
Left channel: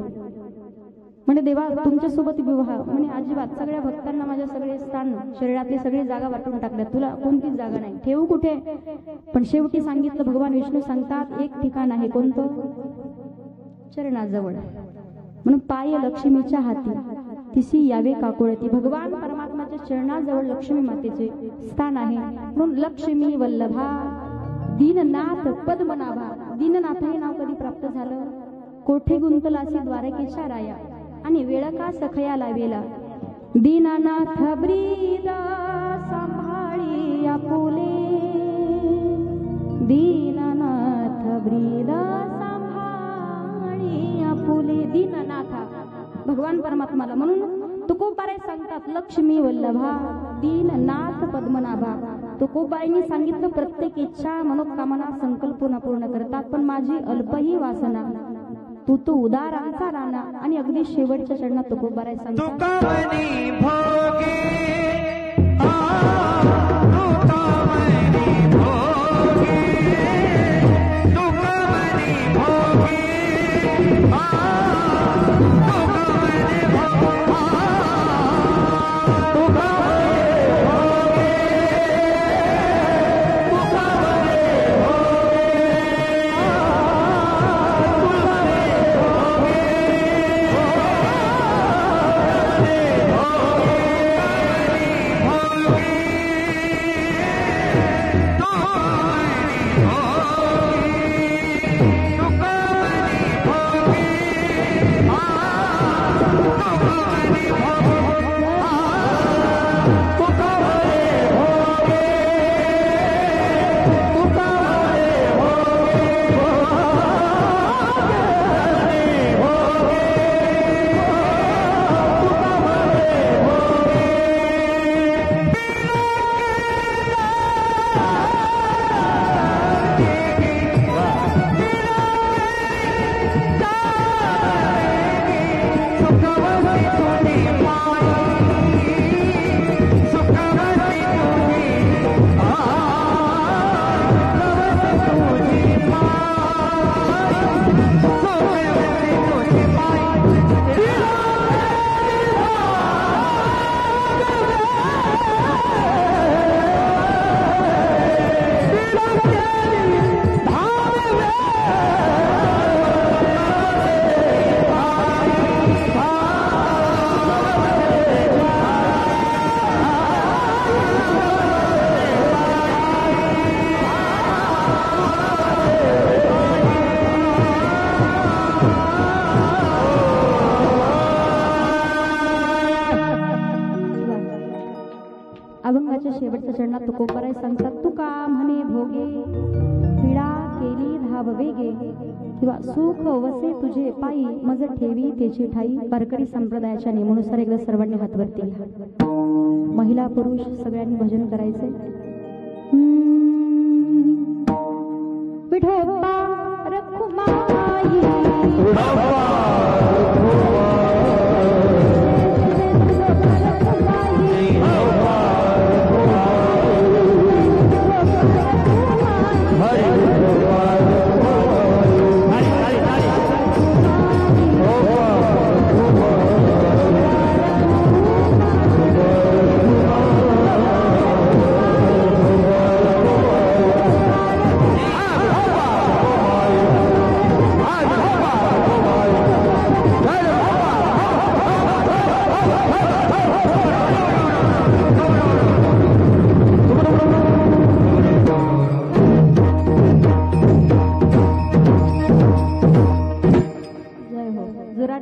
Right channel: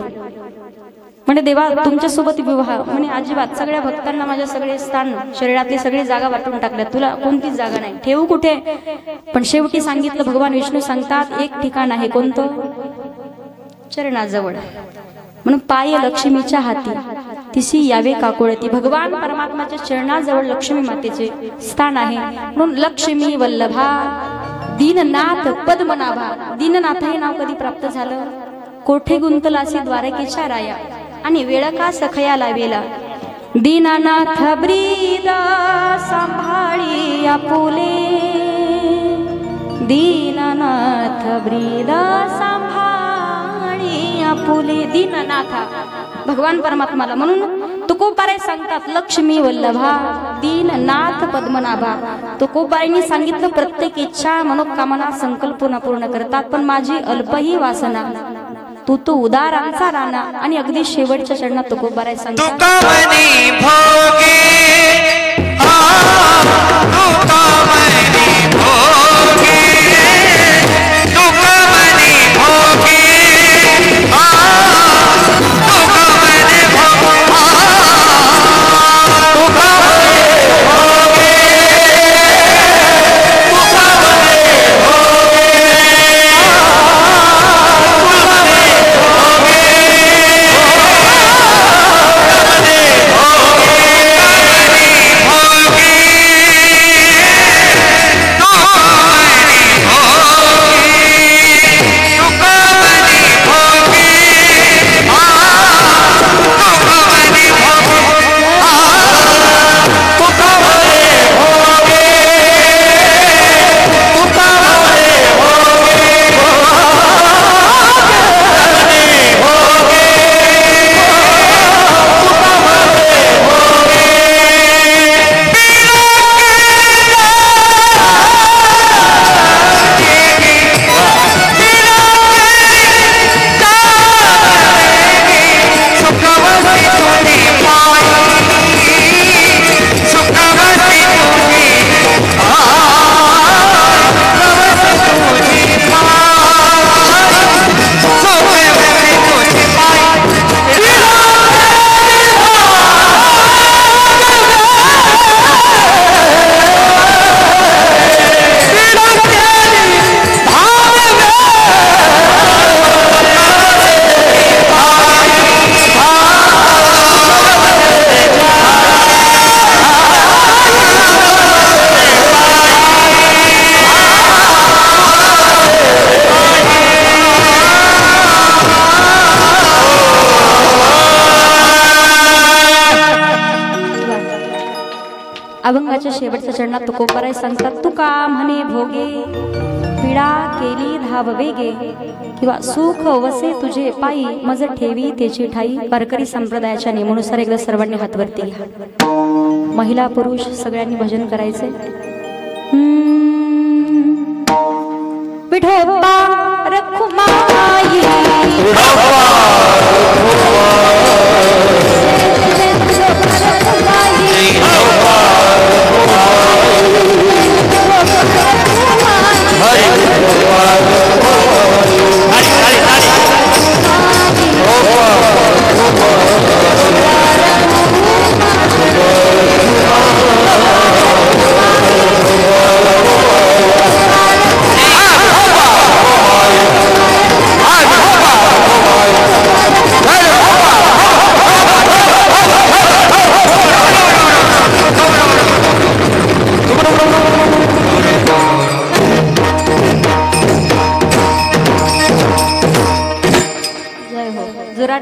म्हणे देवा तुमच्या सोबत विवाह, म्हणे अजिबात, सगळ्या भक्तांना माझ्या सगळे स्थान शरीरातली सगळी जागा वाटून टाकल्या, तुला कोणतीच जागा नाही, ठेवू कुठे? पण शेवटी सांगितलं, भगवान विष्णू सांगतात एक ठिकाण आहे, कोणतं? चरणाजवळ, म्हणून पाय लक्ष्मीच्या हाती तिसी यावे काकुळती, भगवान परमात्माच्या चरणाजवळ लक्ष्मी मातेचे स्थान आहे, म्हणून लक्ष्मी वल्लभा दीननाथ पद्मनाभा. दीननाथ हे नाव कधी प्राप्त झालं? कोठे गुंतलासी द्वारकेच्या राया आणि वेळ का सखया लावेला, दीननाथ ब्रीद सांभाळी आपुले, दीननाथ ब्रीद सांभाळी आपुले. दीननाथा भगवान परमात्माला, म्हणून तुकोबाराय सांगतात लक्ष्मी वल्लभा दीननाथ पद्मनाभा. तुकोबारायांनी सांगितलं प्रत्येक इच्छा मनोकामना संकल्पना पूर्ण करतात, पण माझी अल्पही वासना तू तो उदारांचा राणा. आणि अगदी शेवटच्या चरणात तुकोबाराय सांगतात अभंगाच्या शेवटच्या चरणात तुकोबाराय सांगतात तुका म्हणे भोगे पीडा केली धाव वेगे, किंवा सुख वसे तुझे पायी मज ठेवी त्याची ठाई. वारकरी संप्रदायाच्या नियमानुसार एकदा सर्वांनी हातवरती घ्या, महिला पुरुष सगळ्यांनी भजन करायचे. विठोबा रखुमाई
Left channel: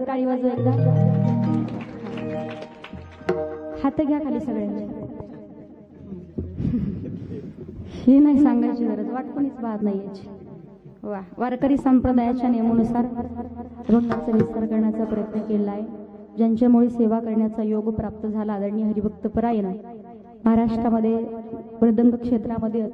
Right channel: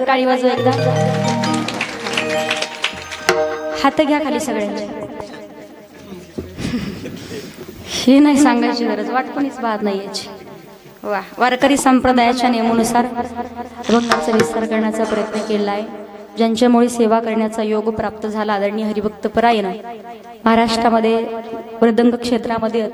टाळी वाजवा एकदा. हात घ्या खाली सगळ्यांचे. हे नाही सांगायची गरज, वाटपणीच बाद नाही याची. वा, वारकरी संप्रदायाच्या नियमानुसार अभंगाचा विस्तार करण्याचा प्रयत्न केला आहे. ज्यांच्यामुळे सेवा करण्याचा योग प्राप्त झाला आदरणीय हरिभक्त परायण महाराष्ट्रामध्ये मृदंग क्षेत्रामध्ये